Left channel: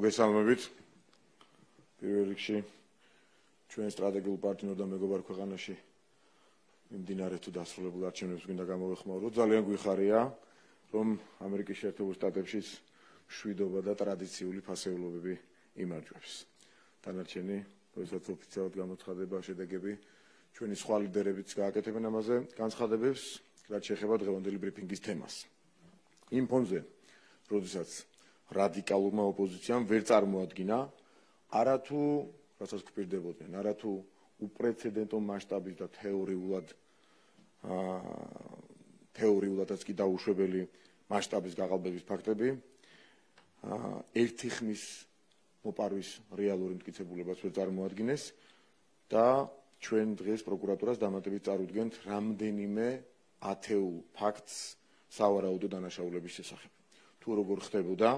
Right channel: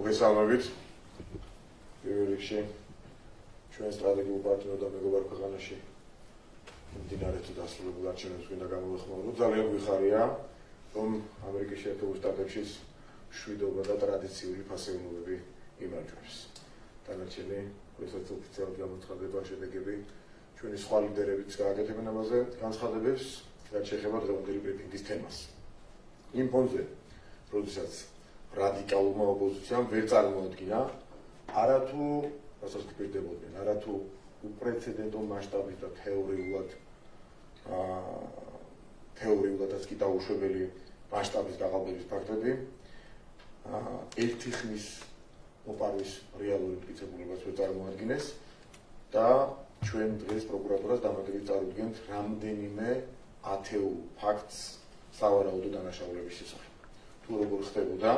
მოგესალმებით. პირველ რიგში ჩვენ სტრატეგიულ პარტნიორ და მეგობარ ქვეყანაში მიმდინარე თუ დასრულებულ არჩევნებს გვინდა გამოვეხმაუროთ. ძალიან გვიხარია, რომ ამერიკის შეერთებულ შტატებშიც მშვიდობა და ტრადიციული ფასეულობები იმარჯვებს. დანარჩენი, როდესაც ოფიციალურად გამოცხადება შედეგები, ჩვენი სხვა ლიდერებიც გააკეთებენ ამაზე განცხადებებს, რაც შეეხება დღევანდელი ბრიფინგის თემას. იმ ფონზე, როდესაც რადიკალურმა ოპოზიციამ ვერ წარმოადგინა არათუ რასაც გვპირდებოდნენ, არათუ უპრეცედენტო მასშტაბის და თეორიულადაც კი დაუშვებელი მასშტაბის გაყალბების ფაქტები, ერთი ხნის მოპარვის რეალური მტკიცებულებას ვერ წარმოადგენს და ჩვენ დღეს პროკურატურას დამატებით წარუდგენთ რამდენიმე ათეულ ფაქტს სავარაუდო დანაშაულების შესახებ. თუ როგორ ხდებოდა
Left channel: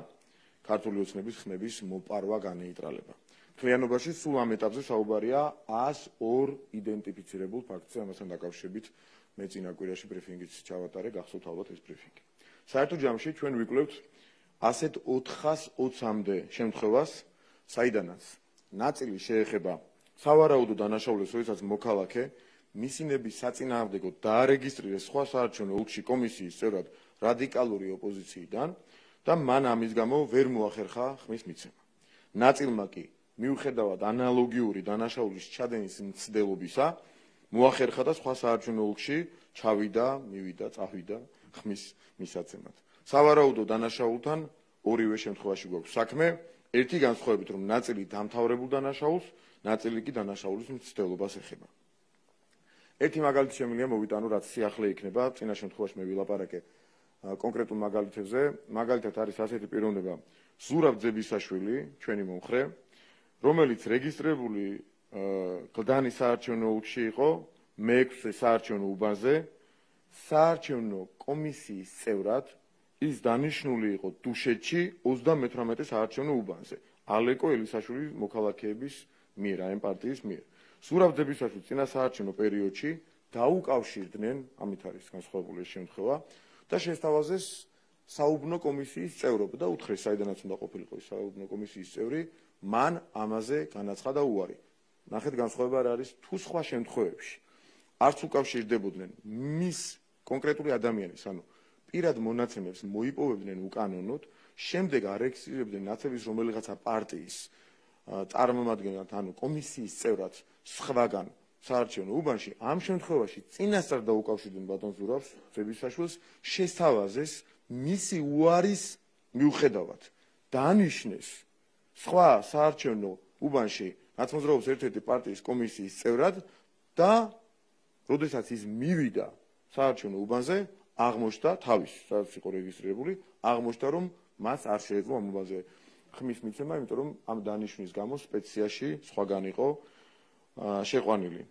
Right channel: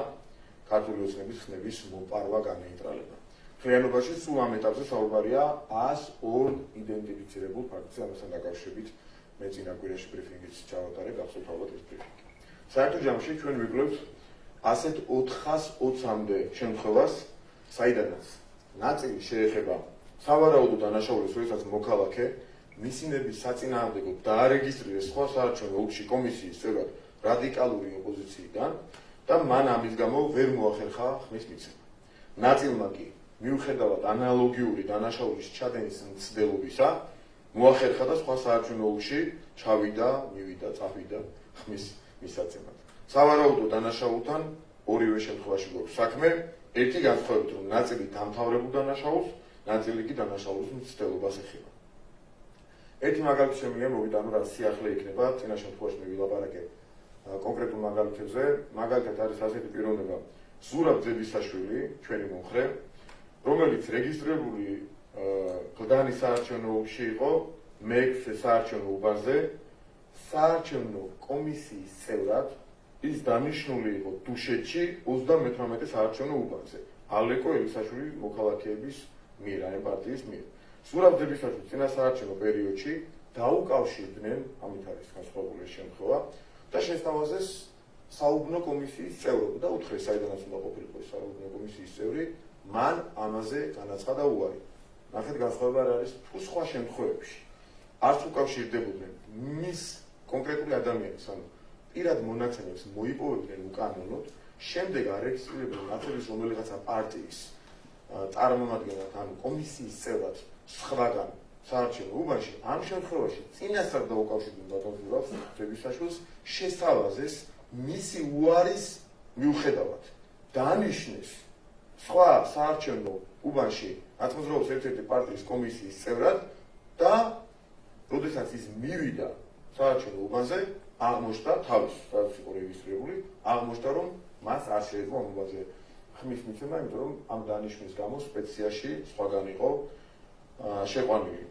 ქართული ოცნების ხმების მოპარვა განეიტრალება. Თლიანობაში სულ ამ ეტაპზე საუბარია 102 იდენტიფიცირებულ ფაქტზე, ამასთან დაკავშირებით მე წინა კვირაში ბრიფინგიც ჩავატარე, გახსოვთ ალბათ ეს ბრიფინგი. საერთო ჯამში ჩვენ ვიკვლევთ ასეთ 420-მდე შემთხვევას, საიდანაც ნაწილი შეეხება სავარაუდო დანაშაულებს, როდესაც მოქალაქე მისინების საწინააღმდეგოდ დაარეგისტრირეს სხვა საარჩევნო ოლქში კომისიის წევრად რადიკალური ოპოზიციიდან და მან ამის გამო ვერ მოახერხა ხმის მიცემა. ნაწილმა კი მიუხედავად ანალოგიური დანაშაულის ჩადენის მცდელობისა, მოახერხა და სხვა საარჩევნო ოლქში მივიდა, წავიდა ხმის მისაცემად. სავარაუდო დანაშაულთან ორივე შემთხვევაში გვაქვს საქმე, ერთი განსხვავებით, რომ ნაწილი დამთავრებულ დანაშაულს, ნაწილი კი დანაშაულის მცდელობას ეხება. ერთი მაგალითი შემიძლია მოვიტანო, რაც სიახლე იქნება, წინა შემთხვევაში მე ვილაპარაკე კონკრეტულ მაგალითებზე, მაგალითად არის ასეთი პიროვნება ზურაბ ძებისაშვილი, ჩვენი მომხრე, რომელიც რეგისტრირებული გლდანის საარჩევნო ოლქში იყო მე-6 საარჩევნო უბანზე, საარჩევნო კომისიის წევრად ის დანიშნული იყო დუშეთში 38 საარჩევნო უბანზე, ალეკო ელისაშვილის მოქალაქეების მიერ, ამ პარტიის მიერ. ზურაბ ძებისაშვილს წინა საარჩევნო პერიოდში დაუკავშირდნენ, ამით არის განსხვავებული შემთხვევა და შესთავაზეს საუბნო კომისიის წევრობა და უთხრეს, საიდანაც უნდა ყოფილიყო ეს საუბნო კომისიის წევრი, მან ამაზე განაცხადა უარი. ნახეთ, განსხვავება რა არის თუ სხვა შემთხვევებში. არც უკავშირდებოდნენ მის კონკრეტული ადამიანის, ანუ პირად მონაცემებს მოიპოვებდნენ უკანონოდ, შემდეგ არეგისტრირებდნენ ნაწილის რომელიღაცა პარტიის წარმომადგენლად, ანუ კომისიის წევრად სხვაგან საარჩევნო უბანში, ამ შემთხვევაში წინასწარ დაუკავშირდნენ ბატონ ზურაბ ძებისაშვილს, შესთავაზეს მისი უარის მიუხედავად დაანიშნეს სხვა საარჩევნო უბანში ნაცმოძრაობის ერთ-ერთი პარტიის კომისიის წევრად და როდესაც ის მივიდა საარჩევნო უბანზე, აღმოჩნდა თავის, სადაც იყო რეგისტრირებული, აღმოჩნდა, რომ მას არ შეეძლო ამ უბანზე ხმის მიცემა, იმიტომ რომ ამ დანიშვნის გამო სპეციაში სხვაგან იყო შეყვანილი.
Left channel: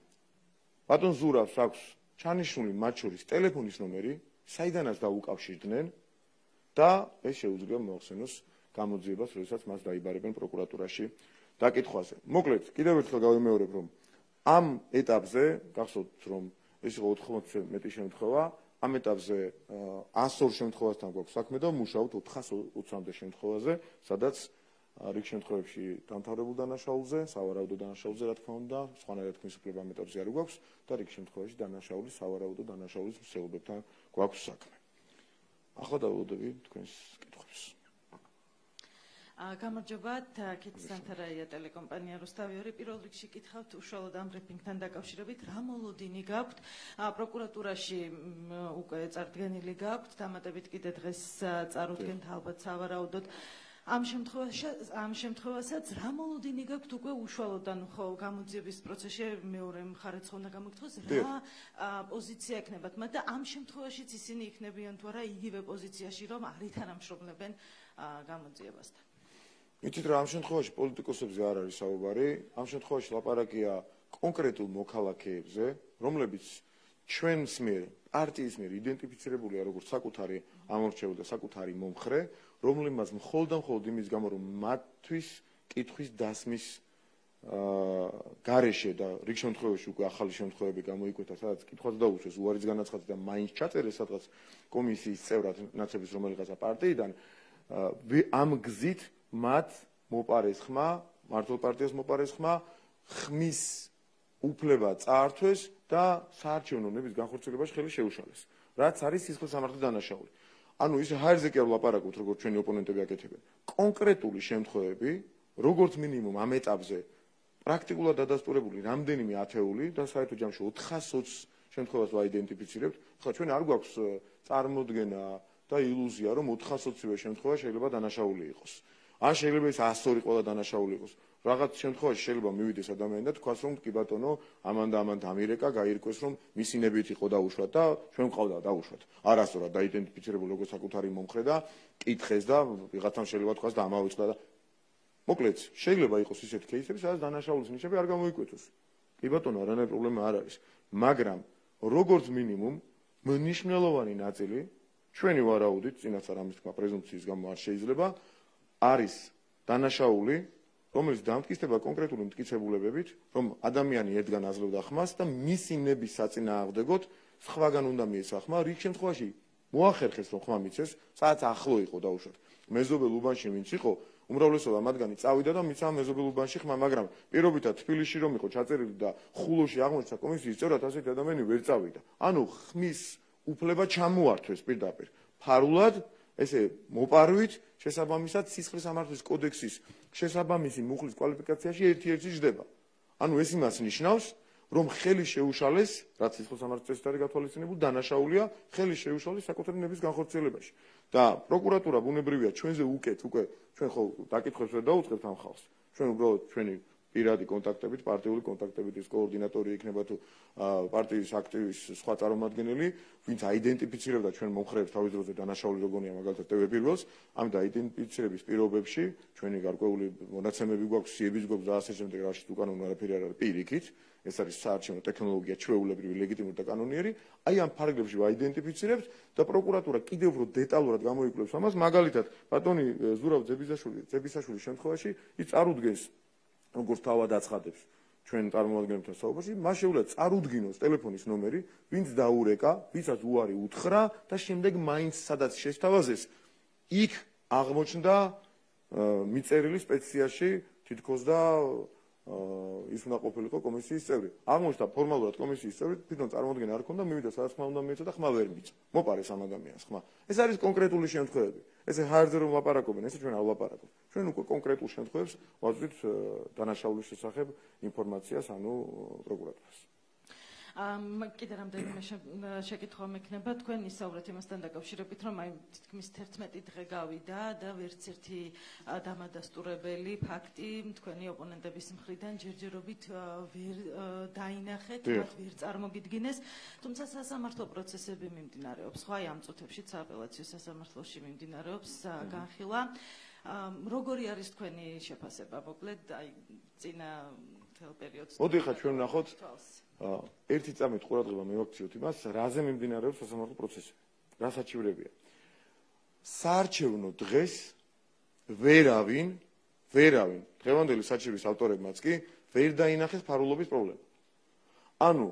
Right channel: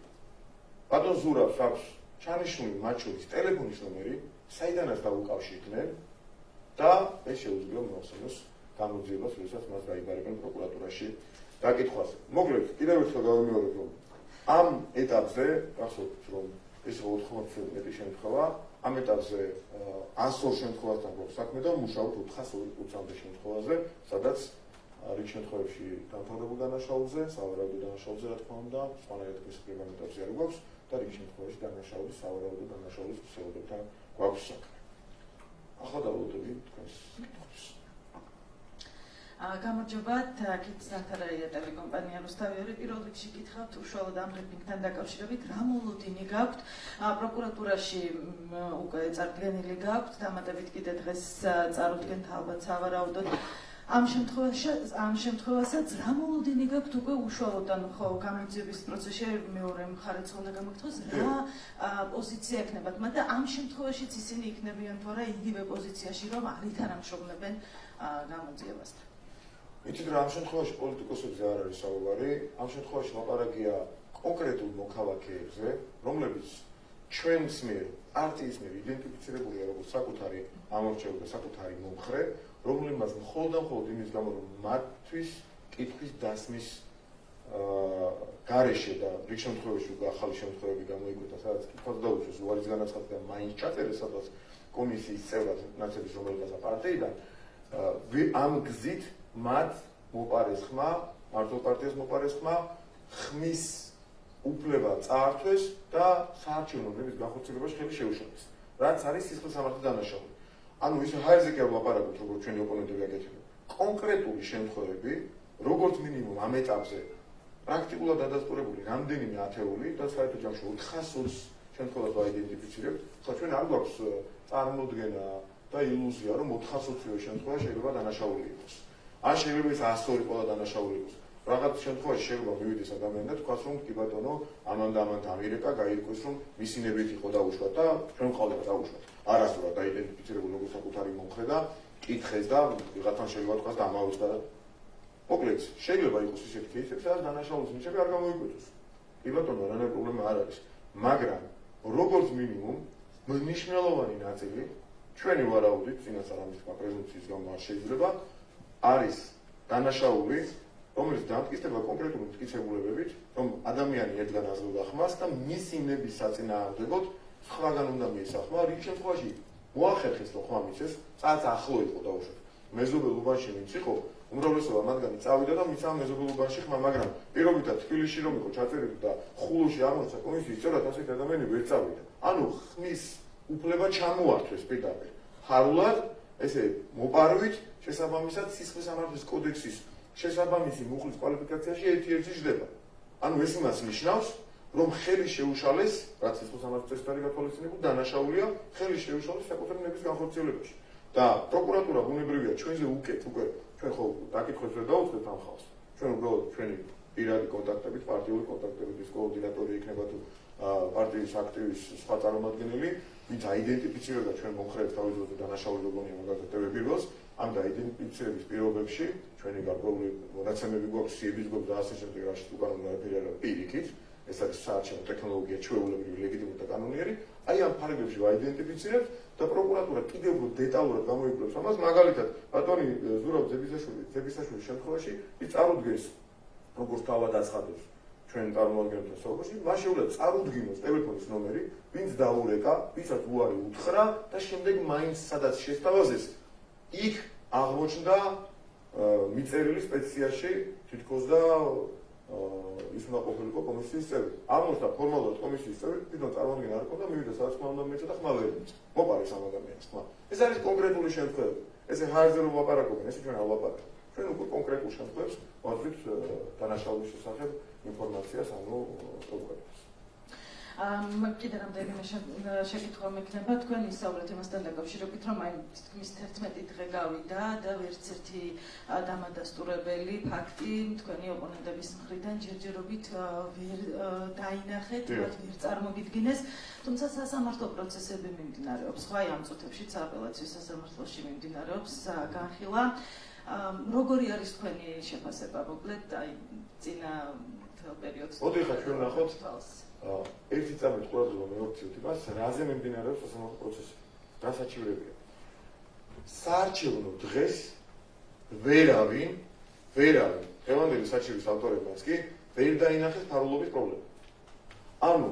ბატონ ზურაბს აქვს ჩანიშნული მათ შორის ტელეფონის ნომერი, საიდანაც დაუკავშირდნენ და ეს შეუძლია მოახსენოს გამოძიებას, როდესაც მას დაიბარებენ პროკურატურაში დაკითხვაზე. მოკლედ, კიდევ ერთხელ გავიმეორებ, რომ ამ ეტაპზე, გახსოვთ, რომ ეს იყო 80 მეტი შემთხვევა, ამ ეტაპზე 102 შემთხვევასთან გვაქვს საქმე და მუშაობთ 420-მდე შემთხვევაზე, სადაც რიგ შემთხვევებში დამთავრებულ დანაშაულზე, სავარაუდო დანაშაულზე, რა თქმა უნდა, სხვანაირად ხმის კვლევა ეტაპზე არ გვაქვს და რიგ შემთხვევაში დანაშაულის, სავარაუდო დანაშაულის ქსელებებთან გვაქვს საქმე. ახლა დავლოდები თქვენს კითხვებს. გამარჯობათ, აქეთ სანთარაია ტელეკომპანია რუსთავიერი. პირველ რიგში გითხავთ უშუალოდ ამ ბრიფინგთან დაკავშირებით, რა მოლოდინი გაქვთ, პროკურატურაში უკვე წარდგენილი გაქვთ, დამატებით კიდე დღეს წარუდგენთ ალბათ სავარაუდოდ. ამ შემთხვევასაც რა მოლოდინი გაქვთ უკვე უშუალოდ, ანუ ხო გამოძიების პროცესში მეორე მხარეც უნდა გამოგთხოვოს, რა პოზიცია ექნებათ მათ და ამ შემთხვევაშიც ისინი იქნებიან თუ არა იგივე პოზიციაში, რომ არ ითანამშრომლებენ გამოძიებასთან. ვიცით რა, ამ შემთხვევაში პოლიტიკოსებზე არ არის საუბარი, ამ შემთხვევაში ლაპარაკია კონკრეტულ მოქალაქეებზე, რომლებიც ჩვენს მიერ, პარტიის მიერ იდენტიფიცირებულია როგორც საკუთარი ამორჩეული და საკუთარი მომხრე, რომლებმაც მხოლოდ და მხოლოდ იმის გამო, რომ მათთვის კითხვის დასმის გარეშე და რიგ შემთხვევაში უკვე ახალი შემთხვევები გამოიკვეთა, სადაც კითხვას დაუშვეს უარის განაცხადა და მაინც ჩაწერეს სადღაც კომისიის წევრად ნაცების რომელიღაცა პარტიიდან, ამ გზით მათ მოპარეს ხმა, მართლ პარტიას მოპარეს ხმა ხმის უფლება წაართვეს და საარჩევნო ნების განხორციელებაში ხელი შეუშალეს. რაც არის სისხლის სამართლის დანაშაული. ანუ ის ჰაერზე კი ვლაპარაკობთ, როგორც ჩვენი ოპონენტები აკეთებენ. კონკრეტული შემთხვევები, როგორც მინიმუმ ამ ეტაპზე პრაქტიკულად დადასტურებული რამდენიმე ათეული და საერთო ჯამში 420 შემთხვევას ვაიდენტიფიცირებთ. ხა ჩვენ არ გვაქვს წარმოდგენა და ილუზია, რომ 420-ვე შემთხვევა შეიძლება დანაშაული იყოს. ან შეიძლება ეს 100 იყოს და დანაშაული იყოს. რაღაც შემთხვევაში შეიძლება მივიდეს ადამიანი და თქვას, რომ კი ბატონო, ამან და ამან ამირეკა გაირკვეს, რომ მისი ნებით იყო დაუშვა და ჩვენ ყავდა დაუშვათ. არასდროს დაიდენტიფიცირებული როგორც საკუთარი მომხრე და კითხეს და ვიღაცამ შეიძლება თქვას და ამაოსდა და მოკლედ შეიძლება იყოს ისეთი кейსები, სადაც დანაშაულის ნიშნები არ გამოიკვეთოს. კი ბატონო, რანაირ პრობლემა არ არის, მაგრამ როგორც მინიმუმ მნიშვნელოვანი ნაწილი ჩვენი ვარაუდით, წინასწარ ამის პრეზუმპციის გამო არ შეიძლება, არის დანაშაული, რომელიც დამტკიცდება კონკრეტული მტკიცებულებებით, რომ ადამიანი ერთგან აზრობდა ხმას და მისი ნების საწინააღმდეგოდ სხვაგან უნდა მიესახმა, რიგ შემთხვევაში მოახერხეს, რომ ხმა მიცეს, სადაც ახლო იყო დაუშვათ. მეზობელ უბანში ვინც იყო, უმრავლესობა მათგანი წავიდა და მიცამა მეზობელ უბანში ხმა, მაგრამ პირობითად თბილისში რომ იყო ჩაწერილი და ხულოში აღმოჩნდა კომისიის წევრად, ასეთი ადამიანი ვერ წავიდა. ანუ ხმის უფლება ჩამოართვეს პირდაპირ. ფარულად, ესე მოპარვით, შესაბამისად სისხლის სამართლის კოდექსის შესაბამისი მუხლის კვალიფიკაციაში ერთ-ერთი ჯდება. ანუ ეს იმას ნიშნავს, რომ ხელი შეუშალეს, რაც სისხლის სამართლის წესით არის გათვალისწინებული, დანაშაულია ხელი შეუშალეს საკუთარი ნების განხორციელებაში. და პროკურატურა ბუნებრივია ჩვენზე უკეთ, უკვე ჩვენ ხო დაკითხვებს ვერ დაუწყებთ ამ ხალხს. ჩვენ უბრალოდ ჩვენი პირადი კონტაქტებით, პარტიული კონტაქტებით ის კოორდინატორი იქნება თუ პარტიის აქტივის სხვა წარმომადგენელი, ვინც აიდენტიფიცირებდა ჩვენ მომხრეებს თავის დროზე დანაშაული როგორია მაგალითად ტევებილოს, ამ დაიდენტიფიცირების პირობებში ჩვენი გარკვეული მონაცემები გვაქვს, სიების გვაქვს და ასე შემდეგ, რაშიც უკან უნდა აფერერა პირიქით, ეს არის საარჩევნო ტექნოლოგია, ჩვეულებრივი, ლეგიტიმური და კანონიერი, აი ამ ფარგლებში ვაიდენტიფიცირებთ და პროკურატურა კიდევ უფრო დეტალურად გამოიკვლევს ამას, მაგალითად, ბატონი ზურაბ ძებისაშვილის შემთხვევაში ის წარუდგენს, როგორც თავად აცხადებს ჩვენ წარმომადგენელთა სოფოში, მას შეუძლია წარუდგინოს ტელეფონის ნომერი, ვინც დაურეკა, ვისაც უარი უთხრა და შემდეგ მაინც სადაც შესთავაზეს, იქ აღმოჩნდა მიწერილი სპეციაში თითქოს და ის უნდა ყოფილიყო კომისიის წევრი. აღმოჩნდა ფორმალურად კომისიის წევრი, თვითონ წარმოადგენა არ ჰქონდა, მივიდა სადაც ხმა უნდა მიეცა და ხმა ვერ მიეცა. მოპარეს ამ ადამიანს ხმა. ეს არის კონკრეტული შემთხვევები. ესე ჰაერზე რომ ვლაპარაკობენ, ესე ჩვენ არ ვლაპარაკობთ. ჩვენ უკვე კონკრეტულ შემთხვევებს ვაწვით დანაშაულის შესახებ ინფორმაციას, ანუ პროკურატურას. კიდე რამდენიმე შეკითხვა მექნება, თქვენ ისაუბრეთ იმასთან დაკავშირებით, რომ აი თითქმის 11 დღე გავიდა და ვერც ერთი დამადასტურებელი ფაქტი თქვენი ოპონენტების მხრიდან ჯერჯერობით ვერ დაინახეთ, ვერ წარმოვიდგინეს, თუმცა სასამართლო პროცესები მიმდინარეობს, სხვა ამ წუთებშიც აპელაციო სასამართლოში მიმდინარეობს განხილვა. როგორი არის თქვენი შეფასება, მოკლედ, აი წინა პერიოდს? მოდი ხა ჩვენ ნახოთ ერთი წამით ყურადღება მივაქციოთ იმას, რაზე მიმდინარეობს სასამართლო პროცესი, რა საჩივრებია. საარჩევნო დღეს ვერავინ, დღევანდელი საჩივრის ავტორებმაც კი ვერ დაინახეს ფარულობის პრობლემა. ანუ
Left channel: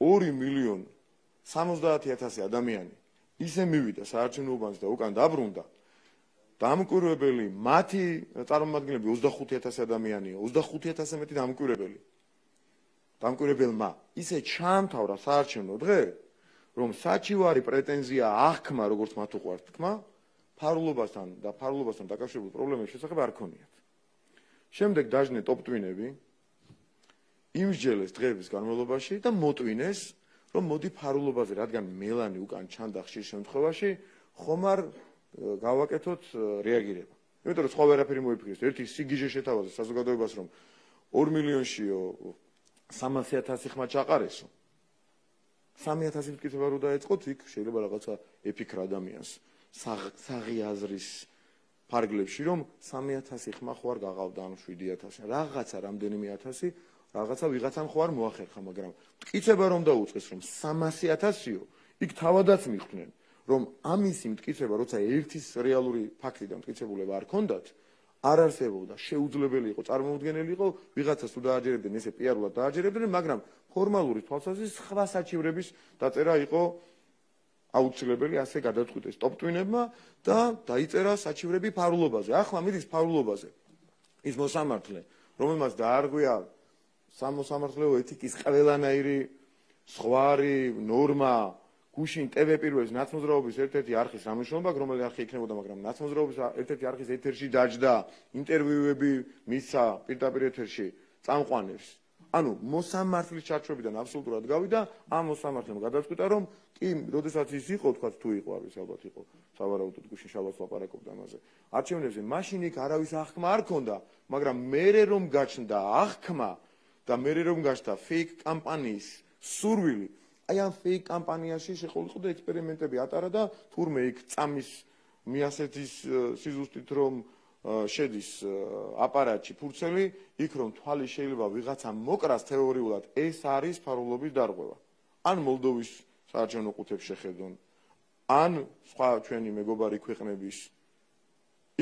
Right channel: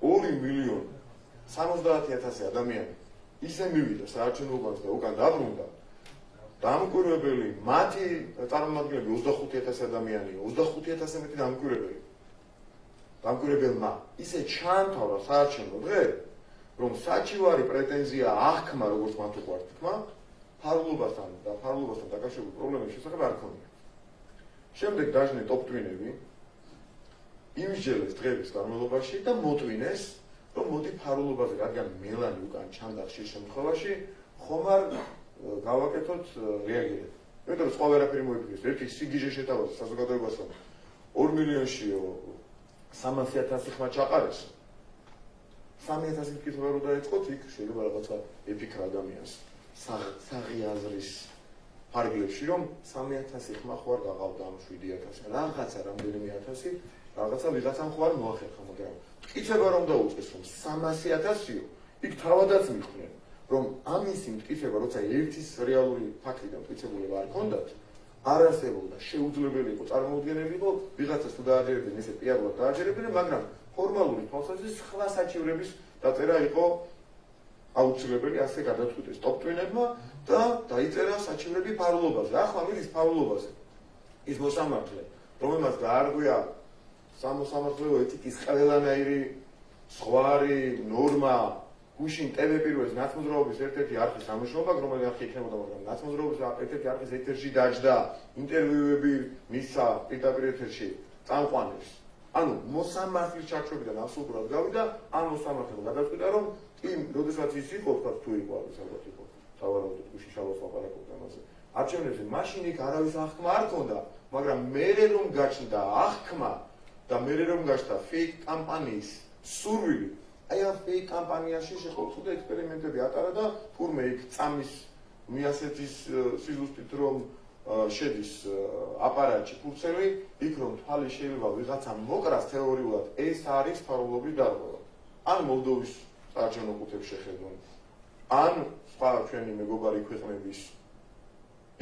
2,070,000 ადამიანი ისე მივიდა საარჩევნო უბანს და უკან დაბრუნდა. დამკვირვებელი, მათი წარმომადგენლები 25,000 ადამიანია, 25,000 მეტი დამკვირვებელი. დამკვირვებელმა ისე ჩაამთავრა საარჩევნო დღე, რომ საჩივარი პრეტენზია აღქმა, როგორც მათ უყვართ თქმა, ფარულობასთან დაკავშირებულ პრობლემების შესახებ არ ქონია. შემდეგ დაჟნე ტოპტვინები იმსჯელეს დღეების განმავლობაში და მოტვინეს, რომ მოდი ფარულობაზე, რადგან მელანი უკან ჩანდა ხშირ შემთხვევაში, ხომ არ გავაკეთოთ რეაგირება. იმიტომ რომ სხვა ვერაფერი მოიფიქრეს. ერთი სიგიჟე შეთავაზეს საზოგადოებას, რომ 2 მილიონშიო 300,000 ხმა ჩაყარესო. 300,000 მკითხვა რო დაეწყოთ, იქ შეიძლება რაღაცა ეფიქრა ადამიანს. საღიაზრის ფარგლებში, რომ 300,000 ხმა ხო არ გაღავდა ამ 7,000. რაღაცა რამდენიმე ათასი, რაღაცა ვიღაცამ ხო არ მოახერხა, მაგრამ მტკიცება რომ დაუწყეს, რომ 300,000-იო, იქ თავადაც მიხვდნენ. რომ ამისი მტკიცება, როცა ერთის რეალური ფაქტი და მტკიცებულება არ ქონდათ, არ არსებობდა, შეუძლებელი იყო, წარმოუდგენელი იყო, ვიღაცას თუ დააჯერებდნენ, ესე პიარულად დააჯერებდნენ, მაგრამ ფორმალური თვალსაზრისით სხვა საჩივრების დაწერა იყო აუცილებელი, ასე გადაწყვიტეს ტოპტვინებმა და დაიწერა საჩივრები ფარულობაზე. ახლა მიდის ფარულობაზე. ის მოსამართლე, რომელმაც დაარღვია სამოსამართლეო ეთიკის ყველანაირი ზღვარი, ნორმა, გუშინ ტელეპირველის ნაცმოძრაობის ერთ-ერთი არხის სამშობლო, რომელიც არხი იქნებოდა, მაგრამ ნაცმოძრაობის ერთ-ერთი არხის ეთერში დაჯდა, ინტერვიუები მისცა პირდაპირ ეთერში წამყვანებს. ანუ მოსამართლის ჩაქვებიდან აბსოლუტურად გავიდა, ამ მოსამართლემ გადაწყვიტა, რომ კი, როდესაც ის იყო, თქვა თუ იყო, არის ალბათ იყო. სავარაუდოდ გუშინ შაბათს ლაპარაკობდა იმაზე. არჩევნებზე მაშინ იქ არავის აღქმა არ ქონდა, მაგრამ მერე რომ გაჩნდა აღქმა და მერე რომ გაჩნდა fake კამპანიის სურვილი, აი ამ fake კამპანიაში შეყოლწოდა ექსპერიმენტები ატარა და თურმე იქ წამის მიასეთის სიზუსტით რომ შედის აპარატში ფურცელი, იქ რომ თვალი შეიძლება ვიღაცამ მოკრას თეორიულად ეს არის ფარულობის დარღვევა. ან მოლდოვის საარჩევნო ყუთებს შეხედონ, ან სხვა ჩვენი მეგობარი ქვეყნების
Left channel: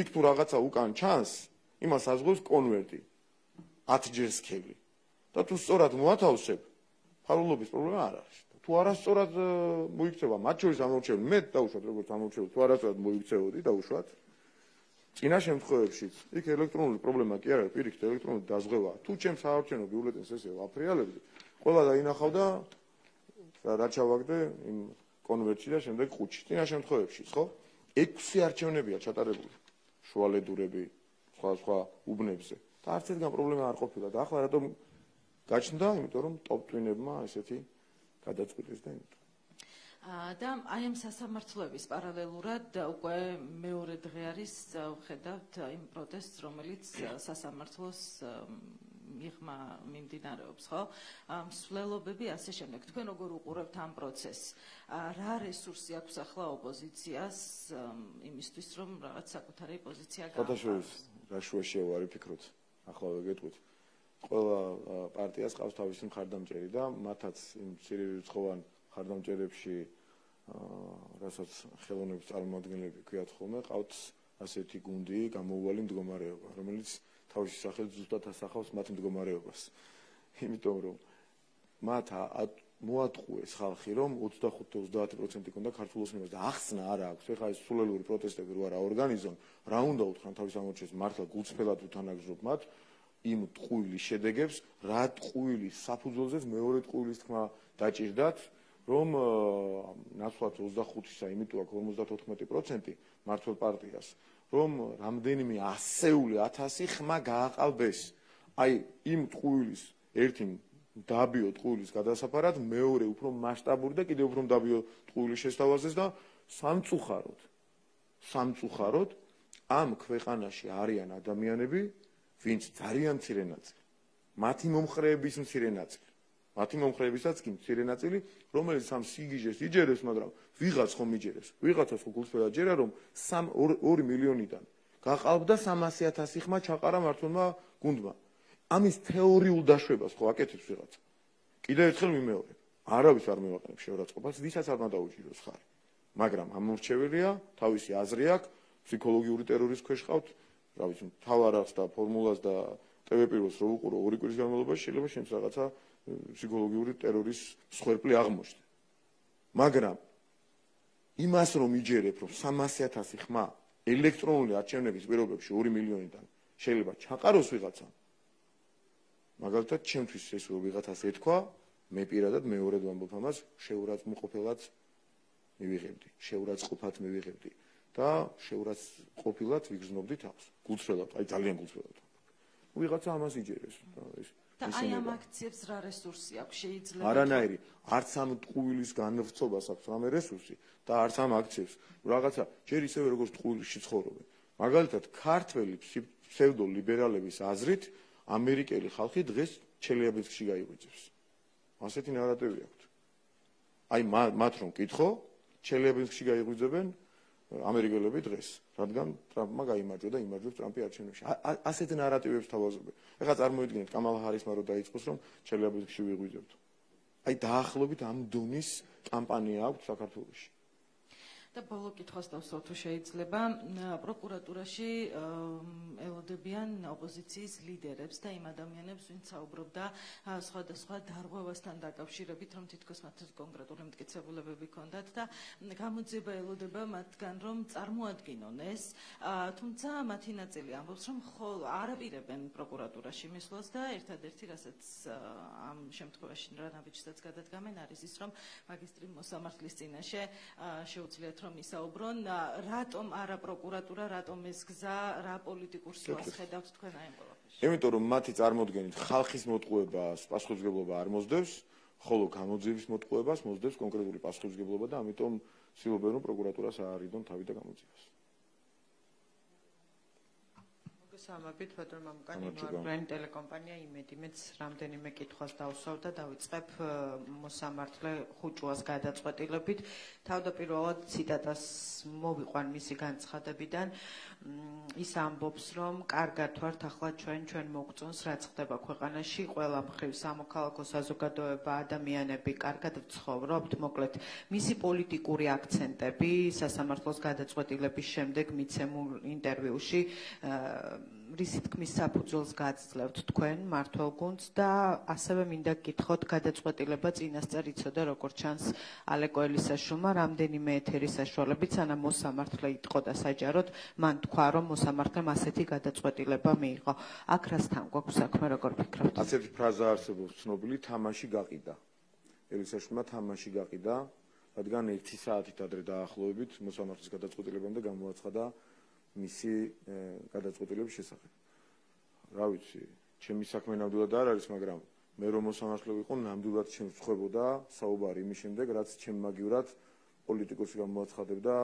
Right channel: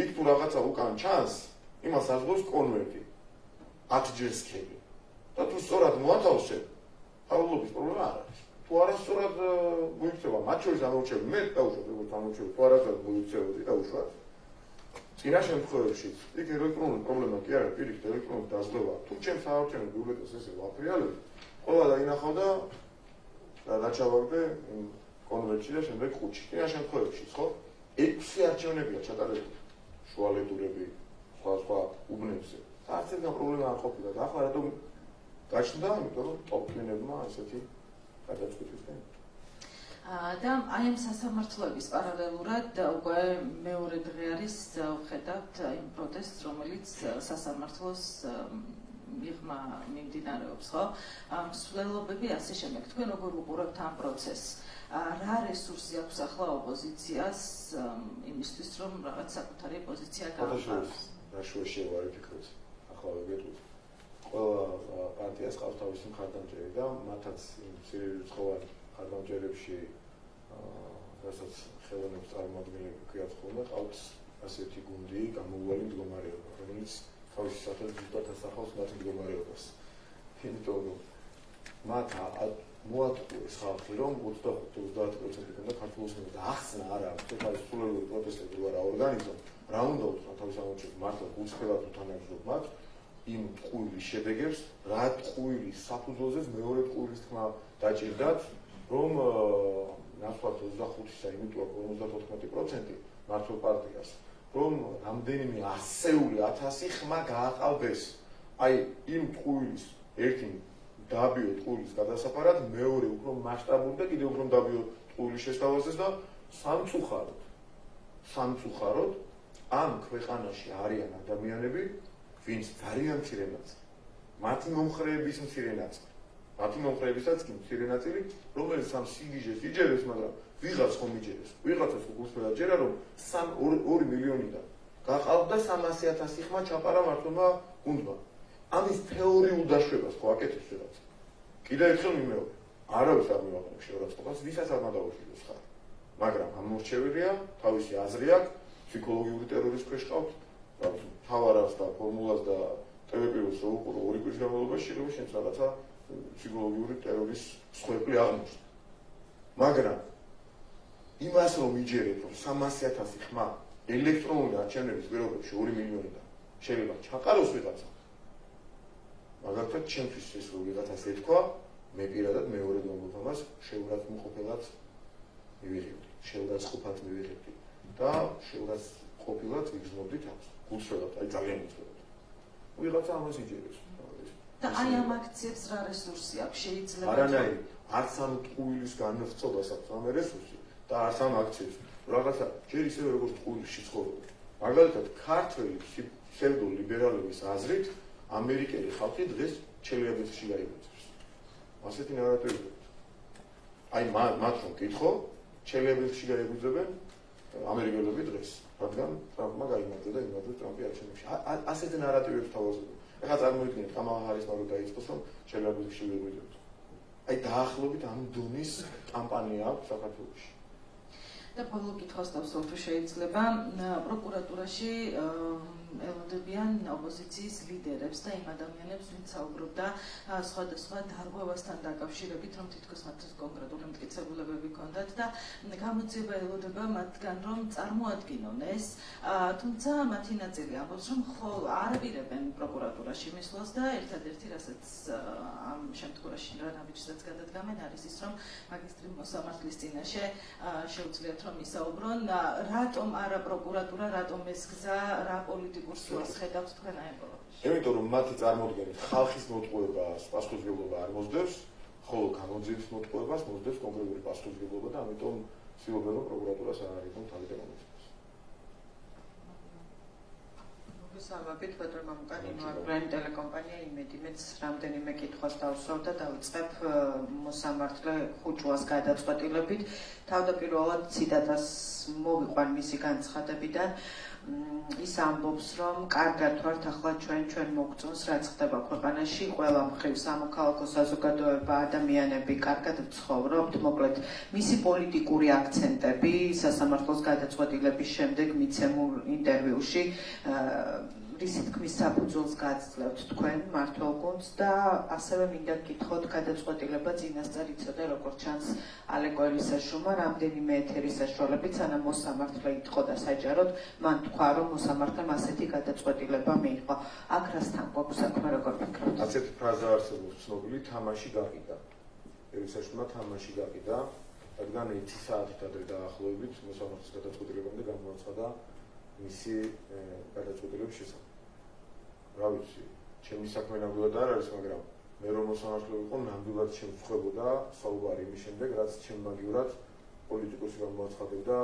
იქ თუ რაღაცა უკან ჩანს, იმას აძლევს კონვერტი 10 ჯერ სქელი. და თუ სწორად მოათავსებ, ფარულობის პრობლემა არ არის. თუ არასწორად მოიქცევა, მათ შორის ამორჩევი, მე დავუშვათ, როგორც ამორჩევი, თუ არასწორად მოიქცევოდი, დავუშვათ. წინა შემთხვევებში იქ ელექტრონული პრობლემა კი არა, პირიქით ელექტრონული დაზღვევა. თუ ჩემს საარჩევნო ბიულეტენს ესე ვაფრიალებდი, ყველა დაინახავდა და დაჩავაგდე კონვერტში და შემდეგ ხუთში. წინა შემთხვევებში, ხო? 6 არჩევნებია ჩატარებული. შუალედურები, სხვა უბნებზე. და არც ერთგან პრობლემა არ ყოფილა და ახლა რატომ გაჩნდა, იმიტომ რომ ტოპტვინებმა ესეთი გადაწყვიტეს და და აი ამ სასამართლოების პარალელურად უკვე მეორე დღე არის ვხედავთ იმ პროტესტს, რომელიც სასამართლოს მიღმა მიმდინარეობს, ხო? მსვლელობები ასე შემდეგ. თქვენ როგორ უყურებთ ამ პროცესს? რა რესურსი აქვს ახლა ოპოზიციას იმისთვის, რომ რაღაც საკუთარი პოზიცია გააჩნდეს? რა შუაშია ვარ ფიქრობთ? ახლა ვეგეთქვით. ყველა პარტიას ყავს თავისი მხარდამჭერი და მათაც იმ ცირერიცხოვან მხარდამჭერებში რასაც ხელოვნების წარმოადგენლები ქვიათ ხოლმე, ყავთ ასეთი გუნდი, გამოუვალი მდგომარეობა, რომელიც თავისი სახელით ზუსტად ასახავს მათ მდგომარეობას. იმიტომ რომ მათ მოატყუეს ხალხი, რომ 25-30% უნდა ქართულ ოსმენებს და ახსნა არა აქვს, ეს სულელური პროტესტები ვარ აორგანიზონ, რა უნდა უთხრან თავის ამორჩევს მართლა გულწრფელად უთანაგზობ მათ იმ ტყუილის შედეგებს, რა ტყუილის საფუძველზეც მეორე ტყუილის თქმა დაჭირდათ, რომ ნაცვლად 25-ისა იმიტომ აქ 54% მართლ პარტიას, რომ რამდენიმე ასეული 1000 ხმა გააყალბეს. აი იმ ტყუილის ერთი დაბიო ტყუილის გადასაფარად, მეორე უფრო მასშტაბური და კიდევ უფრო დაბიო ტყუილის შესთავაზეს და სამწუხაროდ ამ ქვეყანაში არიან ადამიანები, ვინც ძალიან მცირე ნაწილი, მათი მომხრეების მცირე ნაწილი, მათი მომხრეებისაც კი მცირე ნაწილი, რომელიც ამ სიგიჟეს იჯერებს, მაგრამ ვიღაც ხომ იჯერებს, ვიღაცას უყურსვეა ჯერა, რომ 2 მილიონიდან გაყალბდა 300,000 ხმა ჩაყარა მართლმა გუნდმა. ამის თეორიულ დაშვებას ხო აკეთებს ვიღაცა. კიდევ ერთხელ მიმეორე, არავის არ მივაყენებს შეურაცხყოფას, ვისაც არ უნდა დაუშვიროს ხარ. მაგრამ ამორჩეულია, თავისი აზრი აქვს, ფსიქოლოგიური ტერორის ქვეშ ყავთ, რავი, თავარას და ფორმულას და ტელეპირველს რო უყურო 2 კვირის განმავლობაში შეიძლება შენს რაღაცა ფსიქოლოგიური ტერორის სხვეპლი აღმოჩნდა. მაგრამ იმას რომ იჯერებ, რომ 300,000 ხმა ელექტრონული არჩევნების პირობებში 2 მილიონიდან შეიძლება ჩაყაროს ვიღაცა. მაგალითად, ჩემთვის ეს რომ ვიღაცას ეთქვა, მე პირადად მეორე დამბოთამას შეურაცხმყოფილად მივიღებდი, შეურაცხყოფად მივიღებდი და შეურაცხყოფილად ვიგრძნობდი თავს. გულწრფელად, აი ძალიან გულწრფელად. ვიღაცა ამას იჯერებს. და აი ამ აქციებს რა რესურსი აქვს შეიძლება? არანაირი, არც ამ ტყუილის განვრცობას აქვს ამ რესურსი და არც ამ აქციებს. რაღაცა ჯერ ისევე როგორც ტყუილში ცხოვრობენ. მაგალითად, ქართველი ფსევდოლიბერალების აზრით ამერიკელი ხალხი დღეს ჩელიაბინსკში გაიბრძვის. ასეთი ნარატივი აქვს. აი მათ რომ კითხო, ჩელიაბინსკში გაიბრძვენ ამერიკელები დღეს, რადგან ტრამპმა გაიმარჯვა და იმარჯვებს ტრამპი არჩევნებში. ასეთი ნარატივებს თავაზობენ. ეხლა წარმოიდგინეთ კამალა ჰარისმა რომ დაიწყოს, რომ ჩელიაბინსკში ვიღვიძებთ. აი დაახლოებით ამ დონის კამპანია აქვს საქართველოში. და ბოლო კითხვას დავსვათ, თუ შეიძლება, პროკურატურაში ელოდებიან ოპოზიციის ლიდერებს და იმ ადამიანებს, ვინც საუბრობდა სხვადასხვა დარღვევასთან დაკავშირებით, რომ თითქოს მათ კონკრეტული მტკიცებულებები ჰქონდათ და გამოძიება ელოდება მათგან, რომ წარმოადგინონ ეს, თუმცა მათი ნაწილი ამბობს, რომ ხოლ არ აპირებენ პროკურატურაში მისვლას და ერთადერთი, რასაც ამ შემთხვევაში რანაბიჯსაც გადადგამენ, არის ის, რომ მაგისტრი მოსამართლის წინაშე შეუძლიათ რომ ისაუბრონ, რატომ არა პროკურატურა, რატომ ეს გზა, რა პოლიტიკურ სულს ხედავთ თქვენ აი ამ პრობლემაში? იმიტომ რომ მათი წარმოდგენით ხალხის მოტყუებას პასუხისმგებლობა არ მოსდევს, ხოლო გამოძიების მოტყუებას მოსდევს კონკრეტული პასუხისმგებლობა და ამიტომ ცდილობენ რომ პროკურატურას არ არიგონ თავი და გამოძიებას. მოგესალმებით, ბატონო მამუკანი, მოვაბრუნე ტელეკომპანია იმედი, მეც რამდენიმე კითხვას დავსვავ და დავიწყებ მოსამართლე ხუჭუას გადაწყვეტილებით. თავდაპირველად ციტატას მოვიყვან მისი განცხადებიდან. ის ამბობს, რომ კარგად ვართ ახლა ჩვენ მოგწონს რაც ხდება ქვეყანაში, ყველა მხრივ სამოქალაქო საზოგადოება, ადამიანები კარგად ცხოვრობთ, მოკლედ მისი პოლიტიკური აქცენტები სასამართლოს გადაწყვეტილების შემდეგ მიცემულ ინტერვიუში რისი თქმის საფუძველს გაძლევთ თქვენ მმართველგუნდს და ასევე მინდა გკითხოთ გადაწყვეტილება წინასწარ იცოდა როგორც ჩანს ალეკო ელისაშვილმა რამდენიმე ეთერის საშუალებით სანამ მოსამართლე იტყო და საჯაროდ მან თქვა რომ მოსამართლემ ასეთი გადაწყვეტილება მიიღო. აქ რასთან გვაქვს საქმე, როგორ ფიქრობთ? ასეთი ფრაზა არსებობს ცნობილი თამაში გაყიდა. ელისაშვილმა თამაში გაყიდა, რადგან 1 საათით ადრე დაახლოებით მოსამართლის გადაწყვეტილებამდე გამოაცხადა მისი გადაწყვეტილების შესახებ. რა ვიცი, ჩემი საქმე ნამდვილად არ არის, მაგრამ მე რომ მოსამართლე ვიყო, ნამდვილად შემწხვებოდა საუბარი იმის შემდეგ, რაც ჩემ მაგივრად პოლიტიკოსი გამოაცხადებდა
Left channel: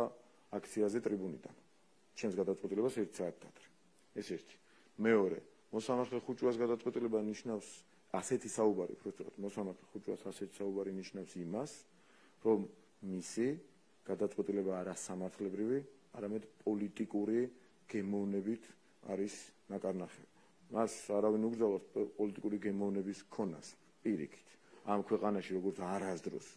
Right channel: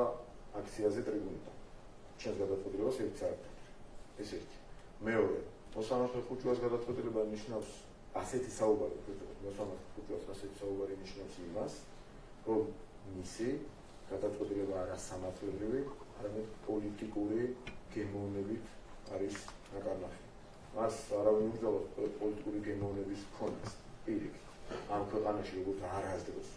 აქციაზე ტრიბუნიდან. ჩემს გადაწყვეტილებას 1 საათით ადრე. ეს ერთი. მეორე, მოსამართლე ხუჭუას გადაწყვეტილება ნიშნავს ასეთი საუბარი, მოსამართლე ხუჭუას ასეთი საუბარი ნიშნავს იმას, რომ მისი გადაწყვეტილება არა სამართლებრივი, არამედ პოლიტიკური გემოვნებით არის ნაკარნახი. მას არავინ უბრძოლავს პოლიტიკური გემოვნების ქონას. პირიქით. ამ ქვეყანაში როგორც არასდროს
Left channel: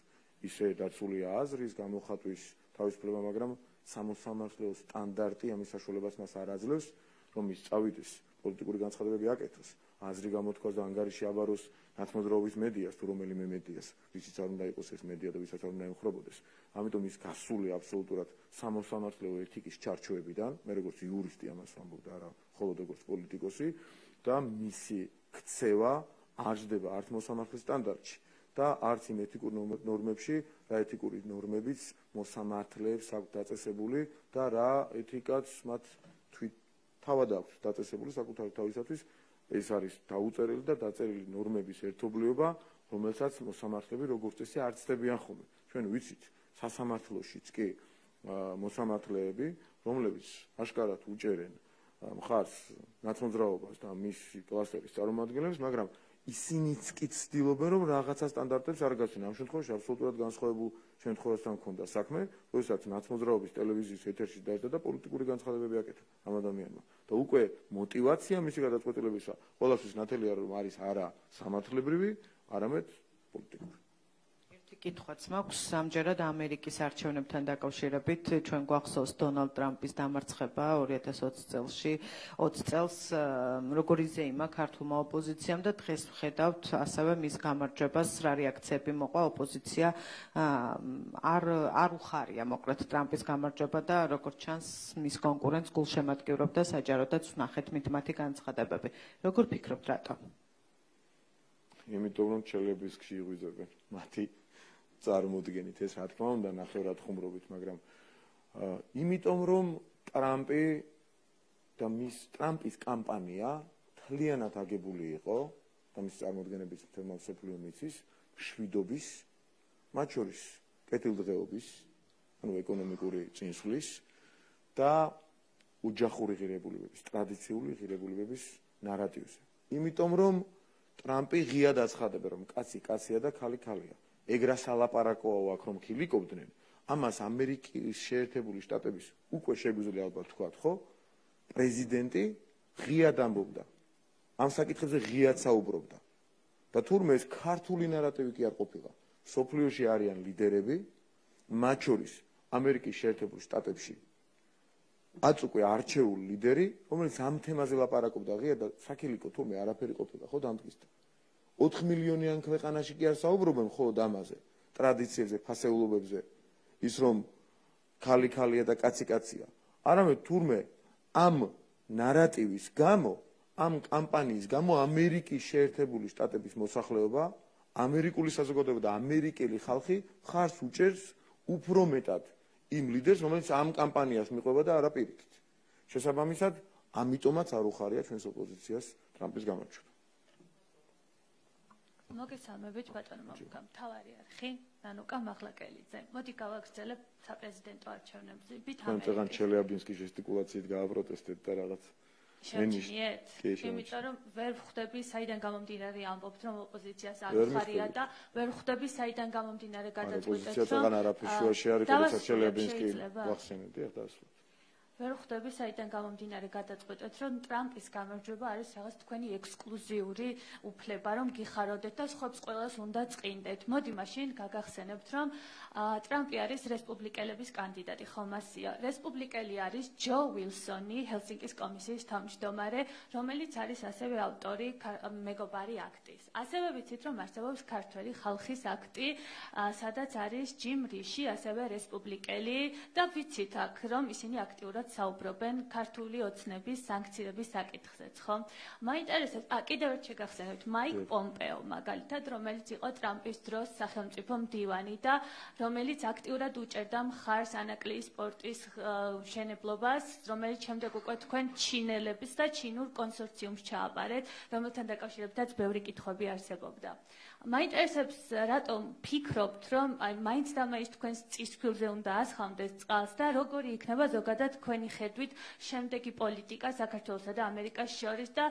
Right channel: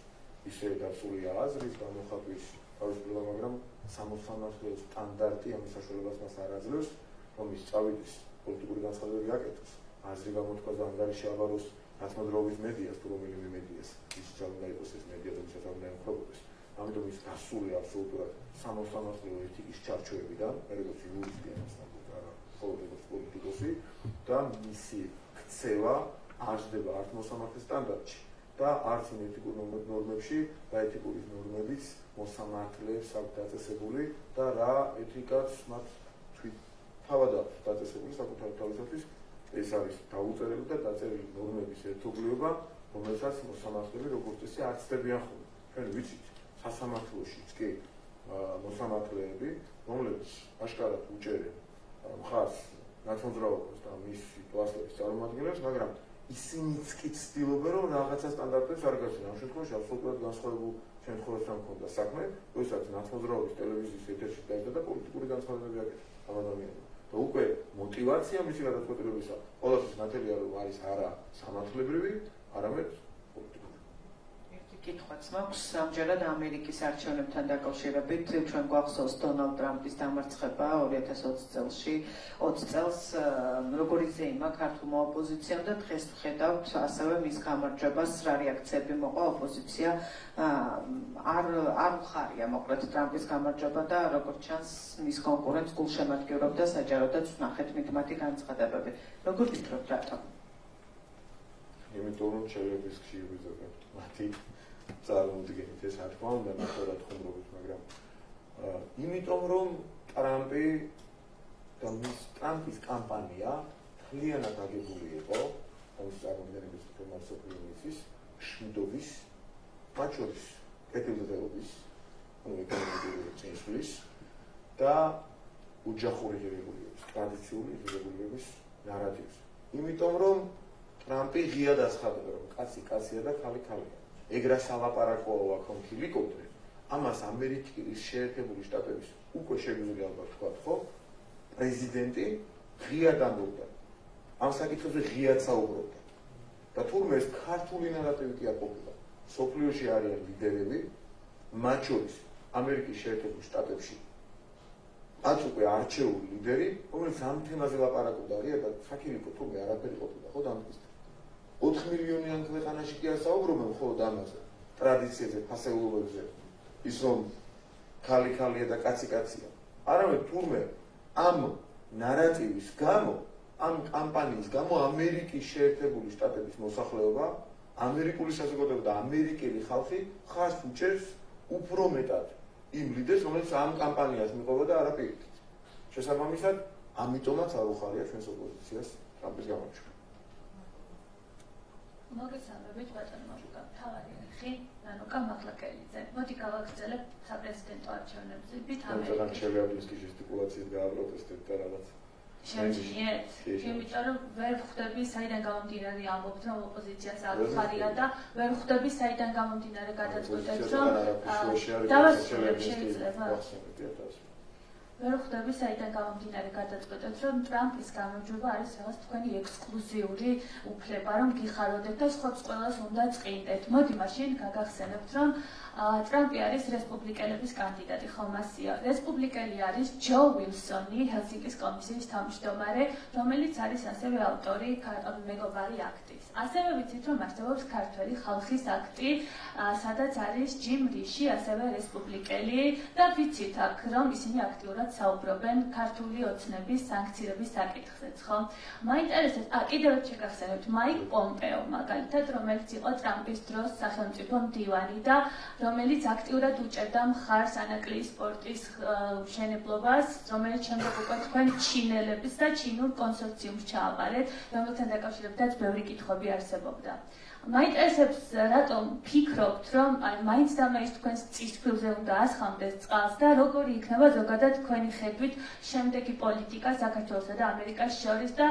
ისე დაცულია აზრის გამოხატვის თავისუფლება, მაგრამ სამოსამართლო სტანდარტი ამის საშუალებას მას არ აძლევს, რომ ის წავიდეს პოლიტიკური განცხადებები აკეთოს. აზრი გამოთქვას და ანგარიში აბაროს ნაცნობრობის მედიას, თუ რომელიმე მედიას, ის უნდა იყოს ეს მედია და ვისაც უნდა ემხრობოდეს. ამიტომ ის გასული აბსოლუტურად სამოსამართლო ეთიკის ჩარჩოებიდან, მე როგორც იურისტი ამას ვამბობ და არა მხოლოდ როგორც პოლიტიკოსი და მისი ქცევა არ ჯდება არც მოსამართლის სტანდარტში და არც იმ ეთიკურ ნორმებში, რა ეთიკური ნორმებიც მოსამართლეებს აქვს დაწესებული და რა ეთიკაც მათ თავად აქვს დაწესებული საკუთარ თავისათვის. ეს არის დაუწერელი და დაწერილი ნორმების ერთობლიობა, რომელსაც მოსამართლეები როგორც ისე არ ცდებიან ხოლმე. ჩვენ ვიცით სასამართლოშიც კი მოსამართლეები, რომლებიც აშკარად უჭერენ მხარს ნაცნობრაობას და მისი კლასების წარმომადგენლებს, მაგრამ ისინიც კი ცდილობენ, რომ რაღაცა სტანდარტებს არ გასცენ. ამ შემთხვევაში აბსოლუტურად განსხვავებულ შემთხვევასთან ჰქონდა საქმე, როდესაც ნაცნობრაობის ტელევიზიის ეთერში დაიწყო და პოლიტიკური განცხადებები აკეთა ამ ადამიანმა. და უკვე мотивация მისი გადაწყვეტილებისა ყველაფრის ნათელია, რომ არის არა სამართლებრივი, არამედ პოლიტიკური. კითხვაც მაქვს სამჯერად ამერიკის არჩევნებთან დაკავშირებით ჩვენ გვახსოვს დონალდ ტრამპის დამარცხება 2020 წელში 20 წელს როგორ იზეიმა ქართულმა ოპოზიციამ და დღეს ვხედავთ ასევე მის გამარჯვებას რა რეაქციები მოყვა ოპოზიცია არ უხარია მოკლედ ტრამპის გამარჯვება და როგორც ჩანს მის კონკურენტს გულშემატკივრობდა საჯაროდაც ვნახეთ მითმათი განცხადებები როგორ ფიქრობთ რატომ იმიტომ რომ ჩელების ხშირი ზოგადად მათი წარმოუდგენით ეს რა თქმა უნდა ნახევრად ხუმრობით, მაგრამ იმიტომ რომ ტრამპი და ტრამპის კამპანია მთლიანად აგებული იყო ამის წარმოდგენების თემასოფლიო მიწის მშვიდობის, მათ შორის კეთილდღეობის, ეკონომიკური წინსვლის და ოჯახური ღირებულებების, ტრადიციული ღირებულებების ნარატივს. იმიტომ რომ ტრამპი ღიად აცხადებდა, რომ კაცი კაცია და ქალი ქალია. ეგრა სალაპარაკოა აქ რომ ქილიკობდნენ, ამას ამერიკის შეერთებული შტატების უკვე შეგვიძლია ალბათ თქვათ, ხო? პრეზიდენტი ღიად ამბობდა. ამ საკითხებზე ღიად საუბრობდა. და თურმე ეს ქართული ნარატივი კი არ ყოფილა. სოფლიოში არიან ლიდერები, მათ შორის ამერიკის შეერთებულ შტატებში 10 უკვე არჩეული ლიდერი, რომელიც ამ თემაზე ლაპარაკობდა ღია და საქილიკო თურმე არაფერი ყოფილა ხო დამტკიცდა. 4 მილიონიან ქვეყანაში კი არ საუბრობენ მხოლოდ ამაზე, ტრადიციებზე, ფასეულობებზე, ის რომ ქალი-ქალია და კაცი-კაცია. არამედ თურმე ამ ნარატივის გამო, ამ კამპანიის გამო ამერიკის შეერთებული შტატების მოსახლეობა, ამერიკული საზოგადოება და ამერიკელი ხალხი ხარს უჭერს უფრო მეტად იმ ლიდერს, რომელიც ამ კამპანიას მიყვება და არაპირით. შესაბამისად, ამიტომაც არ უხარია ჩვენს ოპოზიციას ტრამპის გამარჯვება. მოგესალმებით ბატონო თავარი ხი ანუ კამაღლაკელიძე. მოდი გავაგრძელებთ საპრეზიდენტო არჩევნებზე. ამიტომ ჩელიაბინსკის ჟესტიკულაციით გააპროტესტეთ და რაღაც. შემიძლიეთ? იმიტომ რომ ვერ ხვდები საიდან გამომდინარე ამბობთ რომ ოპოზიციას არ ხარია და ვერ ხვდები საიდან გამომდინარე გადაწყვეტეთ რომ ვერ ხვდები საიდან გამომდინარე გადაწყვეტეთ რომ ტრამპის გამარჯვება არის რაღაც თქვენი ექსკლუზიური უფლება რომ გიხაროდეთ და სხვებს ყველას უნდა წყინდეთ. მოდი მაშინ გაგახსენებთ რომ ტრამპი არის რესპუბლიკელების კანდიდატი, ხომ ასია. რესპუბლიკელი არის ჯო ვილსონი, ჰელსინკის კომისიის თავმჯდომარე, რომელიც არის ასევე ავტორი მეგობარი აქტის. ასევე ვიცით რომ არსებობს ქართველი ხალხის აქტი, სადაც არის ჯიმ რიში, ასევე რესპუბლიკელი და ვიცით აქ რომ ისინი აქტიურად საუბრობენ ქართული ოცნების სანქციების საკითხზეც, ხო? მაინტერესებს, კიდევ შეგახსენებთ მაიკ პომპეო მაგალითად, რომელიც იყო ტრამპის დროს სახელმწიფო მდივანი და რომელიც აქტიურად უჭერდა მხარს ანაკლიის პორტის მშენებლობას, რომელიც შემდეგ უკვე თქვენ ჩინელების და ჩინურ კონსორციუმს ჩააბარეთ, რომელთან დაკავშირებითაც ბევრი კითხვები არსებობდა. მაინტერესებს, რატომ ფიქრობთ, რომ მაინც და მაინც თქვენს წისქვილზე უნდა ასხამდეს წყალს და როგორი იქნება ზოგადად თქვენი ხედვით შემდეგი პოლიტიკა საქართველოსა და ამერიკას შორის და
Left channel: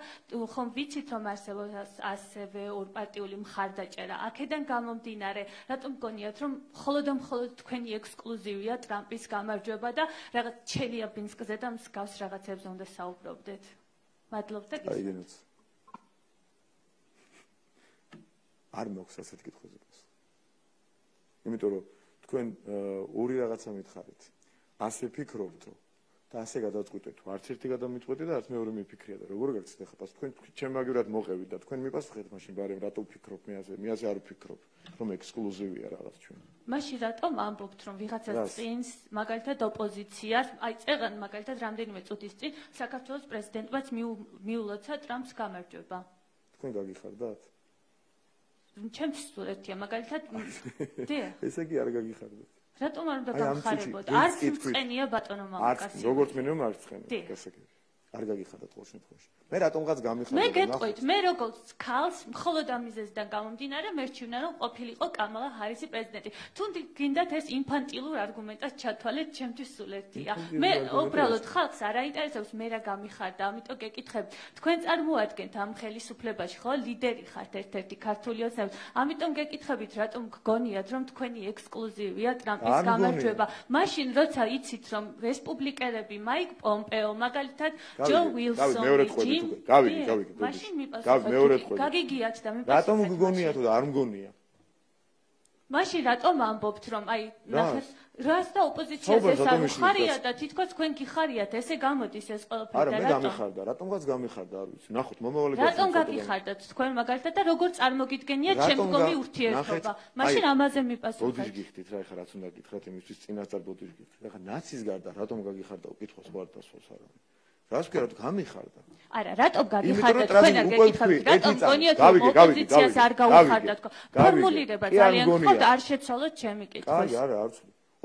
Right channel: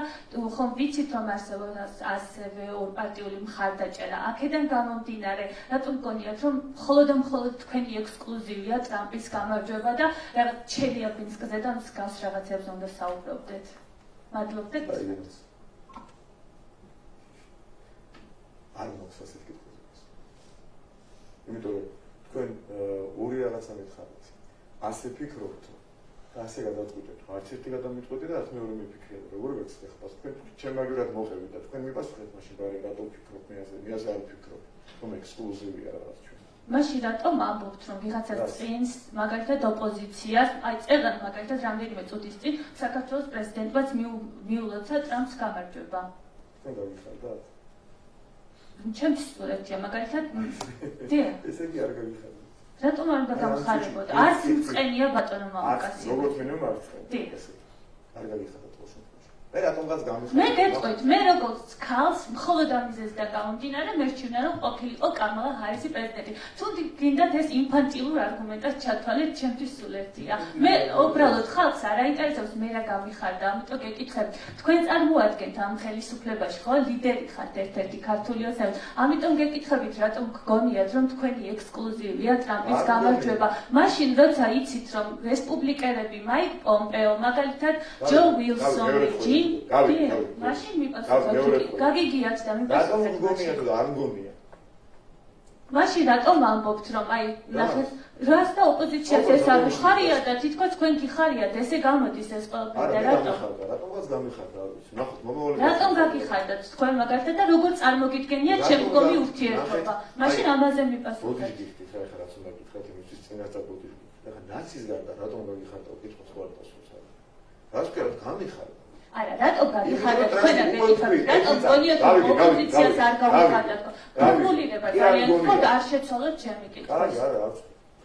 ხომ ვიცით რომ არსებობს ასევე ორპარტიული მხარდაჭერა. აქედან გამომდინარე, რატომ გონიათ რომ მხოლოდ თქვენი ექსკლუზივია ტრამპის გამარჯვება და რაღაც ჩელიაბინსკზე და მსგავს რაღაცებს უნდა საუბრობდეთ. მადლობთ. არ მოხს ასეთ კითხვებს. იმიტომ რომ თქვენ ორი რაღაცა მითხარით. ასე ფიქრობთ და ასე გადაწყვეტეთ. არც ერთი გადამიწყვეტე და არც მეორე მიფიქრია და როგორ გეცდეთ ხა თქვენ ჩემაგერად მოყევით და თქვენ მიპასუხეთ მაშინ ბარემ რატო ფიქრობ მე ასე არ ვფიქრობ. რომ ექსკლუზივია რაღაც ჩვენ. მაშინ რატომ ამბობთ რომ ვიღაცა წინს მაგალითად ოპოზიციას, აი წერან მაგალითად რამდენიმე წუთის წინ საქართველოს პრეზიდენტმაც მიულოცა ტრამპს გამარჯვება. თქვენ გაგიხარდათ? ჩემს სურათია მაგალითად დიახ ესე კი არ გაგიხარდა რატომ არ უნდა გამხარებოდა არც მწყენია ბატონო მამაკაცი როგორც მინიმუმ არ მწყენია ესე კი არ გაგიხარდა თქოს მე რატომღაც გამიხარდა მე გეტყვით მე როგორც ქალს მხოლოდ ამიზეს და გამომდინარე მერჩივნა რომ ყოფილიყო კამალა ჰარისი პრეზიდენტი თუ გინდათ ეს ინფანტილურ არგუმენტად ჩათვალეთ ჩემთვის სულ ერთია მე უბრალოდ ხალხს არ აინტერესებს მე რა გამიხარდა ამიტომ გეკითხებ თქვენ წარმოადგენთ ამ ხელისუფლებაში ხო ლიდერი ხართ ერთ-ერთი ქართული ოცნების ამიტომ გეკითხებით რატომ გგონიათ რომ თქვენი ექსკლუზივია ტრამპის გამარჯვება მაშინ როცა იცით რომ რესპუბლიკელები მაიკ პომპეო მაგალითად ჯო ვილსონი გავი მაშინ მიპასუხეთ გაგიგიათ და მიპასუხეთ რატომ გგონიათ და არ მგონია მაშინ რატომ ამბობთ რომ აი ნახეთ რას და ოპოზიციას ეს არ ხარია და თითქოს თქვენ გიხარიათ ესე გამოდის ეს ყველაფერი და რატომაც გამიხარდა არ ვიცი ნახოთ მომავალი რატომ გაგიხარდათ თქვენ მაგალითად და როგორ წარმოგიდგენიათ შემდგომი ურთიერთობა მაშინ ამაზე მიპასუხეთ ბოდიში გიხდით რა ეხლა რაც უნდა გითხრათ იმისთვის წინასწარ ბოდიში ეხლა ნაცის გარდა რატომ გაგიხარდა კითხვა სხვა პასუხს არა რას ვქეროთ გამიხარდა არა, რატო გაგიხარდათ თქვენ და გეკითხებით, რატო გონიათ რომ ოპოზიციას არ გავუხარდათ? ფორმულირება ძალიან ხო და არ შეცვალოთ ჩემი კითხვას. არა,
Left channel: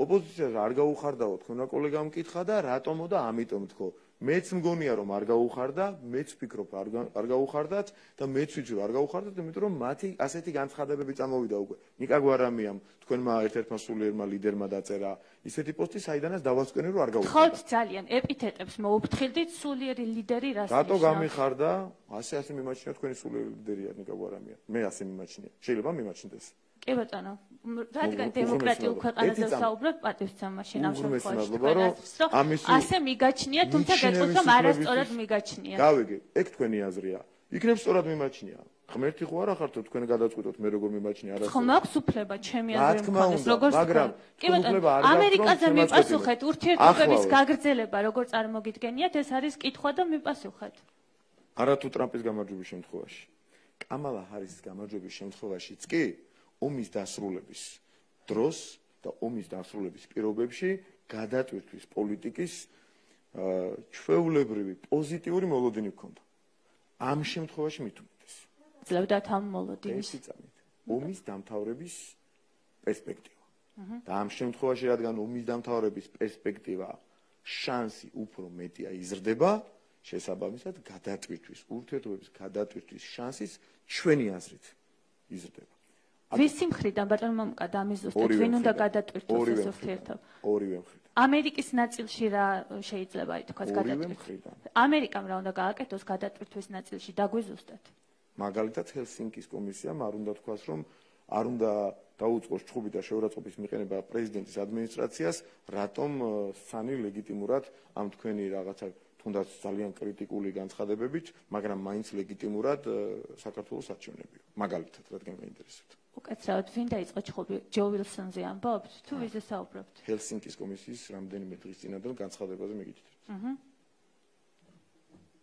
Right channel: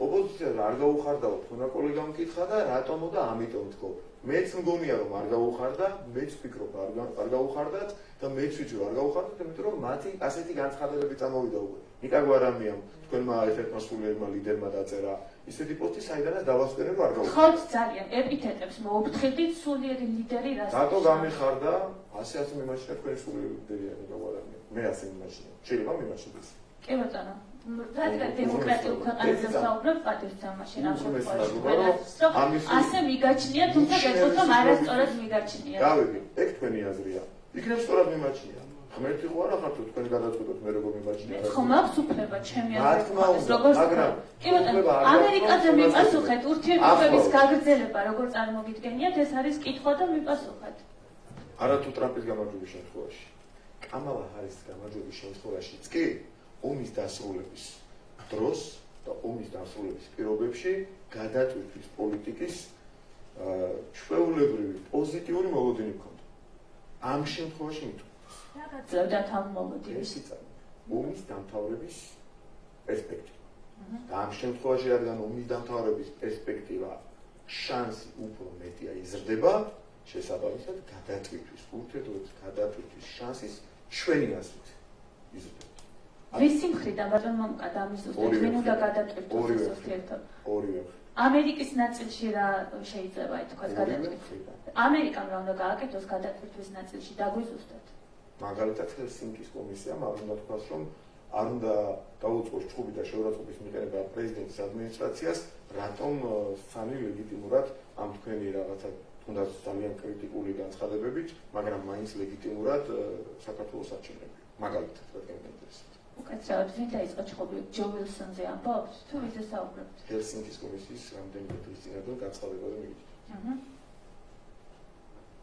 ოპოზიციას არ გავუხარდაო, თქვენ კოლეგამ მკითხა და რატომო და ამიტომ თქო. მეც მგონია რომ არ გავუხარდა, მეც ვფიქრობ არ გავუხარდათ და მეც ვიცი არ გავუხარდათ, იმიტომ რომ მათი ასეთი განცხადებები წამოვიდა უკვე. ნიკა გვარამიამ თქვენმა ერთ-ერთმა სულიერმა ლიდერმა დაწერა ისეთი პოსტი, საიდანაც დავასკვირე რომ არ გავუხარდა. ხო, ძალიან ეპითეტებს მოუფრთხილდით სულიერი ლიდერი რას. რატო გამიხარდა? ასე მიმაჩნია თქვენი სულიერი ლიდერია ნიკა გვარამიამ. მე ასე მიმაჩნია. შეიძლება მიმაჩნდეს. კი ბატონო. რადგან დემოკრატიულ ქვეყანაზე ვსაუბრობ, პატივცემ მაშინ ამ შემთხვევაში. ასე მიგაჩნია, თუმცა გეტყვით რომ არასწორად მიგაჩნია. გავიგე, ეგ თქვენი აზრია. იქნებ სწორად მიმაჩნია. ღმერთი ხო არა ხართ თქვენ გადაწყვეტოთ მე როგორ მიმაჩნია რა. ხომ აქვს უფლება ჩემი აზრით როგორ მაგრამ კი ბატონო ამერიკაზე მიპასუხეთ ურთიერთობების გაგრძელება როგორ წარმოგიდგენიათ ეს არის კითხვა და მიპასუხეთ. არათუ ტრამპის გამარჯვების შემთხვევაში. კამალა ჰარისის გამარჯვების შემთხვევაშიც კი ომის დასრულების დროს და ომის დასრულების პირობებში გადატვირთვის პოლიტიკის ჩვეულებრივი პოზიტიური მოლოდინი ჰქონდა. ამ შემთხვევაში მithumbes. რა გაძლევდათ ამ მოლოდინს? ომის დამთავრების პერსპექტივა. და ამ შემთხვევაში რადგან ომის დამთავრების პერსპექტივა შანსი უფრო მეტია იზრდება, შესაბამისად გადატვირთვის ურთიერთობების გადატვირთვის შანსის ჩვენი აზრით იზრდება. ვისი მხრიდან ბატონო მომკა დამიზუსტეთ ვინ უნდა გადატვირთოს ეს ურთიერთობა? ორივე მხრიდან. ამერიკის ნაწილში რა შეიძლება ითქვას გადატვირთვის? ამერიკამ რა უნდა გააკეთოს გადატვირთვის ნაწილში დაგვიზუსტეთ? მაგალითად ჰელსინკის კომისიამ არ უნდა თქვას რომ არ უნდა დაუწყოს ჩხუბი და შეურაცხყოფის მიყენება პრეზიდენტის ადმინისტრაციას, რატომ სამი ლეგიტიმურად ამ თქვენი რაღაცა თუნდაც ძალიან კრიტიკული განცხადებებით, მაგრამ მაინც ლეგიტიმურად საქართველოს არჩევნები. მაგალითად, რადგან ინტერესებს. უკაცრავად ვინ დაიწყო ჩხუბი? ჯო ვილსონზე ამბობთ? თუ ვიზე საუბრობთ? ჰელსინკის კომისიის რამდენიმე დღის წინადან განცხადებაზე მიგიჩნდა.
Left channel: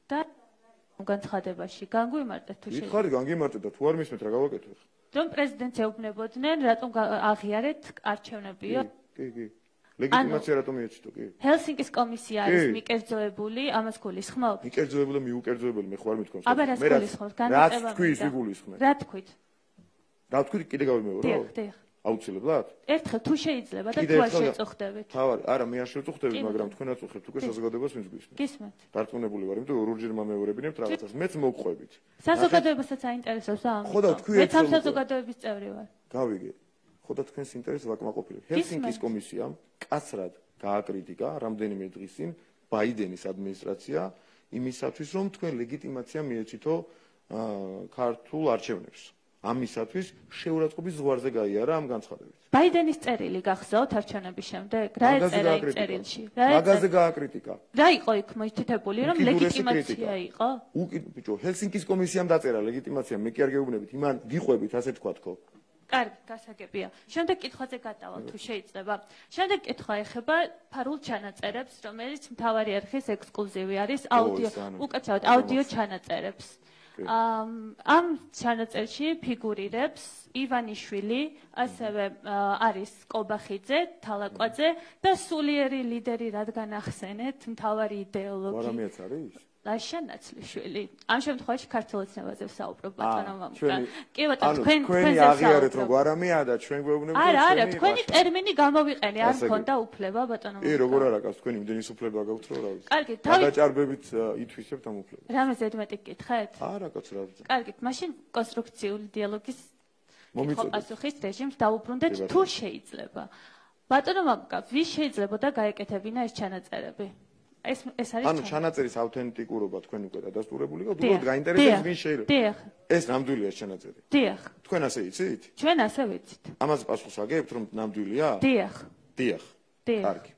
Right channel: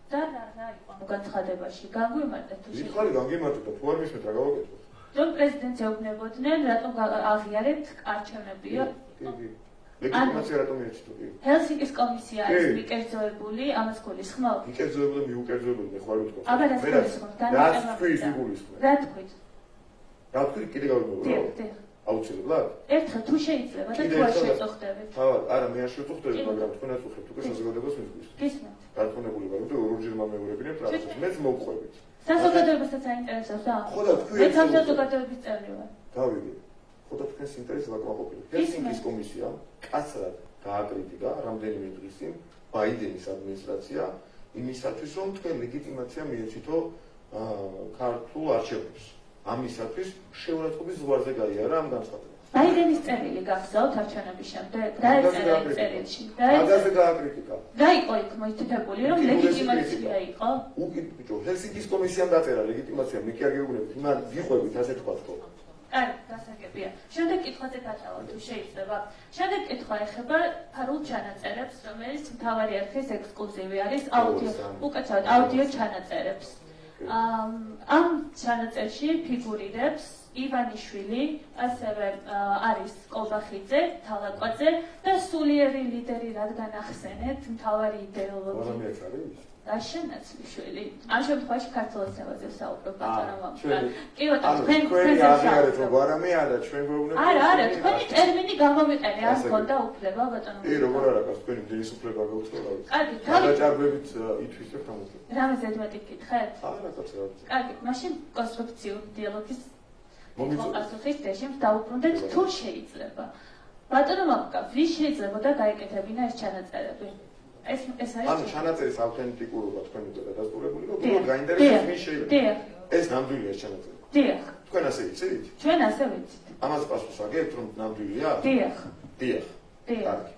და რა იყო განცხადებაში? განგვიმარტეთ თუ შეიძლება? ხარი განგიმარტეთ და თუ არ მისმეთ რა გავაკეთოთ? რომ პრეზიდენტს ეუბნებოდნენ, რატომ აღიარეთ არჩევნებია? კი. ლეგიტიმაცია რატომ ეცდო კი? ჰელსინკის კომისია არის მიკერძოებული, ამას გულისხმობ? მიკერძოებული, მიუკერძოებული, მე ხო არ ვიტყვი. აბა რა გულისხმობ? რა თქვი გულისხმობ? რა თქვით? რა თქვი კიდე გავიმეორე? დიახ. აუცილებლად? ერთხელ თუ შეიძლება და თუ არ შეწუხდებით. თავად, არა, მე არ შეწუხდები, მაგრამ თქვენაც უხებთ უკვე საზოგადოებას მისგვისთ. გისმენთ. დარწმუნებული ვარ, იმიტომ რომ ორჯერ მომეორებინებთ რაღაცას, მეც მოვყვებით. საზოგადოებასაც აინტერესებს ამ. ხო და თქვი მეც ამ საზოგადოების წევრი ვარ. გავიგე. ხო და თქვენს ინტერესს ვაკმაყოფილებ. ჰელსინკის კომისიამ კაცრად გააკრიტიკა რამდენიმე დღის წინ ბაიდენის ადმინისტრაცია იმისათვის, რომ თქვენ ლეგიტიმაცია მიეცითო ქართულ არჩევნებს. ამისათვის შეურაცხყოფის ზღვარზე გაიარა ამ განცხადებას. ბაიდენის წერილი გახსოვთ არჩევნების შემდეგ? რა ეწერა იმ წერილში? მაგაზე გააკრიტიკა. რა იყო იქ მოითითებული, რომ ლეგიტიმაცია იყო? ბიჭო, ჰელსინკის კომისიამ დაწერა ლეგიტიმაცია, მე კი არ გეუბნებით, იმან ვიყვებით ასე თქვა ხო? კარგი, გასაგებია. შემდეგ კითხვაზე გადავალ თუ შეიძლება. შემდეგ კითხვა ეხება ფარულ ჩანაწერებს, რომელიც მთავარი არქივის ექსკლუზივი არის აუდიო, უკაცრავად აუდიო ჩანაწერებს. ამ ჩანაწერში ფიგურირებს ივანიშვილი, ასევე არის კობახიძე, თალაკვაძე და სულიერი ლიდერი, რადგან ახსენეთ, მთავარი იდეოლოგი. ვარამიაც არის? ლაშა ნაცლიშვილი. ამ შემთხვევაში ქართულ ენაზე ვსაუბრობ, ბატონო მომკა. კი ბატონო, თქვენი აღიარეთ რომ ვარამია და ჩვენ გვეუბნებით. არა, თქვენი ტერმინი გამოვიყენე, არ მქონდა უფლება, ბატონო. კი, როგორ არა, თქვენი მდენის უფლება გაქვთ რა. კარგი, თავი დაჭარბებით ითვისებთ ამ უფლებას. რამე ზედმეტი გკითხეთ? არა, კაცო. კარგი, მაშინ კონსტრუქციული დიალოგის პასუხის რეჟიმს დაუბრუნდეთ თუ შეიძლება. ბატონო მომკა, ვის შეიძლებოდა გაეკეთებინა ეს ჩანაწერები? ეს არის ანუ ჩანაწერის ავთენტიკურობა თქვენ უკვე დადასტურებული იყო, უბრალოდ გაინტერესებს ვის შეიძლება. დიახ. ეს ნამდვილია ჩანაწერი. დიახ. თქვენ ასე იცით? ჩვენ ასე ვიცით. ამას პასუხს აგებთ რომ ნამდვილია? დიახ. დიახ. დიახ. კარგი.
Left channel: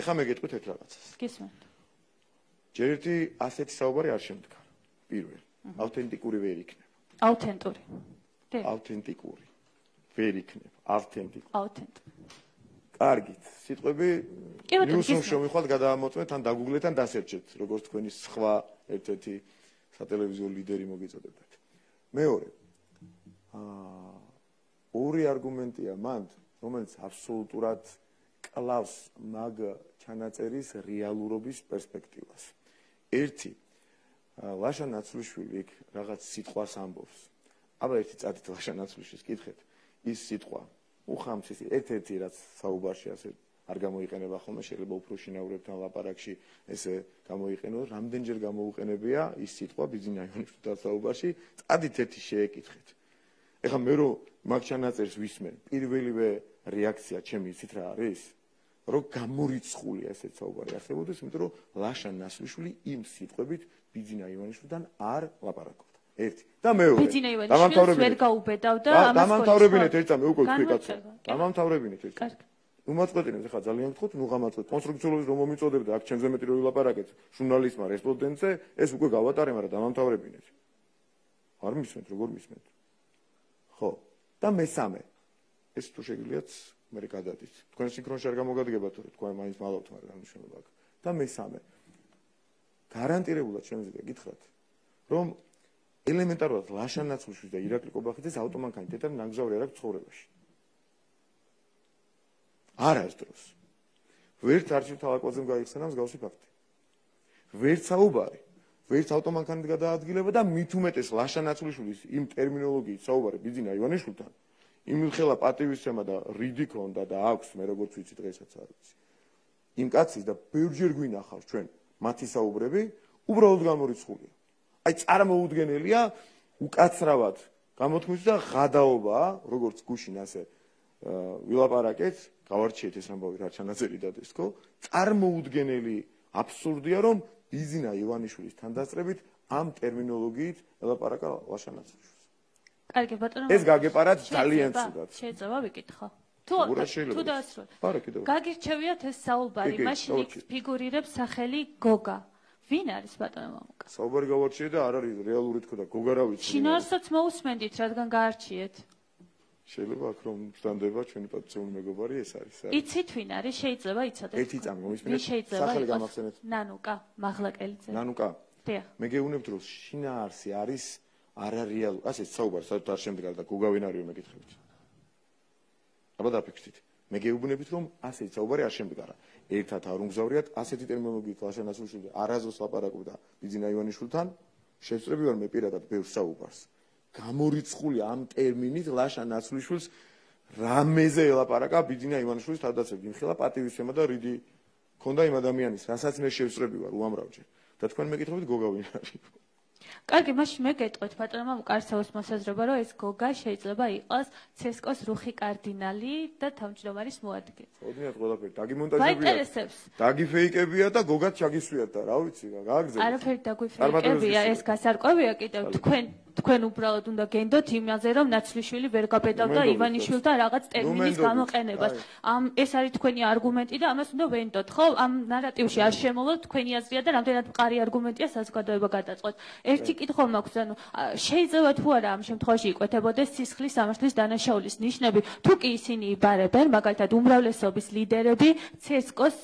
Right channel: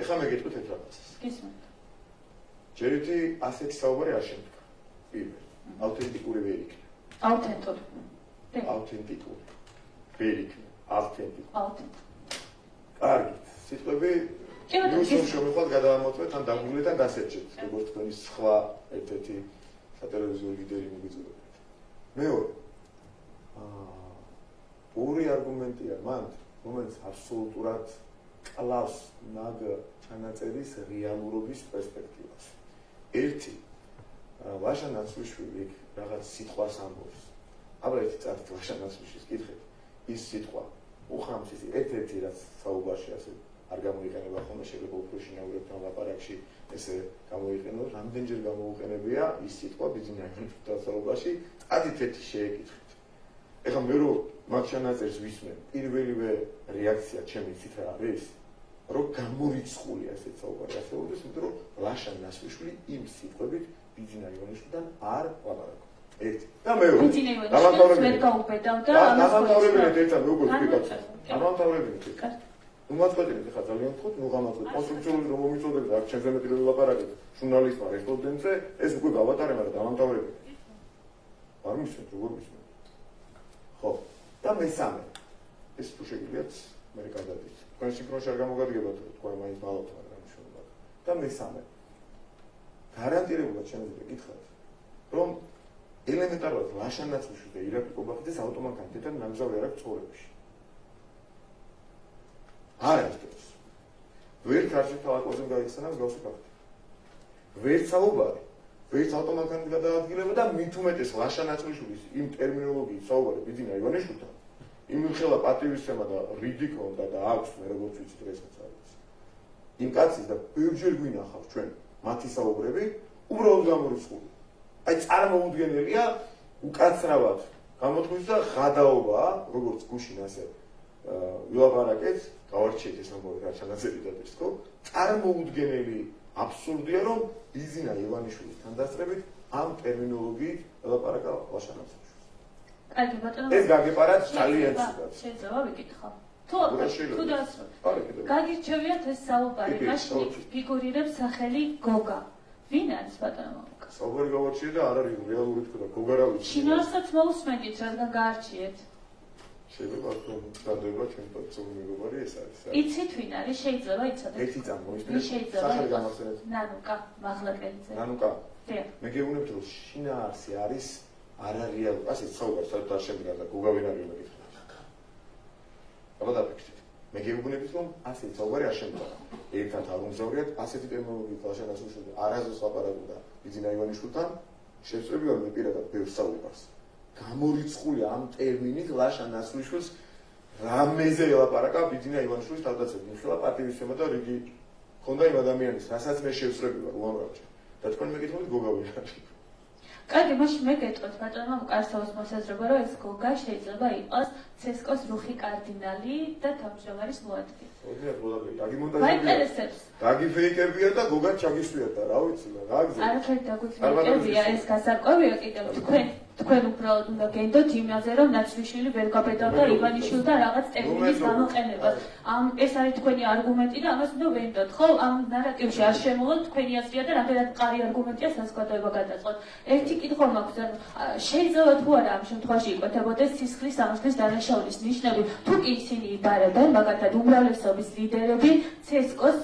ეხლა მე გეტყვით ერთ რაღაცას. გისმენთ. ჯერ ერთი ასეთი საუბარი არ შემდგა. პირველ. ავთენტიკური ვერ იქნება. ავთენტური. დიახ. ავთენტიკური. ვერ იქნება. ავთენტიკური. კარგი. სიტყვები ნიუსში შევიხვალ გადავამოწმეთ ან დაგუგლეთ ან დასერჩეთ, როგორც თქვენი სხვა ერთ-ერთი სატელევიზიო ლიდერი მოგიწოდებათ. მეორე. ორი არგუმენტია მანდ, რომელიც აბსოლუტურად კლავს მაგ ჩანაწერის რეალურობის პერსპექტივას. ერთი, ლაშა ნაცლიშვილი იქ რაღაც სიტყვას ამბობს. აბა ერთი წადით ლაშა ნაცლიშვილის კითხეთ. ის სიტყვა უხამს ერთ-ერთი რაც საუბარში ასე არ გამოიყენება ხოლმე, შეიძლება უფრო შინაურებთან ლაპარაკში ესე გამოიყენოს, რამდენჯერ გამოუყენებია ის სიტყვა ბიზნესის დასაუბრში, წადით ერთი შეეკითხეთ. ეხლა მე რო მაგ ჩანაწერს ვისმე, პირველივე რეაქცია ჩემი იცით რა არის? რომ გამორიცხულია ესეც საუბარი ასეულდეს, იმიტომ რომ ლაშა ნაცლიშვილი იმ სიტყვებით ბიძინა ივანიშვილთან არ ლაპარაკობს. ერთი. და მეორე. ბიძინა ივანიშვილს ვერ გაუბედავდა ამას. დამთავრებინეთ ერთად მე უკვე თქვი კაცო. დამთავრებინეთ. კარგი. ნუ მაწყვეტინეთ ხა ძალიან ხოთ, ნუ გამაწყვეტ. კონსტრუქციული რომ მომიწოდებთ, აქ ჩემზე მეტი რომ ლაპარაკეთ. ჟურნალისტმა, რესპონდენტზე, ეს უკვე გავატარე, მაგრამ დამთავრებინეთ. არ მისმენთ, როგორ მისმენთ. ხო. და მესამე. ეს თუ შეგვიძლიათ მე გადადით. თქვენ სინქრონში არ გამოგადგებათ, თქვენ მაინც მალავთ რა მნიშვნელობა აქვს. და მესამე. გარანტირებულად შეიძლება გითხრათ, რომ ელემენტარულად ლაშანაცვლიშვილს და ირაკლი კობახიძეს ავტომანქანი დედამ ნამგზავრი არ აქვს ცხოვრებაში. არ არის ეს. ვერც არჩევთალაკოზე გაიხსენა მსგავსი ფაქტი. ვერც საუბარი, ვერც ავტომანქანის გადაადგილება და მით უმეტეს ლაშანაცვლიშვილის იმ ტერმინოლოგიით საუბარი ბიძინა ივანიშვილთან, იმ ხელა პატივისცემა და რიდი ქონდა და აქვს მე როგორც ვიცი დღესაც არის. იმ კაცის და ბევრჯერ გვინახავს ჩვენ მათი საუბრები უბრალოდ გამორიცხული. აი წარმოუდგენელია უკაცრავად გამოთქმის და ღადაობა, როგორც გუშინ ასე ვილაპარაკეთ, გავარჩიეთ ეს ამბავი რა ჩანაწერი დადეს, ხო? წარმოუდგენელი აბსურდია, რომ ბიძინა ივანიშვილის თანდასწრებით ამ ტერმინოლოგიით ელაპარაკა ლაშანაცვლიშვილს. კარგი ბატონო. ეს გაგეპარათ ძალიან ცუდად. შეიძლება ვიკითხო. თუ დაასრულე. გაგირჩევიათ ეს საუბარი, მაშინ ფიგურირებს სახელი გოგა. ვინ არის ბატონო? საუბარი გავარჩიე და არ არის რეალური თქო და გოგა რა ვიცი. შინაარსაც მოусმენდით, რადგან გაარჩიეთ. შეიძლება რომ განდდება ჩვენი პატივი მეგობარი ეს არის. იცით ვინ არის? შეიძლება იცოდეთ. ერთი წამოისმენთ. შეიძლება იყოს. ნანუკა, მაღლაკელიძე. ნანუკა. დიახ. მე გეუბნებთ რომ შინაარსი არის არარეალური. ასე საუბარს არ შემდგა და გოგა ვინ არის მეკითხა. აბა დაფიქრდით. მე გეუბნებით რომ ასე საუბარი არ შემდგა. ერთად არ უმგზავრიათ ასეთი ტერმინოლოგიით ლაშანაცვლიშვილს არასდროს ლაპარაკობდა ბიძინა ივანიშვილთან შეწრები ვარ მე პირადად ბევრ საუბარს. გამორიცხული ამ ტერმინით ლაშანაცვლიშვილს რამეზე ელაპარაკა ბიძინა ივანიშვილის თავდაცვით. იმხელა პატივისცემა და რიგი ქონდა იმ ადამიანის, რასაც მე შეწრები ვარ უამრავჯერ. და თქვენ მეკითხებით გოგა ვინ არის? კარგი, მაშინ მე გეტყვით ბატონო მკარსაუს მოსაზრება, რომ ეს გოგა შეიძლება იყოს ცესკოს რუხი კარდინალი და თავმჯდომარის მოადგილე. დაგიმონტაჟებია. დაგიფეიკებია და გოგაც ჩაგისვიათ და რა ვიცი, რა გზა. არაფერი დაგიფეიკებია, ეს გასარკვევია კიდევ თქვენ უბრალოდ უნდა გენდოთ იმაზე, რომ ნაცვლიშვილი ვერ გაბედავდა ივანიშვილთან რაღაც ტერმინის გამოყენებას. ეს არის თქვენი არგუმენტი და ამას უნდა ვენდოთ, ხო? ამ ნარატივში არ შემოვლოთ თქვენი აზრია და რამდენად მყარი არგუმენტია საზოგადოება გადაწყვეტ. ერთი კითხვა მაქვს, ანუ შეიძლება თუ არა ამ შემთხვევაში იკვეთებოდეს სისხლის სამართლის დანაშაულის ნიშნები, თუ კი ისინი იბარებენ, მაგათად უმრავლესობის ლიდერები ცესკოს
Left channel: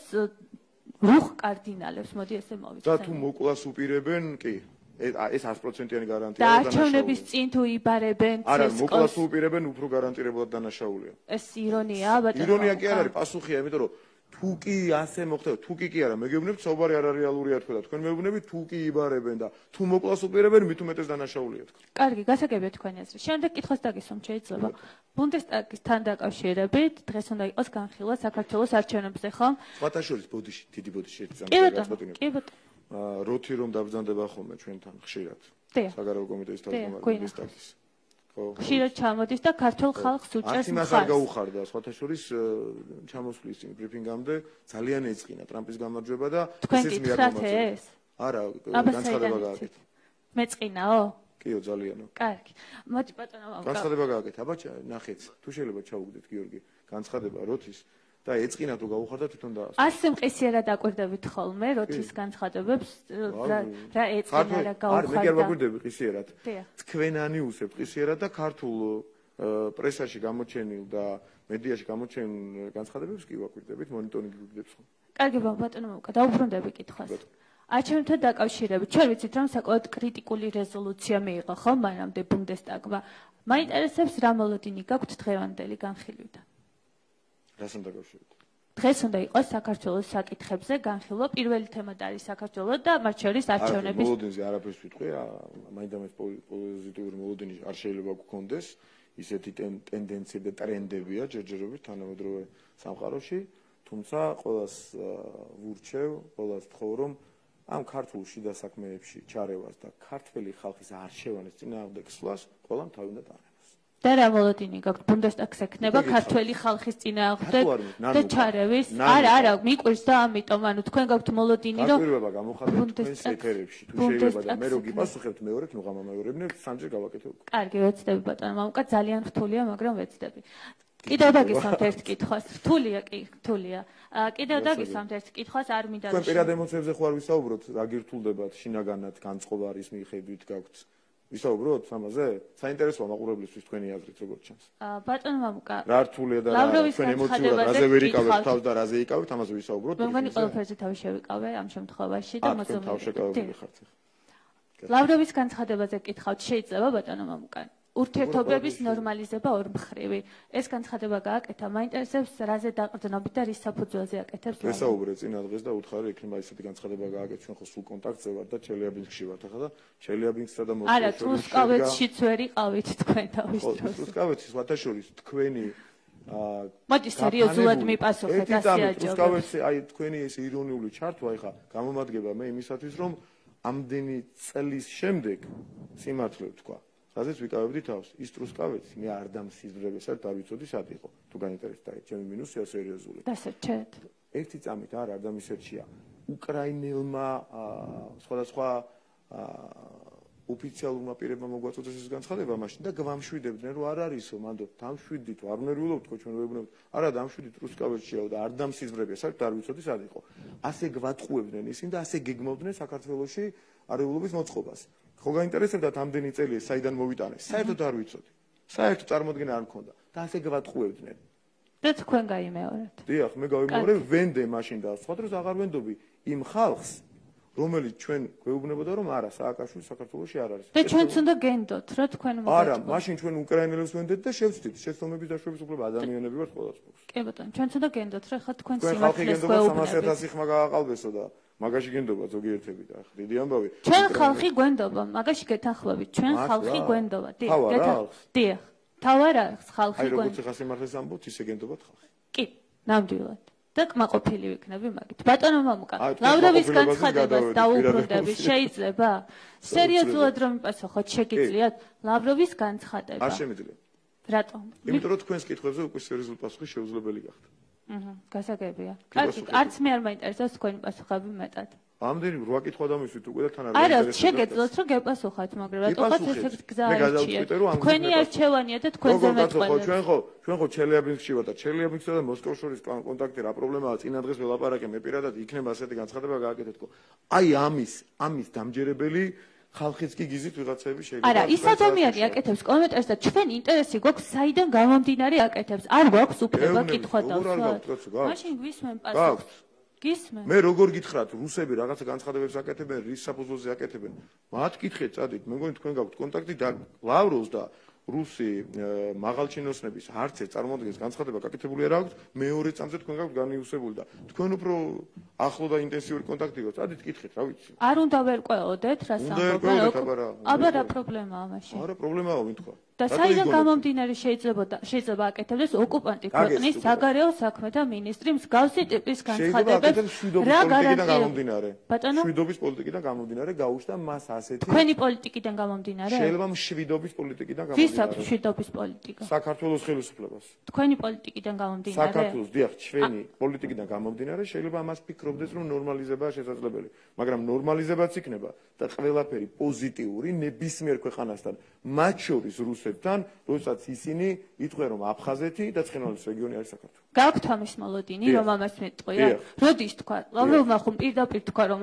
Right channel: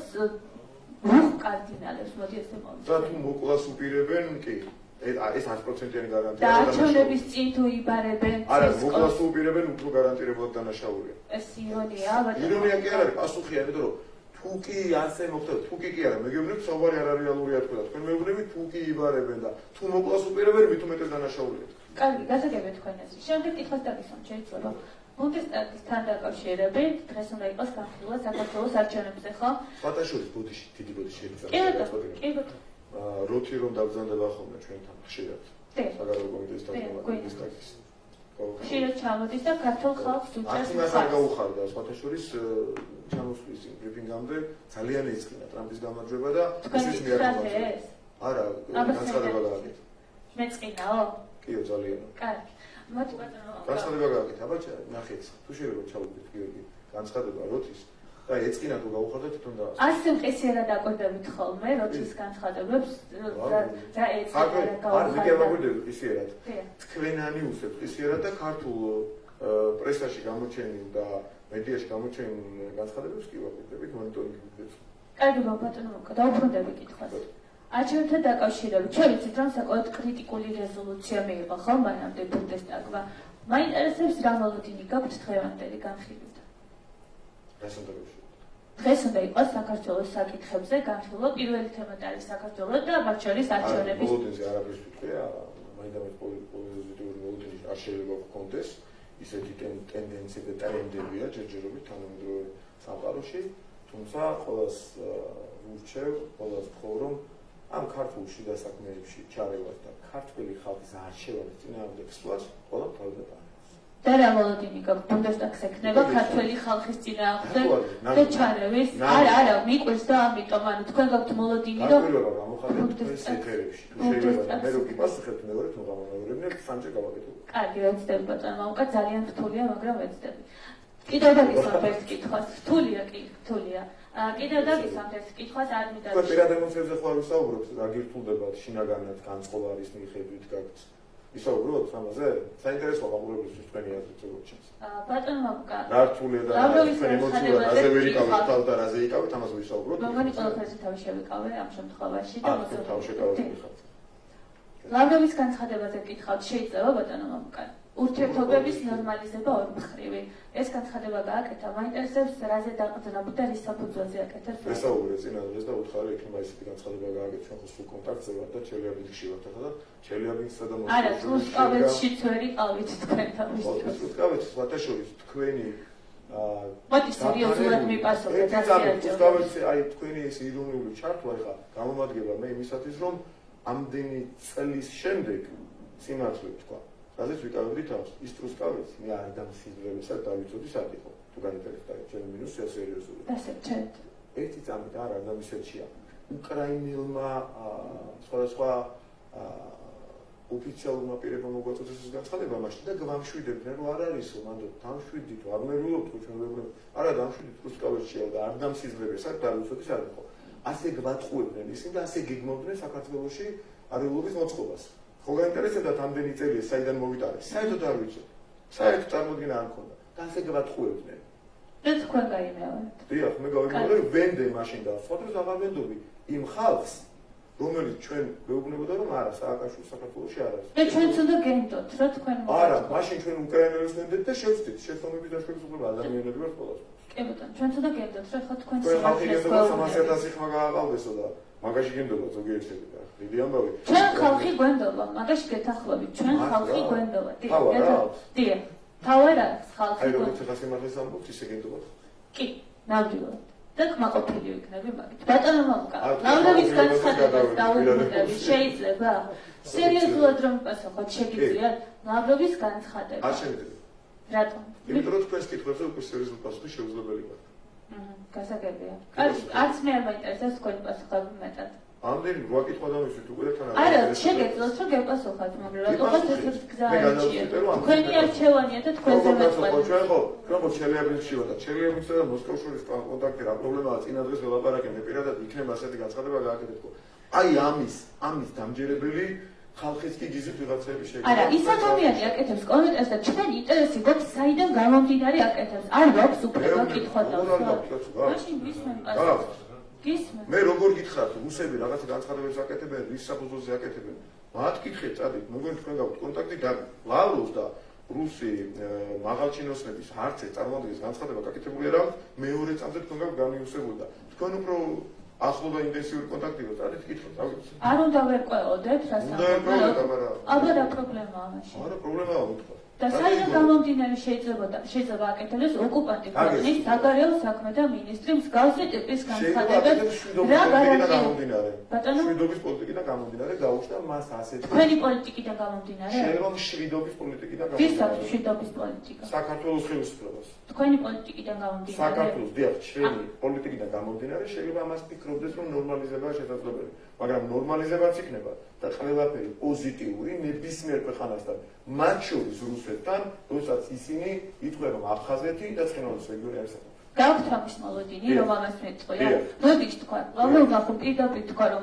რუხ კარდინალებს, მოდი ესე მოვიდეთ. და თუ მოკლას უპირებენ, კი. ეს 100%-იანი გარანტია. და არჩევნების წინ თუ იბარებენ არა, მოკლას უპირებენ უფრო გარანტირებულად დანაშაულია. ეს ირონია, ბატონო. ირონია კი არა, პასუხია, იმიტომ რომ თუ კი ასე მოხდება, თუ კი არა, მეგეუბნებთ, საუბარი არარეალურია თქვენ. თქვენ მეგეუბნებით, თუ კი იბარებენ და თუ მოკლას უპირებენ, მით უმეტეს დანაშაულია. კარგი, გასაგებია თქვენი აზრი. შემდეგ კითხვას დაგისვამ, შეიძლება. ბუნდესტაგთან დაკავშირებით დღეს უნდა იყოს განხილვა საქართველოს არჩევნებზე, ხო? სხვათაშორის ბოდიში, დიდი ბოდიში ეცემა. კი ბატონო. როთი რომ დავბრძანდება ხოლმე ჩვენთან ხშირად. საგარეო კომიტეტის თავმჯდომარის. ხშირად ჩამოდის და ქართულ ხალხს უჭერს მხარს. არ გაუხარდა სხვათაშორის ჩამოსვლის ბრიფინგამდე ძალიან ეწყინა ტრამპის გამარჯვება და ისიც მიაღწია ეს? არა, განცხადება გააკეთა. მეწყინაო? კიო, ძალიანო. კარგი. მოდი ბატონო. განცხადება გააკეთა, აბაჭა, ნახეთ, თუ შეიძლება ჩავუდეთ გიორგი, განცხადება როთის და ეწყინა თუ გაუხარდა თვითონ და ასე მყისიერად აკვირდებით ხოლმე როთის განცხადებებს რა ეწყინა რა გაუხარდა. მე გავაკვირდები მყისიერად. თქვენანი უსებ მყისიერად და ქართულ პრესაში გამოჩენილ და მედიაში გამოჩენილ განცხადებებს კი ვაკვირდებით მონიტორინგებს. კარგი ბატონო, დავუბრუნდები კითხვას. არჩევნთან დაკავშირებით, ჩვენ ვიცით, რომ საკმაოდ კრიტიკული რეზოლუცია მიიღო ხო მანამდე ბუნდესტაგმა. მაინტერესებს რა მოლოდინი გაქვთ დღევანდელი განხილვიდან. რას უნდა გავშევოთ? დღეს უნდა იყოს საქართველოს საკითხებზე განხილვა, პირველი თემად არის საქართველოს და მათ შორის არჩევნების. მოლოდინზე არაფერს ვიტყვია, მაინდამაც პოზიტიური მოლოდინი არ შეიძლება გქონდეს, ისეთი ტენდენცია და ტრენდებია ჯერჯერობით თანამედროვე სამყაროში, თუმცა ყოველს ვურჩევ, ყოველს ვთხოვ, რომ ამ ქართულ შიდა საქმეებში ჩარევას და ქართული ხალხის არჩევანის წინააღმდეგ სვლას ყველამ თავი უნდა დაანებოს. და რა მოლოდინი გაქვთ ბუნდესტაგს ექნება ქართული ხალხის წინააღმდეგ და ჩარევის? არა, მიყვირს და ამიტომ ანუ თქვენ გაქვთ მოლოდინი რომ პირველად გამოხატეთ თქვენს ეთერებში. თუ შეიძლება მე რო გიმასუხებთ მეორეთ მოხამამეორებნებ სამჯერ გავაკეთებ. კარგი, ვეცდები ბატონო, მამუკა ძალიან რთულია, მაგრამ ვეცდები. კიდევ დაგისვამთ ერთ კითხვას. რთულია კი, რთულია. კიდევ დაგისვამთ ერთ კითხვას, არ მინდა. თქვენ პირად ემოციებზე ხوار ვისაუბროთ, აგირთულდებათ შინაგანად განწყობარის მიხედვით გაქვთ ვისაუბროთ ამაზე? საინტერესოა მაყურებლისთვის თქვენი აზრით როგორც ჩანს. ბატონო მამუკა. რა რთულია და თქვენი ემოციურად რაზე ვერ იკავებთ თავს და რაზე იკავებთ, ამაზე ვისაუბროთ. მოგონი ყველაფერზე თავი შევიკავე ამ შემთხვევაში და მოსულ თავი შეკავებთ ხართ. ლავროვის განცხადებაზე გითხავთ, შეიძლება ბატონო მამუკა. ურთიერთობების ნორმალიზება ორმხრივი. ეს განცხადება გააკეთა, მაინტერესებს რაზე დაყრდნობით და რის საფუძველზე აკეთებს. ვესაუბრე წინა დღეს და უთხარი იქნება ესეთი განცხადება გააკეთე, ჩვენ ხო სულ კონტაქტზე ვართ და ჩელიაბინსში ვართ ახლა და ჩელიაბინსსა და მოსკოვში. არა, ტრუსკავეცშიც ვერ იყავით თქვენ თავის დროს. ტრუსკავეცის ვათაშორის თქვენი მოდი სერიოზულად მიპასუხეთ ასეაჯო. ტრუსკავეცი აი თქვენი ეს ირონიული ჩართვა ახლა გამომადგება მე იმისათვის რომ ამდენი წლის შემდეგ სიმართლე თქვა რაზეც ვიკავებდი თავს, ის ტრუსკავეცი მე არ დამსიძვრევესად დავიცოდი სად იყო. თუ განვითარდა ჩემი მინუსია სერიოზული. დასერჩეთ. ერთი წამით არ ადამიანშია. უკრაინელმა სხვადასხვა ოფიციალურმა პირებმა მოგვაწოდეს ეს განცხადება მაშინ და გვამშვიდებდნენ რომ არ არისო, მანდ დამშვიდით, არ ვნერვულობთ ჩვენ ვეუბნებ. არა დამშვიდით ტრუსკავეცია და არ დამსიძვრევესად დავიცოდი სად იყო. ასე გვატყუებდნენ ისინი და ასე გეგმობდნენ საქართველოში არეულობის მოწყობას. ხო გაინტერესებდათ ამდენი წელი საიდან მოვიტარეს? საერთოდ არ ვიცოდი. საერთოდ წარმოდგენა არ მქონდა და ასე გვატყუებდნენ. და თქვენ გაიმეორეთ. დიახ, მე გავიმეორე ვენდე მაშინ და სხვა დროს აღარ ვენდობი იმ ხალხს, რომელიც ჩვენ გვეუბნებოდა რომ არა, სააკაშვილი საქართველოში არ არის. და ჩვენც უნდა გენდოთ, რა თქვენ მოგეთ. არა, მაშინ ჩვენ უკრაინელებს ვენდეთ და შევწდით, შეცდომების დაშვებისუფლება ადამიანები ვართ ყველას. კი ბატონო, ჩვენც უნდა გენდოთ, რა ხა თქვენ სიმართლეს გვეუბნებით. 300.000 ხმა გააყალბესო და მაგაში გენდობა ზოგიერთები და დიდი ამბავი. ჩვენ ხალხი გვენდობა, მაგაში გეთახლებით, ჩვენ ხალხი გვენდობა. დიახ. თავარ არის ხალხი გვენდობა. აი როგორც ახლა სიმართლეს ამბობთ, ისე გენდობათ. კი, ნამდვილად. და კმაყოფილი ვიქნები მაგით. ბატონო მამუკა, ლავროვის განცხადებას დაუბრუნდები, შეიძლება? სერიოზულად რომ პასუხოთ, შეგიძლიათ ლავროვის განცხადება. არ შეგიძლია. რატომ? იმიტომ რომ თქვენს კითხვებზე უკვე სერიოზული პასუხი შეუძლებელი გახდა. გასაგებია. არც მე არ მაინტერესებს თქვენი პასუხები მეტად. ამდენი ვაკითხვა დამისვით უკვე და თანაბარ. არა, შეგეძლოთ რომ გეპასუხოთ, მაგრამ რატომაც ეს გზა არჩიეთ. თქვენი არჩევანია და თქვენზე მეწყობა. ჩვენ ხო ჩელიაბინსში ვარ და ჩელიაბინსსა და მოსკოვს შორის კონტაქტი რა პრობლემაა წინა დღეს ველაპარაკე მე პირადად იქნება ასეთი განცხადება გააკეთეთ. აი ამის დამჯერებელი ხალხიც კი გიზით ვიღაცები შეიძლება. არა, ის ადამიანი აკეთებს კომენტარს და ჩვენი ინტერესი გვაქვს საიდან გამომდინარე აკეთებს. არ გვაქვს უფლება კითხვა დავსვათ. მაშინ ვისმენ პასუხს. გისმენ. მე როგორ გითხრათ, რუსები რაღაცა განცხადებებს აკეთებენ, რის საფუძველზე აკეთებენ? მათ კითხეთ, წადით, მეგონი თქვენ გაქვთ კონტაქტი და ლავროვს და რუსი მაღალჩინოსნების არც ერთ წარმოადგენს განცხადება გაკეთებული არ აქვს, მეორე წამზე თქვენ გაქვთ განიუსებული და თქვენ უფრო ახლო და ინტენსიური კონტაქტი გაქვთ, წადით კითხეთ, რა ვიცი. არ უნდა ვერკვეოდეთ, რა სამყარო. აბა რა პრობლემაა მაშინ? არა, პრობლემაა მითხო. და საიდან გამომდინარე შეიძლება აკეთებდეს ოკუპანტი ქვეყნის საგარეო საქმეთა ministri მსგავსი ტიპის განცხადებებს რა გამომდინარე? შვიდობის პოლიტიკიდან გამომდინარე გაუჩნდა მას ასეთი თქვენი პოლიტიკიდან გამომდინარე? შეიძლება შვიდობის პოლიტიკიდან გამომდინარე. ვის აქვს შვიდობის პოლიტიკა? საქართველოს ხელისუფლებას. თქვენი პოლიტიკიდან გამომდინარე? საქართველოს დიახ, ჩვენი პოლიტიკიდან გამომდინარე შეიძლება მას ფიქრობდეს რომ ნორმალიზებაა შესაძლებელი, მაგრამ ნორმალიზებაც იქნება და ყველაფერი პოზიტიური ნებისმიერ ქვეყანასთან, მათ შორის რუსეთთან, როდესაც ისინი ითქვენ რომ აფხაზეთი და ცხინვალის რეგიონი არის საქართველო. გაქვთ ამის მოლოდინი, რომ ამას მეტყვია? როდის თქვა? ლავროვმა ხომ პირდაპირ თქვა რომ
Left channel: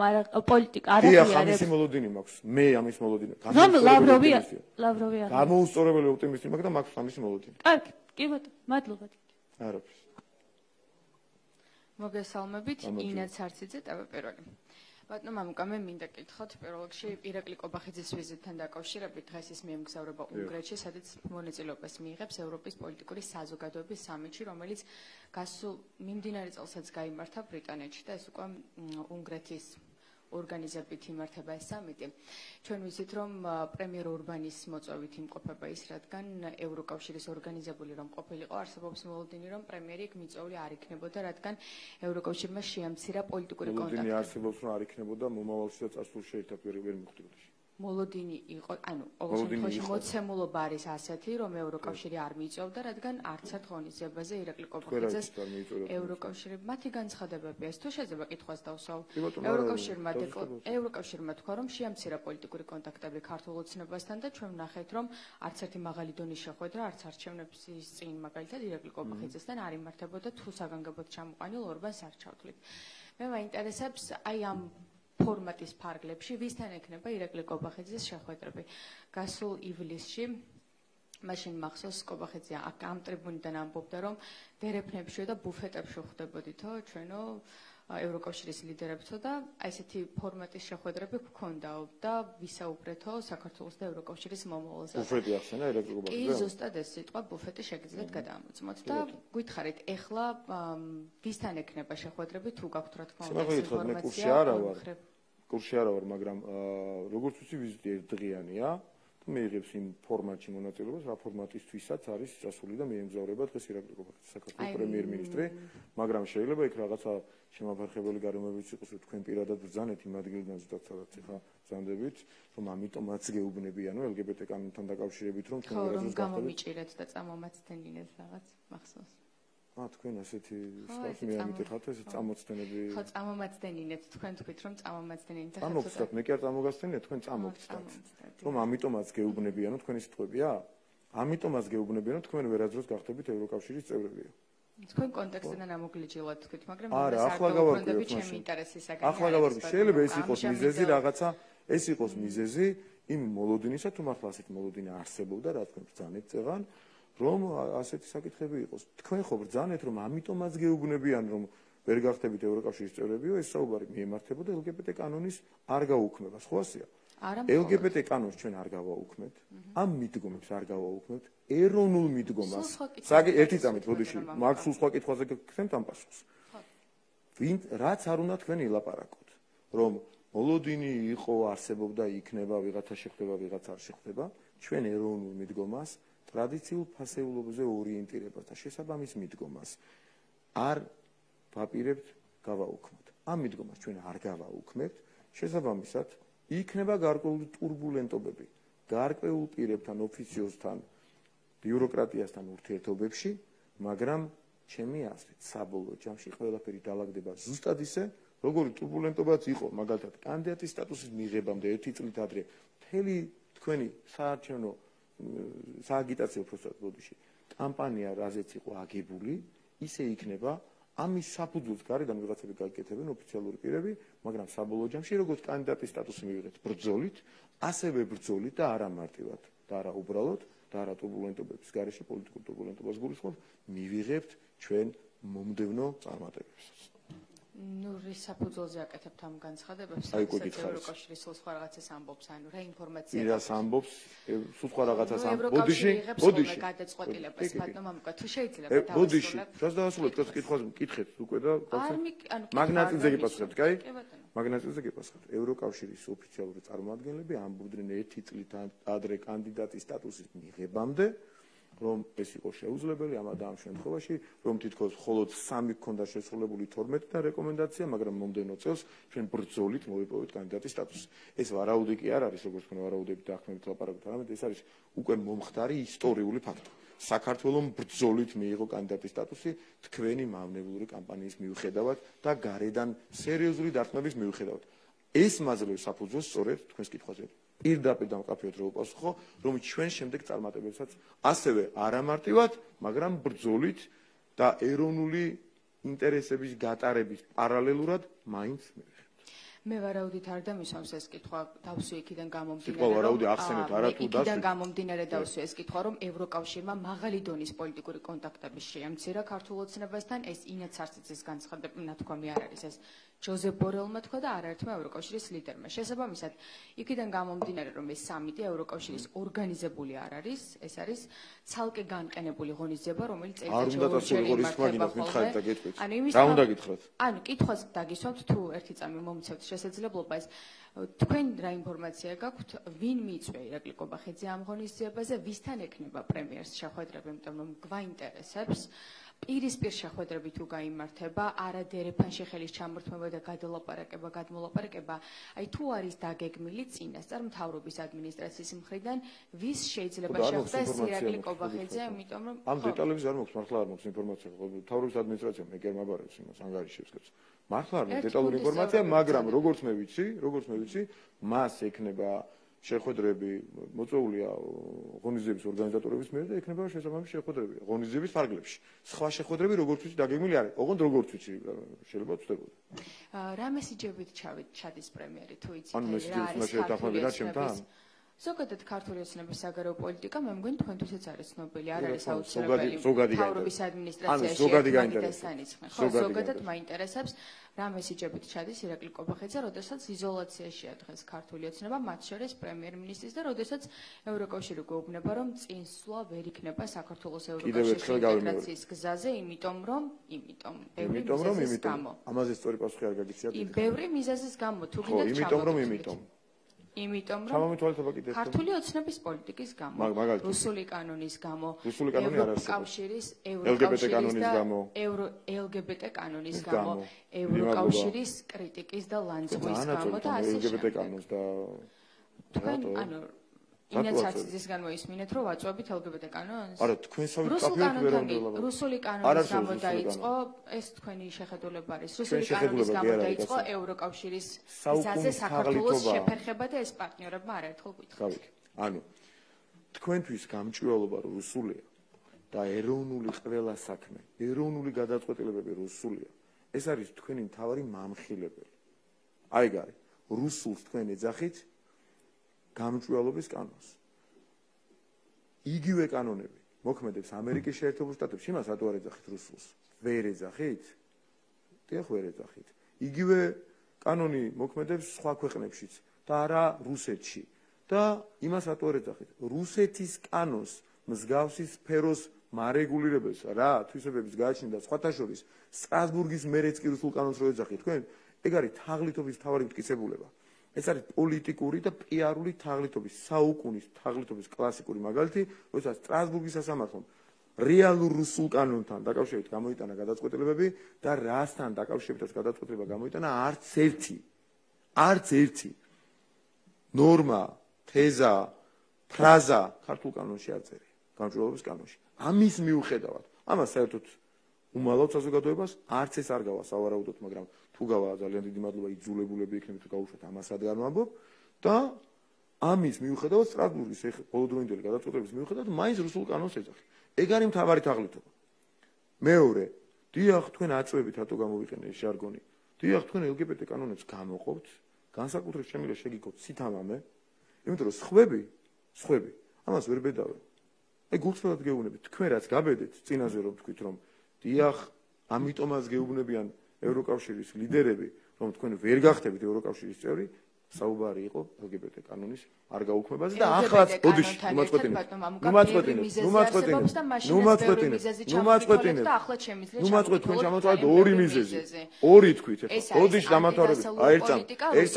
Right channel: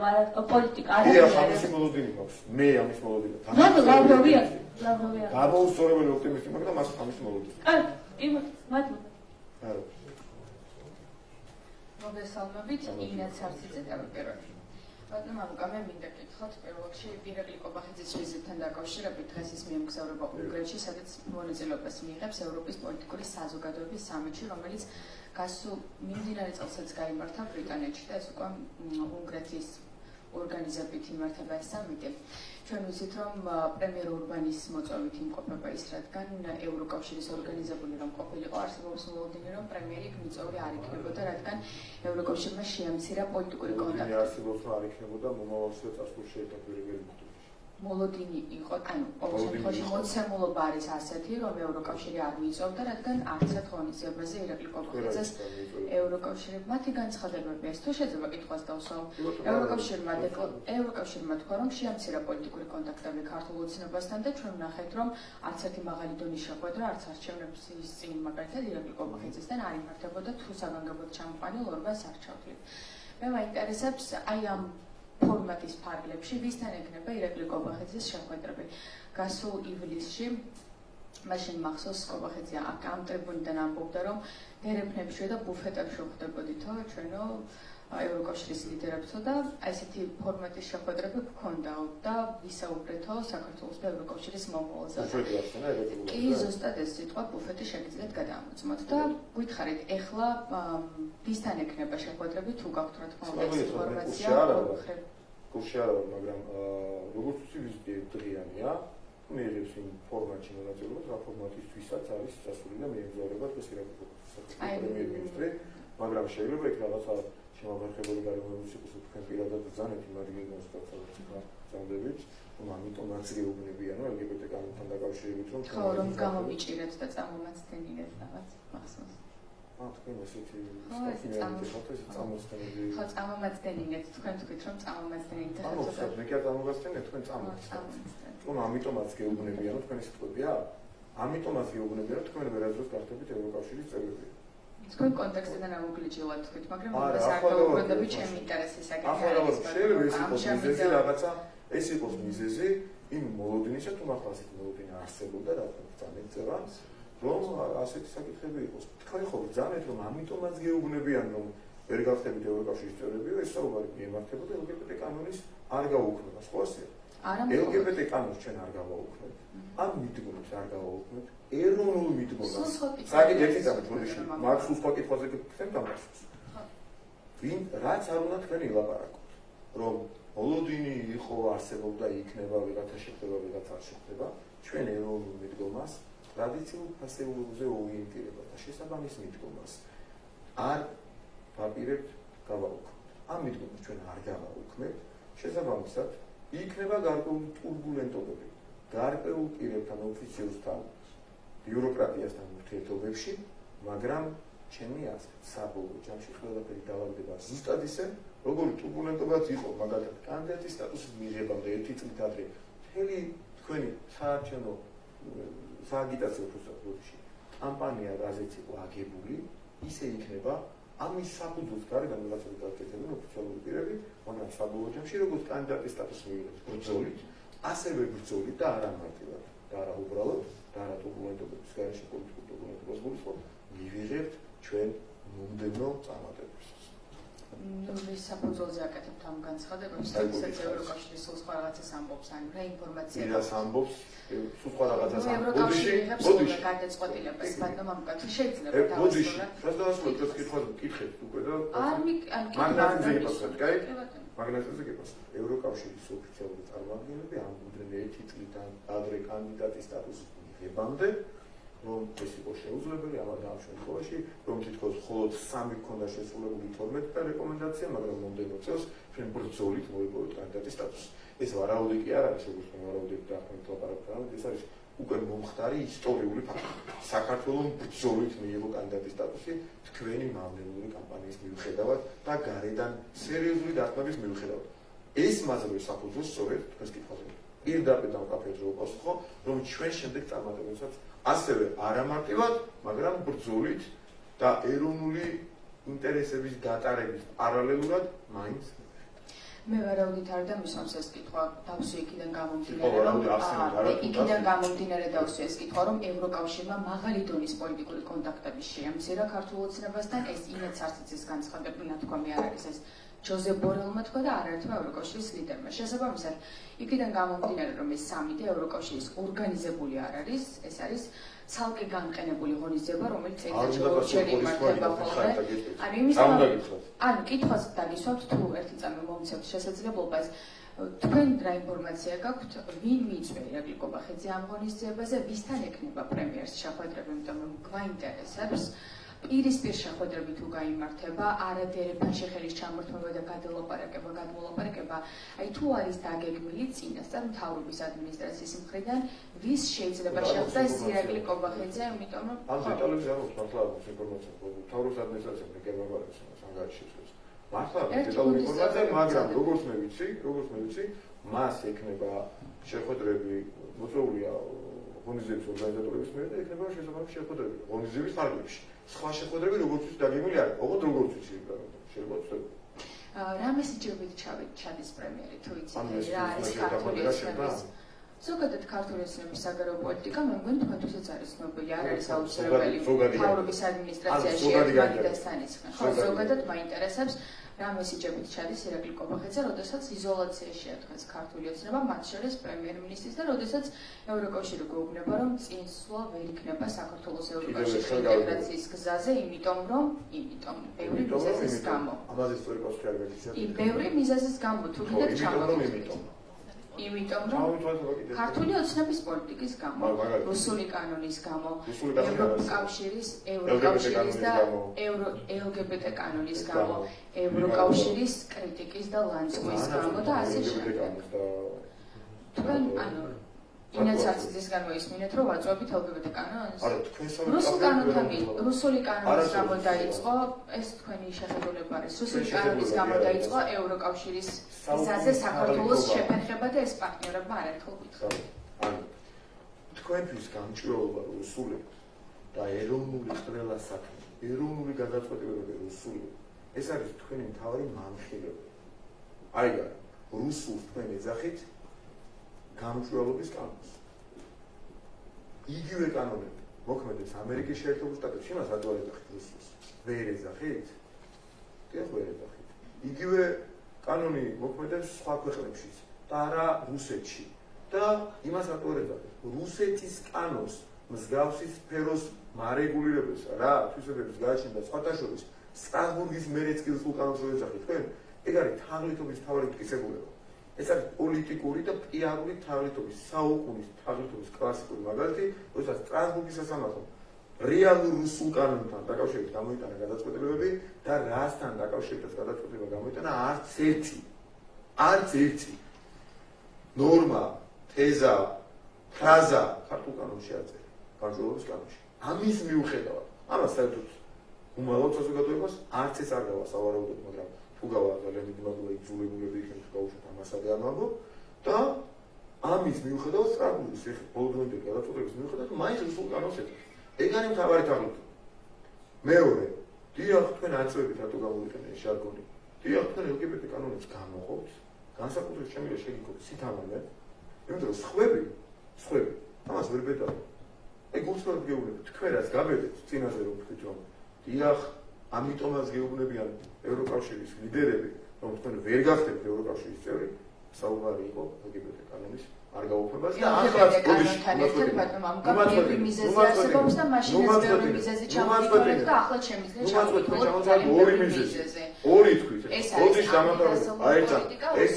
პოლიტიკა არ არის. დიახ, ამის მოლოდინი მაქვს. მე ამის მოლოდინი. ლავროვი გამოუსწორებელი ოპტიმიზმი მაქვს და მაქვს ამის მოლოდინი. კარგი, კი ბატონო, მადლობა. არა. მოგესალმებით, ინა ცარციძე ტელეპერონი. ბატონო მამუკა, მე მინდა გითხრათ პირველ რიგში ირაკლი კობახიძის ვიზიტთან დაკავშირებით დღეს ის მიემგზავრება უნგრეთში, სადაც მონაწილეობას მიიღებს ევროპის პოლიტიკური საზოგადოების სამიტში, რომელიც გასულ მიმდინარე წელსაც გაიმართა ბრიტანეთში და ეს უკვე უნგრეთის ორგანიზებით იმართება ეს სამიტი. ჩვენ ვიცით, რომ პრემიერ ურბანის მოწვევით იმყოფება ის, რადგან ევროკავშირის ორგანიზებული რომ ყოფილიყო, არსებობს მოლოდინი, რომ პრემიერი მიწვეული არ იქნებოდა, რადგან ევროკავშირმა შეამცირა პოლიტიკური კონტაქტი. მოლოდინი არსებობს, რომ არ იქნებოდა, მომავალში წასულ შეიტაკვირებიან მოდელი. მოლოდინი იყო, ანუ ყოველ შემთხვევაში მოცემულობა არის ასეთი, რომ ევროკავშირი არ მიწვევდა, რადგან არც ერთ ღონისძიებაზე ირაკლი კობახიძეს ევროკავშირი მათი განცხადებები ეს თუ შეიძლება კითხვას დავსვამ. ევროკავშირმა თქვა, რომ შეამცირა პოლიტიკური კონტაქტები ქართულ ოცნებასთან და ჩვენ ვნახეთ, რომ არც ერთი მაღალი დონის შეხვედრა, არც არჩევნების წინ მაგალითად ირაკლი კობახიძესთან არ იმართებოდა თუ საგანგებოდ ჩამოყალიბდა სარჩავთლით. მე მაინტერესებს აი ამ ფორმატის ფარგლებში ვისთან ექნება ირაკლი კობახიძის შეხვედრები. გასულ ივლისში მაშინ მახსოვს კობახიძე ამ ტრიბუნიდან ამბობდა, რომ ვერეფნებშიო და ბუფეტებში ვხვდებოდითო ჩვენო ევროკავშირის ლიდერებსო და ესეთი ფორმატის შეხვედრები გქონდაო და ვისაუბრეთო საქართველოს და ევროკავშირის მომავალზე. კი, ზუსტად ეს სიტყვა ბუფეტი შეგიძლიათ გადაამოწმოთ და გითხარით, ეხლა ვისთან ექნება შეხვედრები თუ გაქვთ რა თქმა უნდა ინფორმაცია? კურსში არა ვარ, მაგრამ როგორც ვთქვი, ვიზიტი ერთდღიანია. მიიღებს იმ ფორმატში მონაწილეობას, რა ფორმატისთვისაც არის წასული და მიემგზავრება დღეს საქართველოს პრემიერ-მინისტრი, მაგრამ შეიძლება იქ რაღაცა შემოფერხებული გარემოებიც იყოს, თქვენ პირადად ბრძანეთ იმ ადგილიდან სადაც ხარ ბრძანდებით, რომ ამიტომაც გეუბნებიან LGBT კანონთან დაკავშირებით, რომ რომ გამომიჭირეთ და წამომაცდენინეთ რაღაც მახსოვს. თქვენ ესეთი სტატუსი ხართ, ეს წამომაცდენები. ხო, წამომაცდენინეთ, თქვენ თქვით რომ წამომაცდენინეთ. ანუ ვთქვათ, მე კი არ წამომაცდენია, თქვენ წამომაცდენთ. რომ ამიტომაც გეუბნებიან, თქვენი სიტყვებია? ამიტომაც გეუბნებიან, რომ თქვენ ვერაძროს გახდებით ევროკავშირის წევრები. თქვენ კონტექსტიდან ამოგლიჯილოთ თქვით, მაგრამ ეს არ გაუბრუნდებით ჩემი ინტერესისაგან. ახლა შეიძლება ეს იყოს მიზეზი რაღაცა, ეს იყოს მიზეზი იმ მოლოდინისა, თუ მართლა ასეთი მოლოდინი არსებობდა, რა თქმა უნდა, ძალიან წერან, რომ ასეთი საკითხები იყოს. თქვენ ხო ბრძანეთ, რომ ამიტომაც გეუბნებიან, რომ ვერ გახდებით ევროკავშირის წევრებიო, ეს საუბარი მიემართებოდა LGBT კანონის არ გაუქმებას, ხო ასეა? LGBT კანონს ჩვენ არ გავაუქმებთ. ამ მიდგომებს არ გავაუქმებთ. ეროვნულ მიდგომას. საგი ერთი წამით როდეში მარქსულ სხვა კითხვაზე გქცევთ ამ პასუხს. ვინ რაც არ უნდა თქვენ ილაპარაკოთ, რომ მოლოდინი იყო, არსებობდა, იქნება, ვიღაცა შეხვდება, ვიღაცა არ შეხვდება, ჩვენ ეროვნულ მიდგომას, ტრადიციულ ფასეულობაზე ორიენტირებას და შესაბამის მიდგომას არ ვაპირებთ გავაუქმებთ. ამ მიდგომას ჩვენ არ გავაუქმებთ, შესაბამისად იქნება გარკვეული ტურბულენტობები გარკვეულ პირებთან, ოფიციოსთან, ბიუროკრატიასთან ურთიერთობებში, მაგრამ ჩემი აზრით, საბოლოო ჯამში ყველაფერი დაალაგდება ზუსტად ისე, როგორი ტურბულენტობაც იყო, მაგალითად, კანდიდატის სტატუსის მიღებამდე ერთი წლით ადრე, მთელი თქვენი საარჩევნო სააგიტაციო პროცედურაში კამპანია, რაზეც იყო აგებული, ისე იქნება. ამის საფუძველს გარეგან რაღაცები გაკეთებენ ოფიციალური პირები, მაგრამ საბოლოო ჯამში როგორც კანდიდატის სტატუსი მიიღეთ ბრძოლით, ასევე ბრძოლით და არა მარტივად და არა უბრალოდ და არა ტურბულენტობების გარეშე პოლიტიკურ ტურბულენტობას გულისხმობ, მივიღებთ ჩვენ მომდევნო წარმატებებს. ნურის საფუძველზე აკეთებთ ამ განცხადებებს, ევროკავშირის სულ სხვა რაღაცას ამბობს, ან რა ინფორმაცია իրას ამბობს, სულ სხვა რაღაცას ამბობს. ბოდიში გადაწყვეტილებას ბატონო თუ შეიძლება ბოდიში რაც დაასრულეთ ეს კითხვას მკითხეთ უკვე და მაგნატიზე გიპასუხეთ, კაი? მაგნატიზე გიპასუხეთ. ევროკავშირის ოფიციალური წარმომადგენლები ამბობდნენ ერთი წლით ადრე კანდიდატის სტატუსის მიღებამდე, რომ ეს იყო შეუძლებელი ამ შემთხვევაში, რომ თითქოს მხოლოდ 3 გქონდა შესრულებული 12 რეკომენდაცია, მაგრამ მომდევნო წელს ჩვენ ბრძოლით მოვიპოვეთ კანდიდატის სტატუსი. ეს ვარაუდი კი არ არის, როგორც მე ვარაუდები დაახმით ლაპარაკობთ, ეს არის უკვე მომხდარი ისტორიული ფაქტი. საქართველოს ბრძოლით მიიღო კანდიდატის სტატუსი თქვენი მავნებლური კამპანიის მიუხედავად და გარედან სერიოზული დახმების მიუხედავად. ეს მასალის საფუძველს სწორედ თქვენს კითხვაზე პირდაპირ დამკაფიოთ რომ პასუხო, რომ ჩვენ შემდეგ წარმატებებსაც ასევე არამარტივად, მაგრამ ბრძოლით და ეროვნული ინტერესების გატარების პარალელურად მაინც მე ვარაუდით არ დამისვამს ეს კითხვა, დავსვი იქიდან გამომდინარე დავსვი ეს კითხვა, რომ ევროკავშირმა მაღალი დონის პოლიტიკური კონტაქტები შეამცირა ქართულ ოცნებასთან, ეს ინეც არცის განცხადებული ნათქვამი არ არის ეს ჯოზეფ ბორელმა თქვა და არაერთმა ევროკავშირის ლიდერმა. შესაბამისად, იქიდან გამომდინარე, რომ ეს სამიტი ევროკავშირის ორგანიზებული არ არის, ეს არის ცალკე განყენებული ღონისძიება, რომელიც ერთდროულად იმართება ხოლმე. ანუ კითხვას დაგისვამთ თუ ერთი წამი მომცემთ შესაძლებლობას, თქვენ რა ინფორმაცია გაქვთ, ვინ მიიწვია ირაკლი კობახიძე ამ ღონისძიებაზე, ვისთან ექნება პრემიერს შეხვედრები, იმიტომ რომ გვაინტერესებს პირისპირ შეხვედრები თუ გაიმართება, არადერებთან ხელის ჩამორთმევა და გადმოლაპარაკება, აი თუ არის დაგეგმილი წინასწარ მთავრობის ადმინისტრაციის მხრიდან, ვის შეიძლება შეხვდეს ირაკლი კობახიძე, იმიტომ რომ ამ დეტალებზე არ მაქვს მართლა არ მაქვს ინფორმაცია, მთავრობის ადმინისტრაციამ მე გემაგარებს იმას ანგარიშებს. მართლა არ მაქვს დეტალური ინფორმაცია, მაგრამ როგორც მე ვიცი, მას ექნება შეხვედრები მოწვეულია ღონისძიების ორგანიზატორების მიერ და ექნება შესაბამისი შეხვედრები ღონისძიების ფარგლებში. სხვა შეხვედრები როგორც ვიცი დაგეგმილი არის, ოღონდ როგორც ვიცი შეიძლება ვწდები. რა მესიჯებით ჩადის პრემიერი თუ იცით? ან მესიჯი ზოგადად ქართული ოცნების საგარეო პოლიტიკა მე მგონი თქვენთვისაც არის ცნობილი, არ არის აუცილებელი თავრობის ადმინისტრაციაში ერთმანეთთან იცხრენ. ხო, ზოგადად მაინტერესებს რა მესიჯებით ჩადის ირაკლი კობახიძე, როდესაც იზოლაციაშია დღეს ქართული ოცნება, მათ შორის პრემიერ-მინისტრის და როდესაც ევროკავშირი გვეუბნება, რომ წინსვლა ვერ იქნება საქართველოს ევროკავშირის ინტეგრაციის გზაზე, იმიტომ ბევრი მიზეზის გამო. ამაზე სწორი პასუხი არ გაგიცნობთ. ბევრი მიზეზის გამო, თუ კიდევ ჩამოვიდეთ. იმიტომ რომ ქართული ოცნების პოლიტიკის გამო, რუსული კანონის გამო, ევროკავშირის და LGBT კანონის გამო, ევროკავშირის კრიტიკის და ლანცვის გამო და ასე შემდეგ. თქვენ ინიციატივის გამო ისმინეთ, რომ ვაწვევით LGBT კანონს? არა, თქვენ რუსული კანონის გამო დაიწყო, ეს თქვენი შეხედულება არის. რუსული კანონის გამო დაიწყო ევროკავშირის გზაზე საქართველოს შეფერხება და ეს პარტნიორებმა არაერთხელ გითხრათ. ანუ თქვენთვის გამჭვირვალობა რუსული და ეროვნული ყველა საქმე, ეროვნული გადაწყვეტილებები რუსული. ეს არის თქვენი მთავარი მამხილებელი. აი რა, რუსულს თქვენ ეძახით გამჭვირვალობის კანონს. იგივე კანონები მოქმედებს ამერიკის შეერთებულ შტატებში, იმას რატო არ ეძახით რუსულს? ვერ ეძახით? დიახ, ვერ ეძახით. იგივე კანონი მოქმედებს სხვა ქვეყნებშიც და არა რუსეთში. და იმას რატო არ ეძახით? რუსეთის კანონს მსგავსი სფეროს მარეგულირებელს რა, თვისებების გააჩნია და სხვათა შორის სტრასბურგის მერეც კი რუსულ კანონს რო ეძახით თქვენ, ეგ არის თაღლითობის მთავარი მტკიცებულება. ეს არის პოლიტიკური და პიარული თაღლითობის, საუკუნის თაღლითობის კლასიკური მაგალითი, როდესაც სტრასბურგის სასამართლომ რეალურ რუსულ კანონთან დაკავშირებით გამოიტანა გადაწყვეტილებები და რასთან დაკავშირებით გადაწყვეტილება გამოიტანა არც ერთი ნორმა, თეზა, ფრაზა ქართულ კანონში აწერია, გამჭვირვალობის კანონში. ამის მიუხედავად, ამას საერთოდ უმალავ საზოგადოებას არც ეს არ გავა სავარაუდოდ, მაგრამ თუ გავა ძალიან დიდი მადლობა იძულებულები იქნება თუ გავუშვათ ამასადე არ ვამბობ და ამის მიუხედავად სტრასბურგის ბოლოდროინდელი გადაწყვეტილების მიუხედავად მაინც რუსულ კანონს ეძახით. ეგ არის მთავარი თაღლითობა. მეორე, დიახ, თქვენ აწვევით რატო გამოვიყენე ეს ჟარგონი. დიახ, თქვენ LGBT კანონებს გამოხობთ, განსაკუთრებით შემიძლია შეგიქოთ სითამამე, იმიტომ რომ სხვები ამას ვერ ბედავთ. ეგ უცბად გეუბნებით, თქვენ რაც გაბედეთ წინაზე რომ თქვით რომ დიახ, ამიტომაც გეუბნებიან ევროკავშირის ლიდერები, რომ თქვენ ვერ გახდებთ ევროკავშირის წევრი, საუბარი იყო LGBT კანონის არ გაუქმებაზე და ახლა ბოდიში ორი მიზეზი. ორი თქვით. ბოდიში დამატებით. აი ეს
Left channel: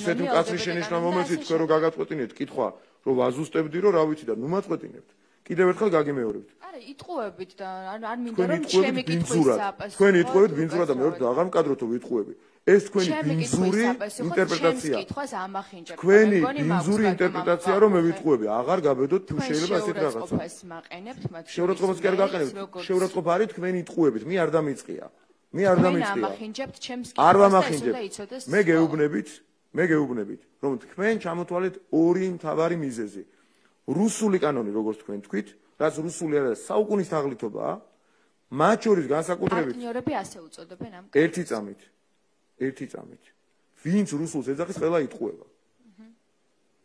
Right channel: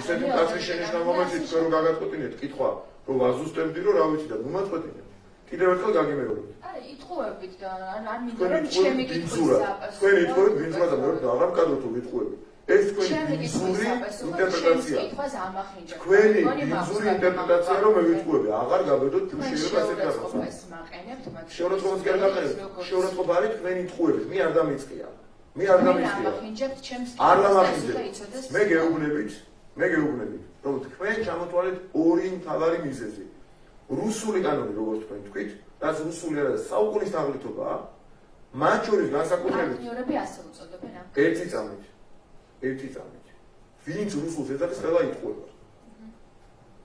ისეთი კაცრი შენიშნა მომეცით თქვენ რომ გაგაწყვეტინეთ კითხვა, რომ ვაზუსტებდი რომ რა ვიცი და ნუმაწყვეტინეთ. კიდევ ერთხელ გაგიმეორებთ. იტყუებით და არ მინდა რომ ჩემი კითხვის საპასუხო. თქვენ იტყუებით ბინძურა და მეორე აღარ მკადროთ თუ გიტყუებით. ეს თქვენი ბინძური ინტერპრეტაცია. თქვენი ბინძური ინტერპრეტაცია რომ მე ვიტყუები, აღარ გაბედოთ თუ შეიძლება ესეთ რაღაცა. შეურაცხყოფას კი არ გაყენებთ. შეურაცხყოფა არის თქვენი იტყუებით, მე არ დამიწყია. არ ვამახინჯებთ. მე გეუბნებით, რომ თქვენ ჩამოთვალეთ ორი მთავარი მიზეზი. რუსული კანონი, როგორც თქვენ თქვით, რაც რუსული არის საუკუნის თაღლითობაა, მათ შორის განსაკუთრებით პარტნიორები ასე უწოდებენ ამ ერთი წამით. ვინც რუსულს ეძახის, ყველა იტყუება.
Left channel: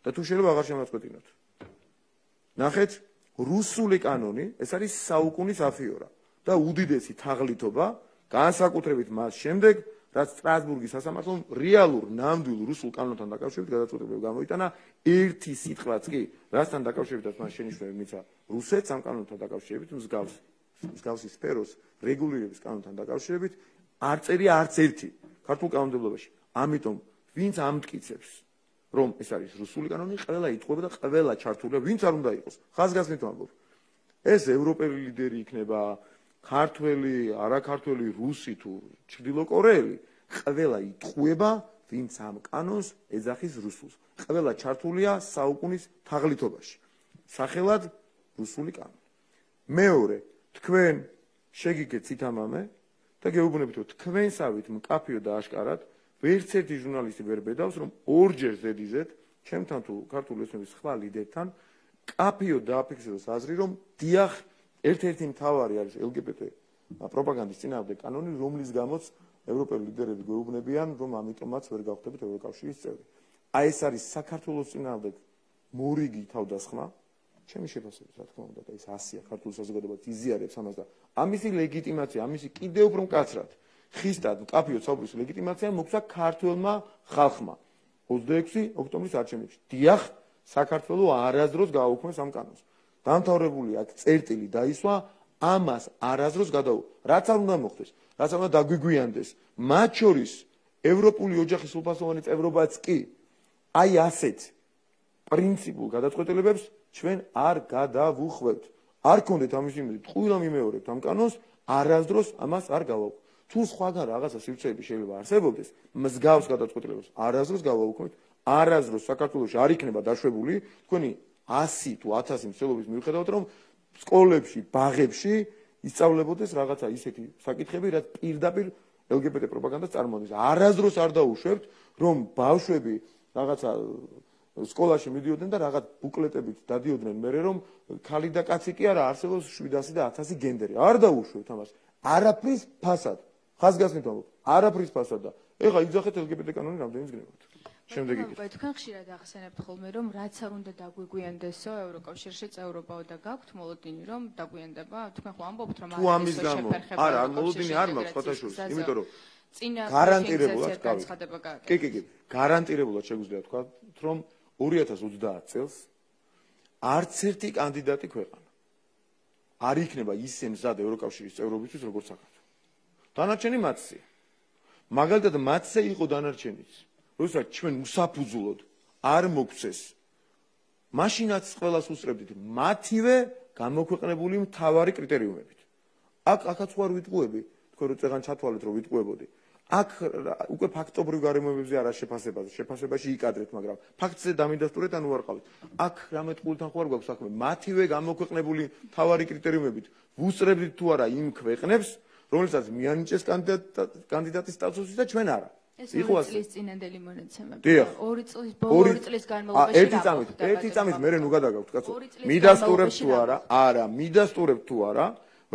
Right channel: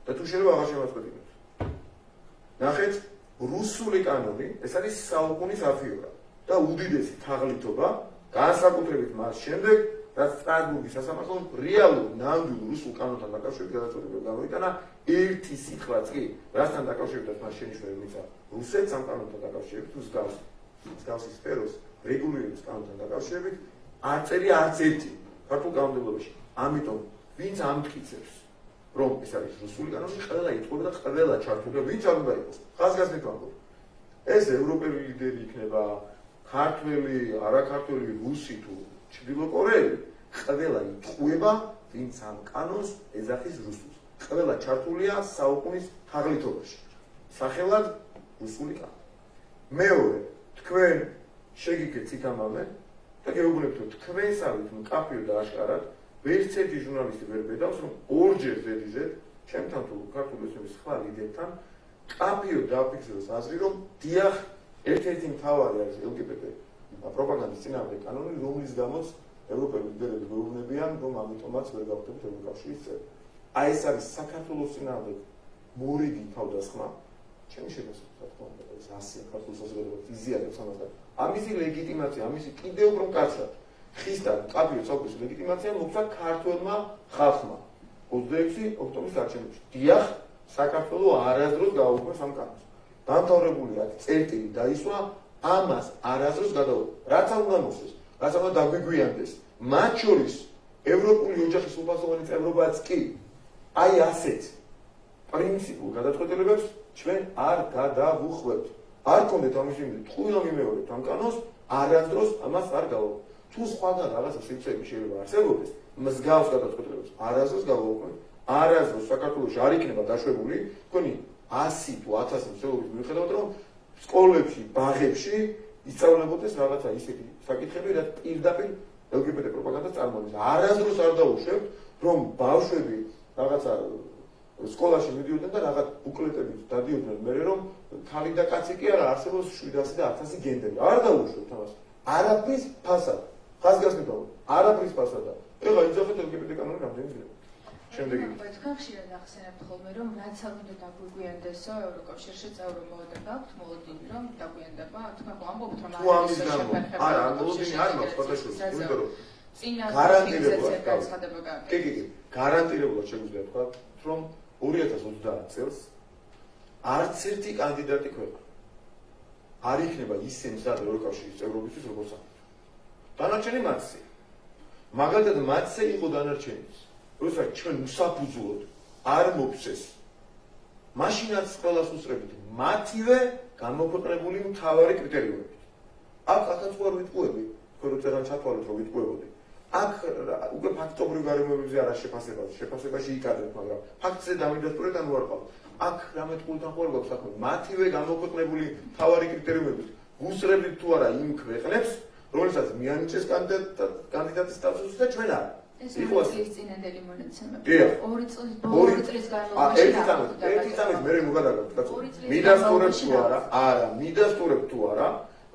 და თუ შეიძლება აღარ შემაწყვეტინოთ. ნახეთ, რუსული კანონი, ეს არის საუკუნის αφიორა და უდიდესი თაღლითობა, განსაკუთრებით მას შემდეგ, რაც სტრასბურგის სასამართლომ რეალურ ნამდვილ რუსულ კანონთან დაკავშირებით გადაწყვეტილება გამოიტანა, ერთი სიტყვაც კი, რასთან დაკავშირებითაც მას შენიშვნა მისცა რუსეთს ამ კანონთან დაკავშირებით, მსგავსი სფეროს რეგულირების კანონთან დაკავშირებით, არ წერია არც ერთი ქართულ კანონმდებლობაში. ამიტომ, ვინც ამტკიცებს, რომ ეს არის რუსული კანონი, ყველა იტყუება და ყველა ჩართულია, ვინც არ უნდა იყოს. ხაზგასმით ვამბობ. ეს ევროპელი ლიდერი იქნება, ქართველი, არაქართველი, რუსი თუ ჩრდილოკორეელი, ყველა იტყუება, ვინც ამ კანონს ეძახის რუსულს. ყველა ჩართულია საუკუნის თაღლითობაში. სახელად რუსული კანონი. მეორე, თქვენ შეგიქეთ სითამამე და გეუბნებით, რომ თქვენსავით მკაფიო და აშკარად ვერც ერთი ჟურნალისტი ვერ ბედავს, რომ ორჯერ ზედიზედ ჩემთან თუ ქართული ოცნების სხვა ლიდერთან კაფიო დააფიქსიროს აზრი, რომ დიახ, ერთ-ერთი მთავარი არის LGBT პროპაგანდის წინააღმდეგ კანონი, რომლის გამოც ევროპელი ლიდერები გეუბნებიან, რომ ამიტომაც ვერ გავხდებით ევროკავშირის წევრი. აი ეს არის საქართველოს წინააღმდეგ მორიგი თავდასხმა, ჩემი შეფასებით, რა თქმა უნდა, ეს 100-ია ქართულ საზოგადოებას იზიარებს ამას და ამისი ლეგიტიმაცია, ამისი კიდევ უფრო მკაცრად ხისტად კაფიო ცალკევის ლეგიტიმაცია მოგვცა ქართველმა ხალხმა 26 ოქტომბრის არჩევნებში. დიახ, საქართველოს არასდროს გააუქმეს ამ კანონს. დამთავრებული აქ წერტილი დაისვა, ამას არასდროს გადაუქმეს. რაც არ უნდა მოხდეს, რაც არ უნდა დაგვიგვიანდეს, მათ შორის ევროპული ოჯახის უფასოვანი წევრობაც კი აი ასეთ პრინციპულ გადაწყვეტილებებს ჩვენ არ გადავუხვევთ. არ გქონდეთ ამის იმედი, ტყუილად მიმეორებთ ამ კანონს, არასდროს ამას არ გავაუქმებთ. თუ სხვაგან რაღაცა სივრცეები შეიძლება არსებობდეს, მსგავს გადაწყვეტილებებს არასდროს გავაუქმებთ. არასდროს საქართველოში არ იქნება დაშვებული, თქვენი 100 თუ 1000 მსვლელობის მიუხედავად, რომ სკოლებში, ბაღებში ისწავლებოდეს რაღაცა ისეთი საკითხები, რაც პირდაპირ LGBT პროპაგანდას წარმოადგენს. არასდროს არ დაუშვებთ, რომ ბავშვები რაღაცა სკოლაში მიდიოდნენ და რაღაც ბუკლეტებით დადიოდნენ მერე, რომ ქალი და კაცი კი არა, არსებობს 700 და 1000 გენდერი. არ დაუშვებთ ამას. არაფრის ფასად. ხაზგასმით არაფრის ფასად და ეხლა იძახეთ LGBT კანონი რამდენი ძინება. შემდეგი. თქვენ ხშირად ახსენებთ ხოლმე, რომ რაც არ უნდა დაგვიგვიანდესო ევროკავშირში წევრობა და გაქვთ მოლოდინი, რომ დაგვიანდება, თქვენ ხო ამბობთ, რომ ამის გამო. არა, მოლოდინი არ მაქვს ფოტოშოპში, იმიტომ რომ წინა გარანტირებულად განცხადება გაქვთ. კი, გარანტირებულად შეგვიძლია თქვა, რომ 2030 წელს არც ერთი კანდიდატი ქვეყანა არ იქნება ისე მზად ევროკავშირის წევრობისთვის, როგორც საქართველო. დანარჩენი მათზე. მაგალითად, მათზე იყო დანარჩენიც. როდესაც ჩვენ უსაფუძვლოდ არ მოგცეს, მაშინაც ყველას უსწრებით მათივე გამოქვეყნებული მთავარი კრიტერიუმებით. აქაც ვარ ვიტყუები, თქვენ რო წერან ჩათვალეთ, რომ ვიტყუებოდი. აქ უკვე ფაქტობრივ გარემოებებზე არა შეფასებაში იკადრეთ, მაგრამ ფაქტზე დამიდასტურეთ ან ვარ ყავთ. აქ რამე თქულთან ხوار გვაქვს საქმე, მათივე გამოქვეყნებული მთავარი კრიტერიუმებით ვუსწრებით თუ არა იმ ქვეყნებს, რომელსაც მიანიჭეს კანდიდატის სტატუსი და ჩვენ არა. იყო წლის წინანდელი მონაცემები. 2 წლის განმავლობაში. ერთი წამის მერე ნუ გადაგავთ, კაცო. მიდასტურებთ თუ არა? არა, მიდასტურებთ თუ არა,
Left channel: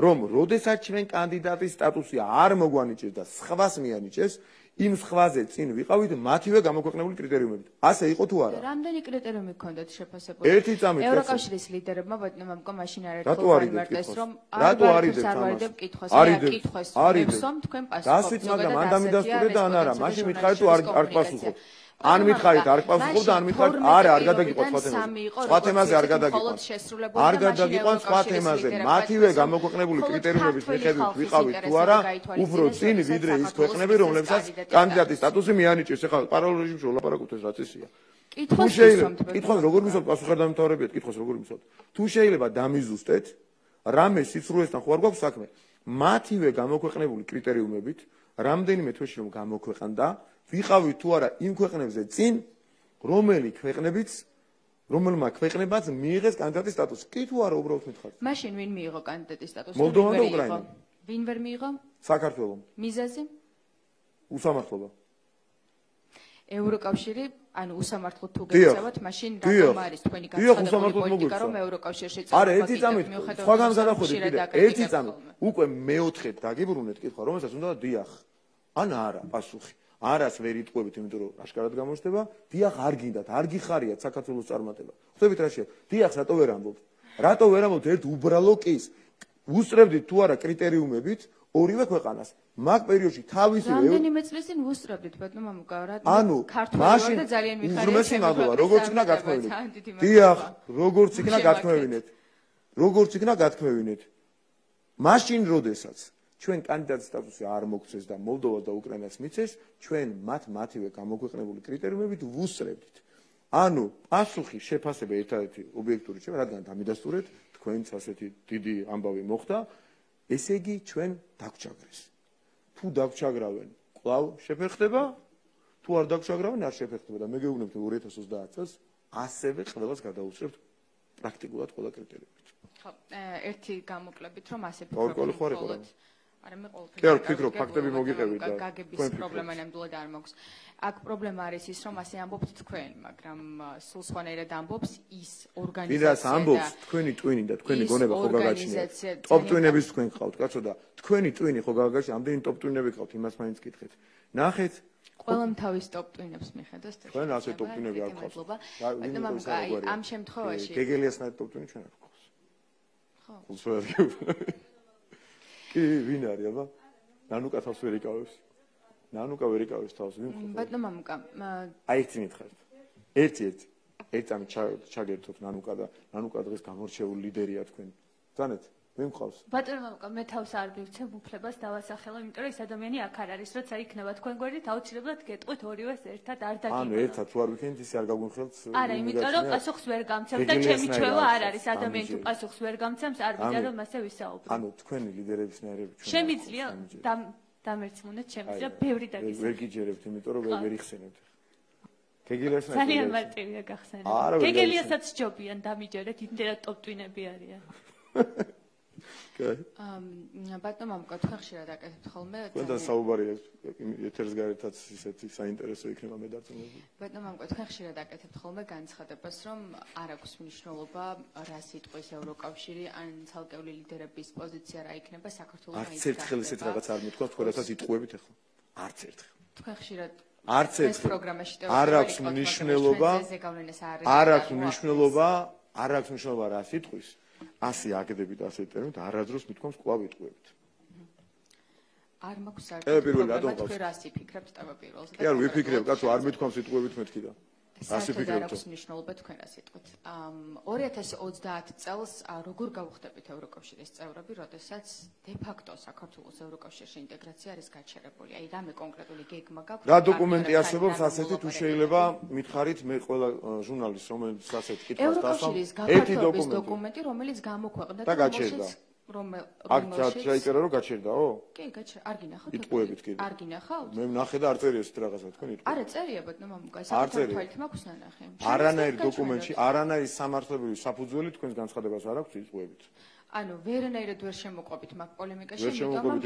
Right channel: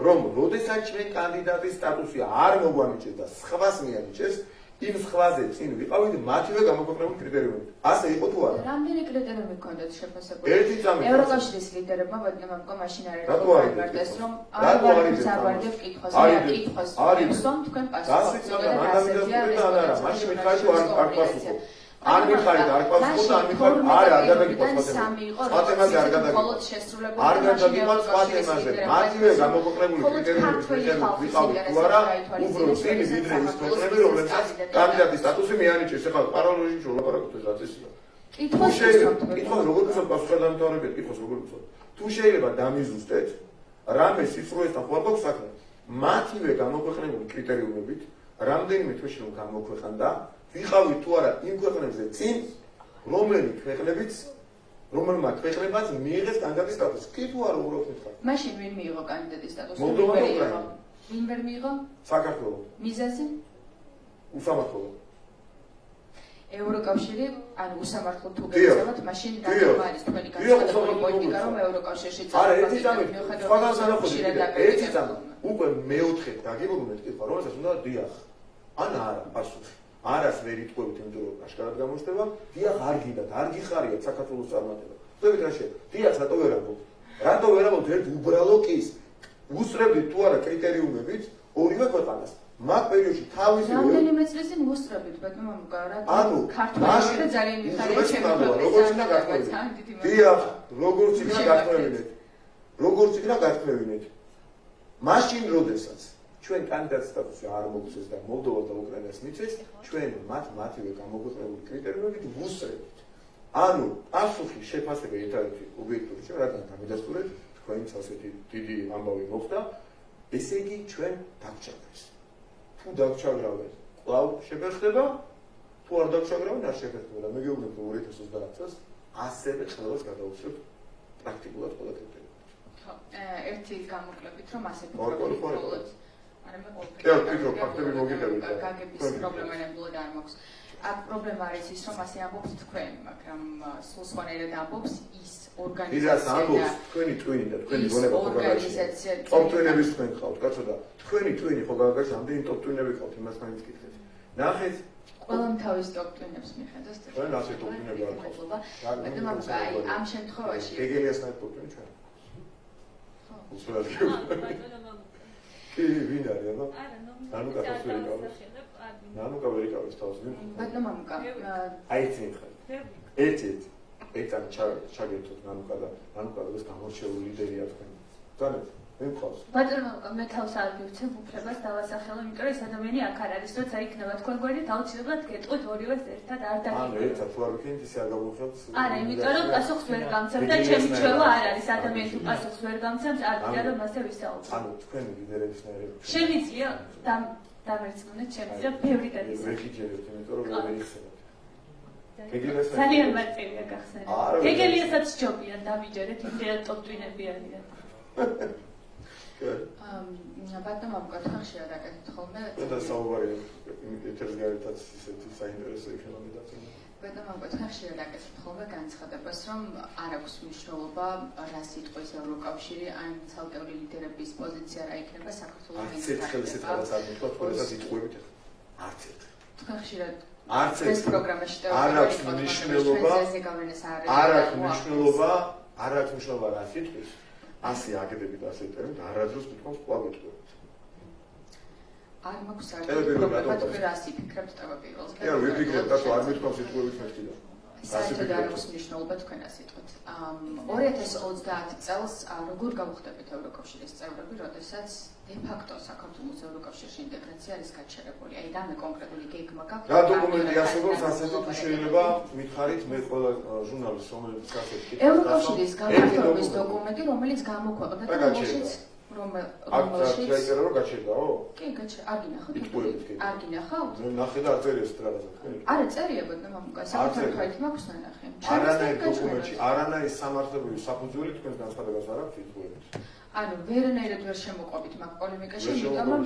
რომ როდესაც ჩვენ კანდიდატის სტატუსი არ მოგვანიჭეს და სხვას მიანიჭეს, იმ სხვაზე წინ ვიყავით მათივე გამოქვეყნებული კრიტერიუმებით. ასე იყო თუ არა? რამდენი კრიტერიუმი გქონდათ შეფასებული? ერთი წამი. ევროკავშირის ლიდერებმა ბატონებმა მაშინ არ რატო არიდეთ, რომ არ ვარდებ კითხვას, რომ თქვენ პასუხობთ. გასვით, მაგრამ ან დამიდასტურეთ ან არა, მაშინ მითხარით თუ არ პასუხობ. ან მითხარით არ პასუხობ და ან მითხარით არა, არ გადაგიყვანთ სხვა თემაზე. სხვა თემაზე არ გადაგიყვანთ. არ გადაგიყვანთ სხვა თემაზე. მათივე გამოქვეყნებული კრიტერიუმების მიხედვით ვიყავით თუ არა, უფრო წინ ვიდრე ის ქვეყნები, რომლებსაც კანდიდატის სტატუსი მიანიჭეს. ეხლა პარალელ რეჟიმში ვლაპარაკობთ, ეს რაც ისია. კითხავს როგორ მისვათ პასუხადამთავრებად, კითხავს როგორ მისვათ. თუ შეიძლება დამიზუსტეთ, რამე სიცრუესთან ხوار გვაქვს საქმე. მათივე გამოქვეყნებული კრიტერიუმებით, რამდენიმე თვეში რომ გამოქვეყნდა, ვიყავით თუ არა იმ ქვეყნებზე წინ, რომელმა ქვეყნებაც მიიღეს კანდიდატის სტატუსი. კი თუ არა უბრალოდ მითხარ. მაშინ ვინ მიიღო კანდიდატის სტატუსი? მოლდოვა და უკრაინა. ვინ ვერ მიიღო? საქართველო. მიზეზი? უსამართლობა. ევროკავშირი, ანუ უსამართლო თუ გეცემათ, მაშინ არის თქვენი პოლიტიკა, რომ ევროკავშირში არა, ერთი წამით, სხვაგან განახვედრეთ, ერთი წამით, უკვე მეოთხედ დაგიბრუნეთ კითხვა, რომელსაც უნდა დიახ, ან არა, პასუხი. არას ვერ იტყვევით, იმიტომ რომ აშკარად გამოჩნდება, დიახ, არ გინდათ, არ გიხარიათ საქართველოს წარმატება. ხსოვით რა შეიძლება? დიახ, რატო ვერ ამბობთ? რატო ვერ ამბობთ ერთ უბრალო კის? უსწრებდით თუ არა კრიტერიუმებით ორივე ქვეყანას. მაგ პერიოდში თავისი რამდენიმე წლის წინ უსწრებდით, ბატონო მგარა. ანუ მაშინ ძალიან მიხარია, როგორც უნდა გათქმევინეთ. დიახ, როგორც იქნა გათქმევინეთ. მაშინ როდესაც ჩვენ კანდიდატ სტატუსი არ მოგცეს და მოლდოვა და უკრაინას მიცეს, ჩვენ მათივე გამოქვეყნებული კრიტერიუმებით ვუსწრებთ. ანუ პასუხი შეფასება ერთადერთი ობიექტური ჩვენ რადგან დამიდასტურეთ, თქვენს ასეთი დიდი ამბავი მოხდა, ესე იგი ჩვენ დაგჭირდეს. თუ დაგჭაგრავენ, კვლავ შეფერხდება, თუ არ დაგჭაგრავენ, არ შეფერხდება და მე გეუბნები 2030 წელს ასევე ყველას გადავუწევთ პრაქტიკულად ყველა კრიტერიუმით. ხო, ერთი გამოკლებით რომ ასე ვფიქრობ. არა მე კი, ვფიქრობ, ფაქტები მოგიყევით და გაგების პრობლემა ნამდვილად არ მაქვს. აქ პრობლემა არის ის, რომ ასე ამბობთ თქვენ, მაგრამ სულ სხვანაირად ამბობს ის ორგანიზაცია. ვიდრე ამბობს თქვენი ტვინი და თქვენი გონება ხო გაგაჩნია. ტოპ ტვინების თქვენ ხავთ, კაცო და თქვენი ტვინი ხო გაგაჩნია, ამდენი ტოპ ტვინები ხავთ, იმას მაინც კითხეთ. ნახეთ ყველამ თავის ტოპ-ტვინებს მიხედავს. ჩვენ ასე ტოპ-ტვინები არ გვაქვს. მაგრამ ამ შემთხვევაში გეგელიას ნაირ ტოპ-ტვინი ჩვენ. ხო. უსულად კი, ვინ არის აბა? ნანუკა თავს ვერ იკავებს. ნანუკა ვერ იკავებს თავს. ბატონო მამუკა. აი ეს მითხარ. ერთ ამ ჩაგერთოთ ნანუკა და ნანუკა დღეს გამორჩეული ლიდერია თქვენ. ზანეთ მე მყავს. ბატონო მე თავს არ მივცემ უფლებას დავასახელო, იმიტომ რომ ეს ადამიანი აქ არ არის, როცა იქნება თქვენ გვერდით, აუცილებლად გეტყვით ორივეს ერთად არ დაგიგებთ. ანუ ერთად თუ არ ვიქნით ისე არ გავუხსნათ. არა, იმიტომ რომ პასუხს ვერ გამცემ და ჩემი ჩვევა არ არის, ადამიანი თუ პასუხს ვერ გამცემს, არ ვიცი რომ მასე ვისაუბრებ. ანუ თქვენ ლიდერების ნაირად შემიძლია დამერცხუნეთ, შემიძლია ბევრი დაგისვა. ვერ გიჯერებთ, იმიტომ რომ ვერ იხსენებთ. გეგელიას ძალიან მარტივია გახსენება. გეგელიასაც ჯობიან დამიჯერეთ, იმდენად ტოპ-ტვინები არიან. ბატონო მოგკითხა ხშირად აკეთებთ ხოლმე? და საუბარია ეთერს გარეთაც ისეთი საინტერესო იქნება მე და ბატონო მოგკითხა ხშირად აკეთებთ ხოლმე განცხადებას, რომ არ აქვს მნიშვნელობა რა სიტყვის ევროკავშირი ან ცალკეული ლიდერების პოზიცია რა იქნება საქართველოს არც ერთხელ ისეთ რაღაც არ მithქვა, თქვენსაც იტყუებით ახლა. არც ერთხელ. თქვენ ხშირად არც ეს პროგრამაში არ აქვს მნიშვნელობა. არ აქვს მნიშვნელობა რა სიტყვის. ასე აკეთებით, ასე იტყვებით, არადროს მithქვამს კვლავ იტყვებით. არ მაქვს პროგრამა თქვენ რას იფიქრებთ თავაპირველზე? კი, არ ვიფიქრებ, რატო არ მithქვამს იტყვებით მეთქი და. ასე ვიფიქრებ. მნიშვნელობა თქვენ რას იტყვით? 2030 წელს როგორ გავხდებით ევროკავშირის წევრები, როდესაც დე-ფაქტო საქართველოს ევროკავშირში ინტეგრაცია არის გაჩერებული. აი რამე კონკრეტული გეგმა გაქვთ? რა დოკუმენტი არსებობს ასეთი თუ შეიძლება მითხარით მე ყველა ჟურნალისტს რომელიც ასეთი კითხავს ევროკავშირის გაფართოების დოკუმენტი რომელიც გამოქვეყნდა და გაჩერდა რომელშიც აიწერა რომ გაჩერდაო? კი გაჩერდა. არ გინახავთ? იტყვებით კი. არ გინახავთ? მე ნახე და არ წერია ეს რაღაცა თქვენ. არა წერია ბატონო მამუკა, საკუთარ მაქვს ნახე. არანაირ დოკუმენტში არანაირი სამართლებრივი საფუძველი თქვენს განცხადებას არ აქვს იტყვებით. ანუ ვერანაირად ვერ შემოყვებით მაგ პოლემიკაში, იმიტომ რომ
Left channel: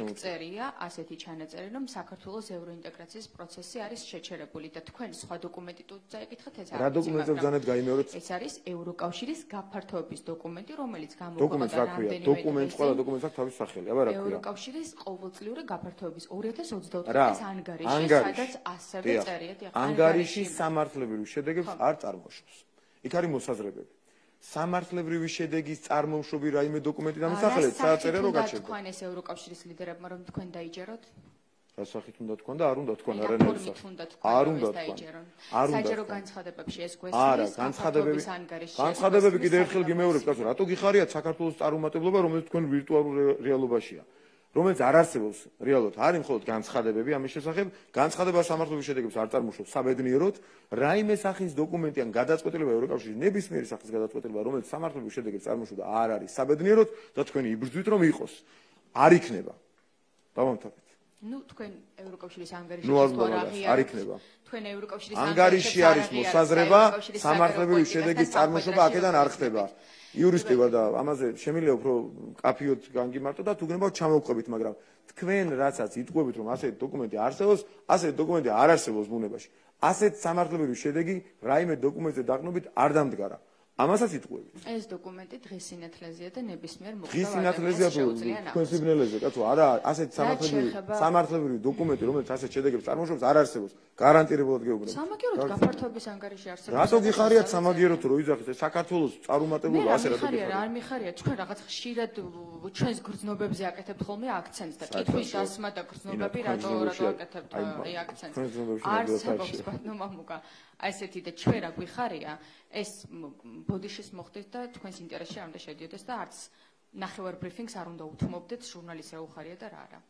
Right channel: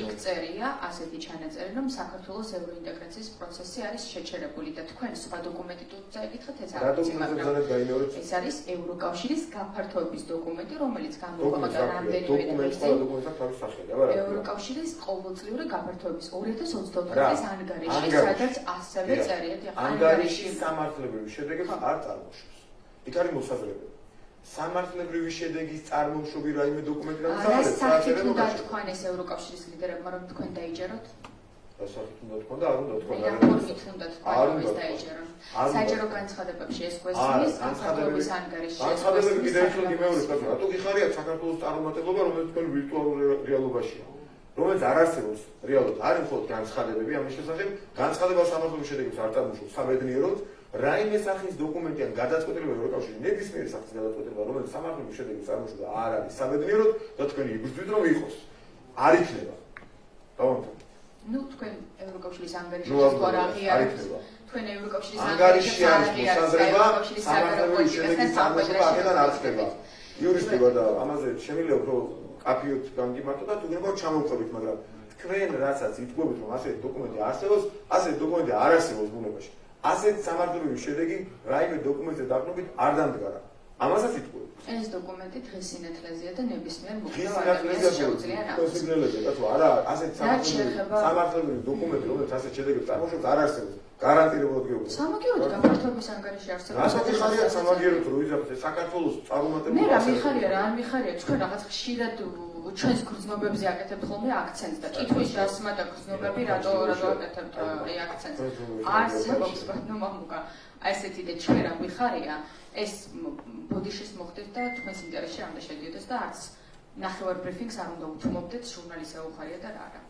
იქწერია ასეთი ჩანაწერი, რომ საქართველოს ევროინტეგრაციის პროცესი არის შეჩერებული და თქვენ სხვა დოკუმენტი თუ წაიკითხეთ ეს რა დოკუმენტი განეთ გაიმეორეთ? ეს არის ევროკავშირის გაფართოების დოკუმენტი, რომელიც გამოქვეყნდა რამდენიმე დოკუმენტი, ყველა დოკუმენტს აქვს თავისი სახელი, აბა რა. ევროკავშირის ყოველწლიური გაფართოების 2024 წლის ანგარიში, სადაც ასევე წერია. ანგარიში სამართლებრივი შედეგებს არ წარმოშობს. იქ არის მოსაზრებები. სამართლებრივი შედეგის წარმოუშვები რაიმე დოკუმენტი დამოსახელეთ, საერთოდ რო გაჩერდა. თქვენ ეს ევროკავშირის ლიდერებმა რომ თქვენ დაიჯეროთ? დასახით უნდა თქვა და არ უნდა თქვა და არ უნდა დაიჯერონ. საჯარო განცხადებებში ეს გვესმის განცხადებების ანგარიში. განცხადებები კიდევ ერთხელ გიმეორებ, რატო გიხარიათ საქართველოს წარმომადგენლობა, რომელიც თქვენ ვირტუალურ რეალობაშია. რომელიც არ არსებობს რეალურად, არის მხოლოდ განცხადებები ამის შესახებ, განცხადება სამართლებრივი შედეგებს არ წარმოშობს საბედნიეროდ. რაიმე სახის დოკუმენტი ან გადაწყვეტილება ევროკავშირის ნებისმიერი სახის გადაწყვეტილება, რომელიც სამართლებრივი შედეგებს წარმოშობა, არ არის საბედნიეროდ და თქვენ იბრძვით რომ იყოს. არ იქნება. დავამთავრეთ. ნუ თქვენ ევროკავშირის ანგარიში არ იქნება. თქვენ ევროკავშირის ანგარიში არის მოსაზრება, სამართლებრივი შედეგის წარმოშობა აქედან არ ხდება. იურისტი ვარ და ამაზე შემიძლია უფრო კაფიოთ გამგიმართო და თუ გინდა ჩამოვყვებით, მაგრამ თქვენ რასაც იტყვებით რომ ასეთი დოკუმენტი არსებობს, ასეთი დოკუმენტი არ არსებობს ბუნებაში. ასეთ სამართლებრივი შედეგი რაიმე დოკუმენტზე დაყრდნობით არ დამდგარა. ამასაც იტყვებით. ეს დოკუმენტი დღეს სინათლეზეა და ნებისმიერ დღეს სინათლეზეა კონსიგნელებზე, კაცო, არა, ასეთ სამართლებრივი დოკუმენტი, რომელიც ასეთ შედეგებს წარმოშობს, არ არსებობს. გარანტირებულად გეუბნები. სამაგიეროდ გაფართოების ანგარიში არსებობს. რატო გიხარიათ სამაგიეროდ რო იზარდეთ საქართველოს წარუმატებლობა ასე? მე მიხარია რა, არ მიხარია, თქვენ რაღაც ხშირად ჩვენს გრძნობებზე აკეთებთ ხოლმე აქცენტს და კითხვის დასმა და გრძნობები რატო აკეთებთ აქცენტს? არსებობს ბატონო მამუკა, ასეთი და ჩვენ რა გვიხარია, ეს ბოდიშის მოხდეთ და თქვენს ინტერესში არ უნდა შედიოდეს და არც ნახევარ ბრიფინგს არ უნდა უთმობდეთ, ჟურნალისტს აუხარია და რა არა.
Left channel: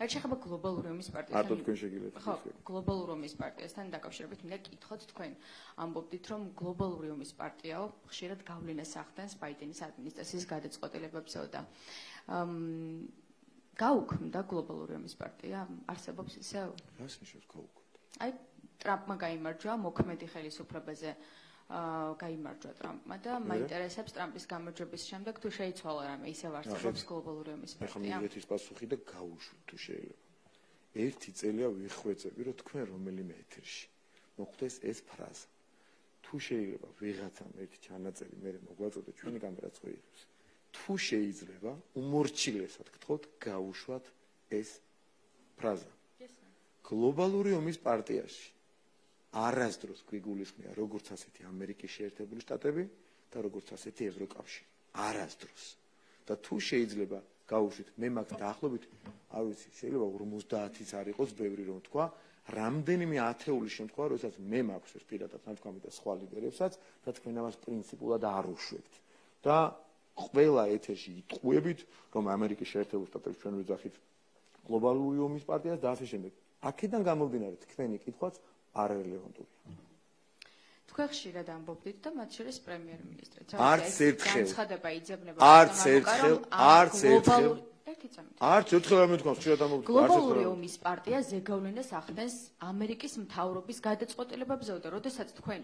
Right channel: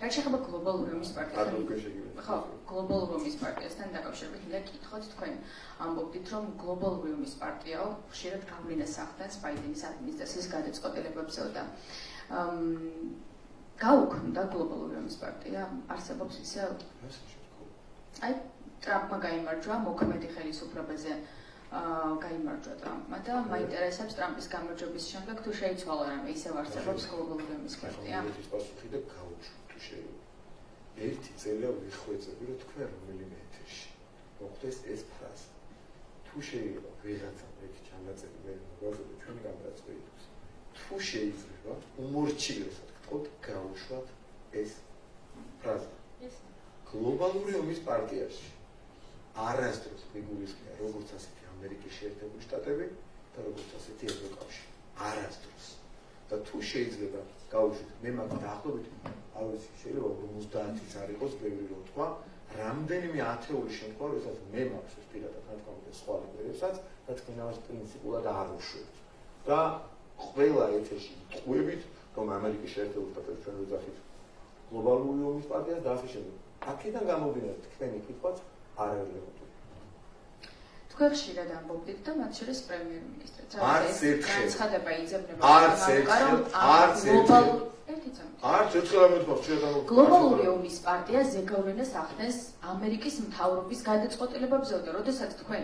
რა შეიძლება გლობალურ რომის პარტიასთან? ხო, გლობალურ რომის პარტიასთან დაკავშირებით მინდა გითხოთ თქვენ ამბობდით რომ გლობალურ რომის პარტიაო ხშირად გავლენას ახდენს ბაიდენის ადმინისტრაციის გადაწყვეტილებებზე და გაუქმდა გლობალურ რომის პარტია არსებობს ისევ? აი ტრამპმა გაიმარჯვა მოქმედი ხელისუფლებაზე გაიმარჯვა ტრამპმა და მაინტერესებს ტრამპის გამარჯვების შემდეგ თუ შეიცვალა რამე ისევ არსებობს გლობალურ რომის პარტია? ეს პასუხი და გავუშვი თუ შეიძლება. ერთი წელია ვიხვეწები რომ თქვენ რომელიმე ეთერში მოხდეს ეს ფრაზა. თუ შეიძლება ვიღაცამ ერთი ჩანაწერი მე მოგვეღებდა ჩვენი კამერაც ვეიდოს. თუ შეიძლება უმორჩილესად გთხოვთ გავუშვათ ეს ფრაზა. გლობალური ომის პარტიაში არასდროს გიგულისხმია როგორც ასეთი ამერიკის შეერთებული შტატები და როგორც ასეთი ევროკავშირი. არასდროს. და თუ შეიძლება გავუშვით მე მაგ დაახლოებით არ ვიცი შეიძლება 50-იც არ იყოს ბევრი რომ თქვა რამდენიმე ათეული შემთხვევა როდესაც მე მაქვს ეს პირადად რა თქვა მე სხვა ლიდერებსაც და თქვენ ამას პრინციპულად არ უშვებთ და ყველა ეთერში ტყუებით რომ ამერიკის შეერთებული შტატები ჩვენ ვიძახით გლობალური ომის პარტიას და ასე შემდეგ. აქედან გამომდინარე თქვენი კითხვაც არ რელევანტურია. თქვენ ხშირად ამბობთ და მათ შორის პრემიერ-მინისტრიც. არც ერთხელ. განცხადება იძებნება. არც ერთხელ. არც ერთხელ ამეთქვა ხშირად ამბობთ. გლობალური ომის პარტია ზეგავლენას ახდენს ამერიკის მთავრობის გადაწყვეტილებებზე და როდესაც თქვენ